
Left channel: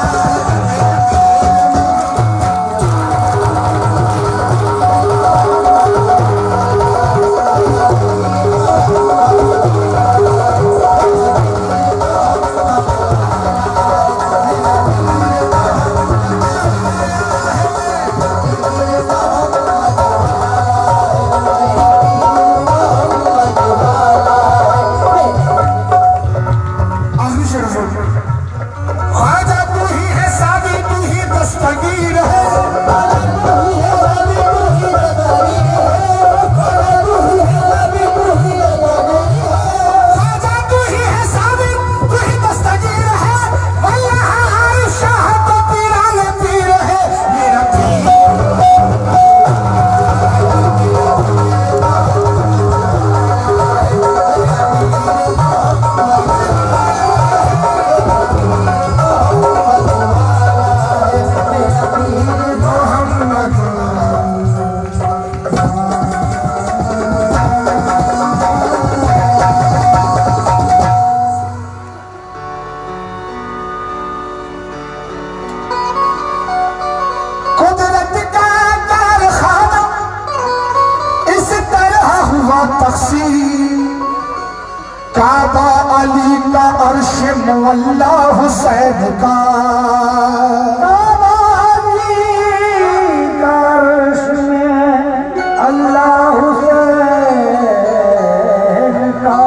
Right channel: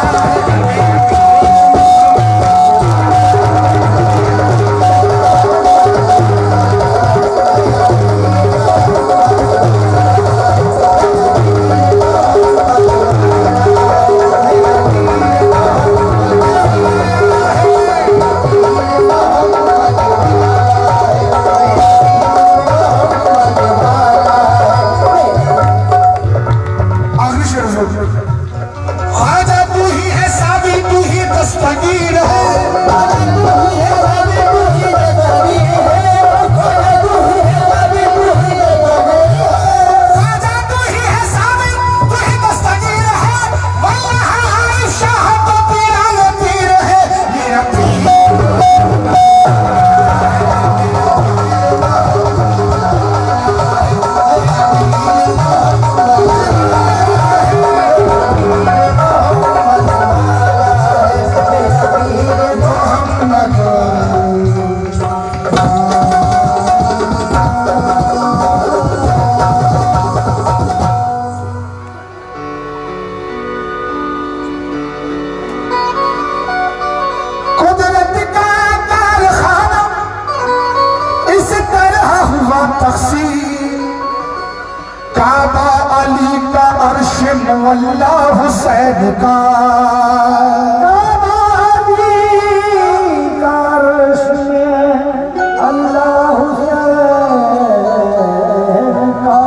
ख्वाजा तू ही है सादी, तू ही दस्तगीर है, ख्वाजा तू ही है सादी, तू ही दस्तगीर है, वल्लाह आरिफ शाह तो पीराने पीर है, मेरा पीर। कुदरत का कारखाना इस तरह हुआ तक़सीम, काबा अली का अर्श मुअल्ला हुसैन का, काबा अली का अर्श में अल्लाह हुसैन का,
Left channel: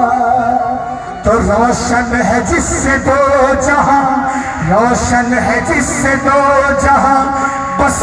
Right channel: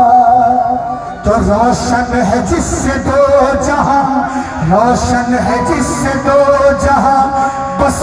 तो रोशन है जिससे दो जहां, रोशन है जिससे दो जहां, बस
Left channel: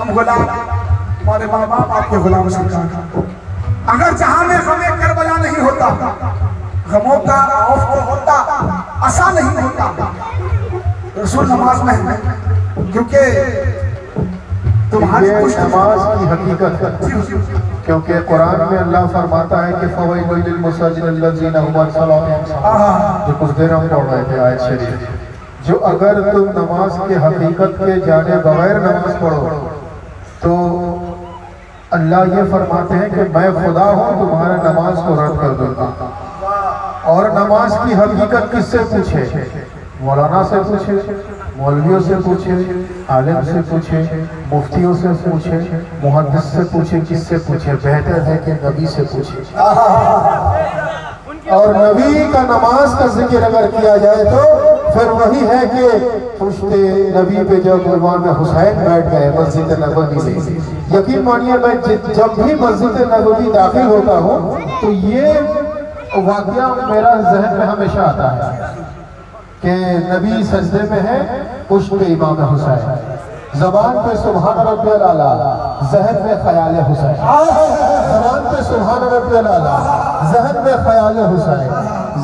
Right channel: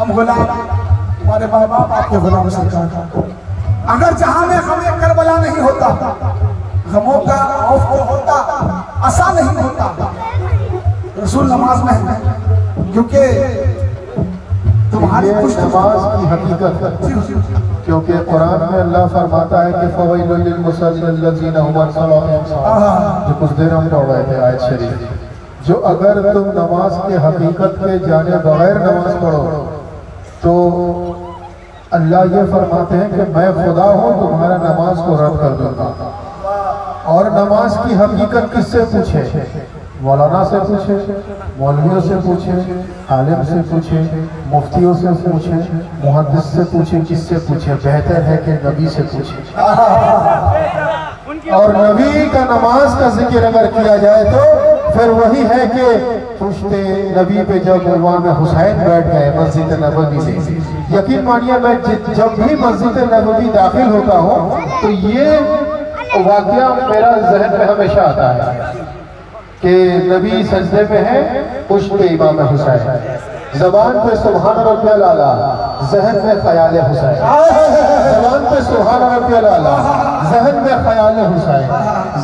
हम गुलाम, हमारे माँ बाप आपके गुलाम सरकार। अगर जहां में हमें करबला नहीं होता, गमों का खौफ तो होता, आसा नहीं होता। रसूल नमाज में है, क्योंकि तुम्हारी कुछ नमाज की हकीकत है। क्योंकि कुरान में अल्लाह फरमाता है कि फवैलुल लिल मुसल्लिन लज़ीना हुम अन सलातिहिम साहून। जो कुछ देर हम पढ़ रहे थे आयत शरीफ, जो अगर तुम नमाज के हकीकत के जाने बगैर नमाज पढ़ो तो अल्लाह ये फरमाते हैं कि मैं खुदा हूँ, तुम्हारा नमाज को रद्द कर दूंगा। और नमाज की हकीकत किससे पूछे? मौलाना से पूछे, मौलवियों से पूछे, आलिम से पूछे, मुफ्तियों से पूछे, मुहद्दिस से पूछे, किससे पूछे? बेहतर है कि नबी से पूछे। और नबी का नमाज का जिक्र अगर किया जाए तो फिर वही है कि पुश्ते नबी पे जब इमाम हुसैन बैठ गए मस्जिद नबवी से, यकीन मानिए मैं जब भी मस्जिद नबवी दाखिल होता हूँ तो ये वाकया मेरा जहन में हमेशा आता है कि नबी सजदे में है, पुश्ते इमाम हुसैन, जबान पे सुभान रब्बियल आला, जहन में ख्याल हुसैन। जबान पे सुभान रब्बियल आला, जहन में ख्याल हुसैन।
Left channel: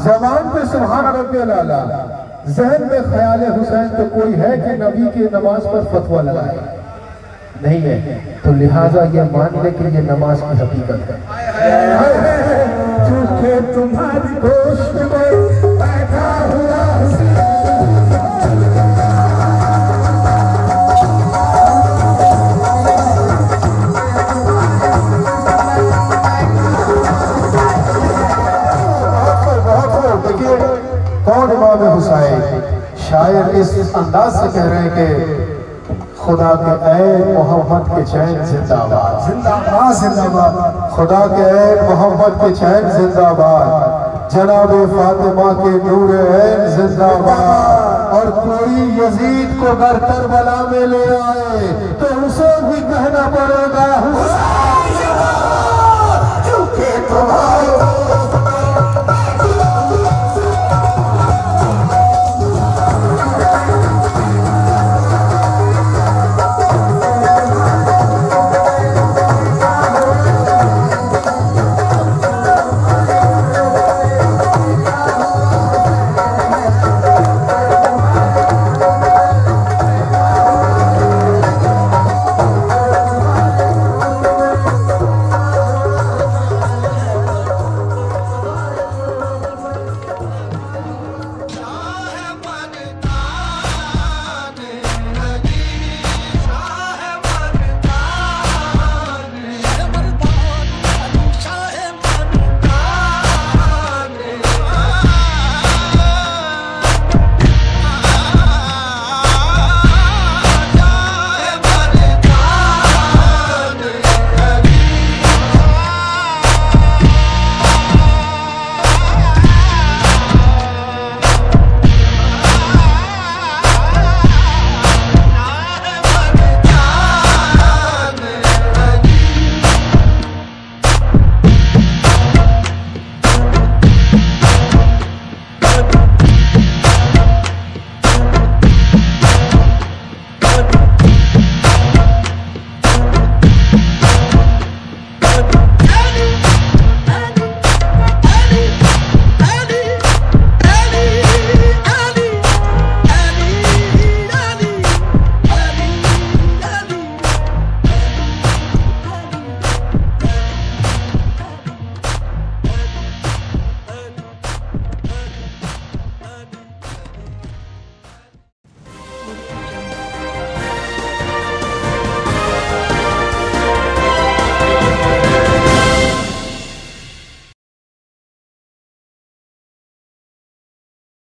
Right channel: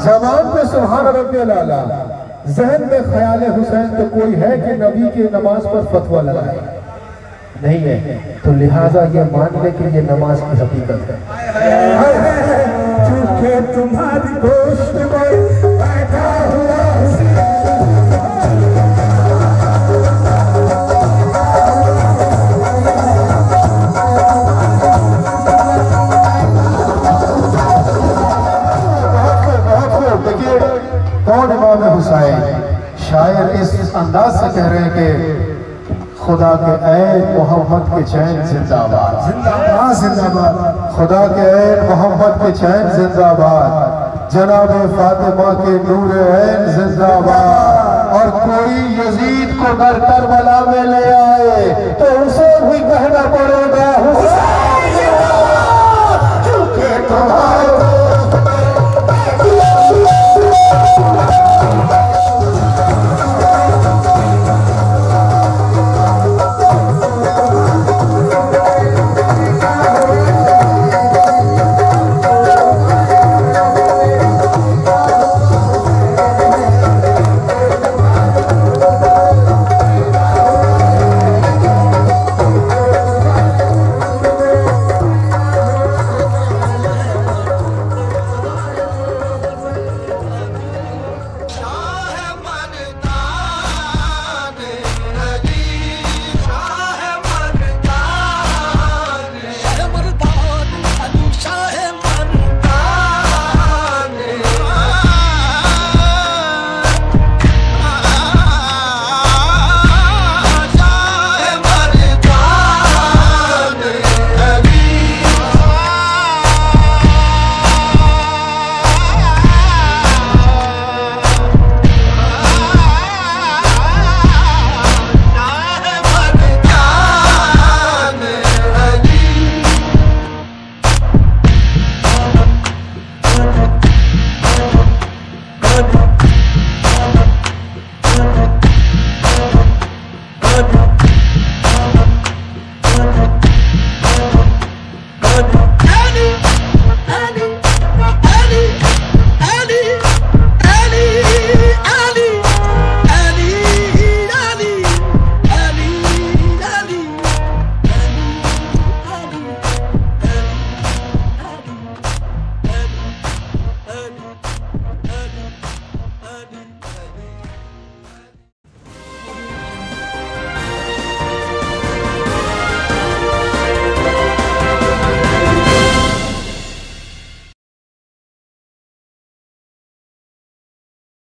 जबान पे सुभान रब्बियल आला, जहन में ख्याल हुसैन। तो कोई है कि नबी की नमाज पर फतवा लगाए? नहीं है। तो लिहाजा ये मान ले कि ये नमाज की हकीकत है। झूठे तुम्हारी गोश्त में बैठा हुआ शायर इस अंदाज से कह रहे हैं कि खुदा के ऐन मोहम्मद के चैन जिंदाबाद, जिंदाबाद, जिंदाबाद। खुदा के ऐन मोहम्मद के चैन जिंदाबाद, जनाब फातिमा के नूर ऐन जिंदाबाद। और कोई यजीद को घर करबला में ले आए तो उसे भी कहना पड़ेगा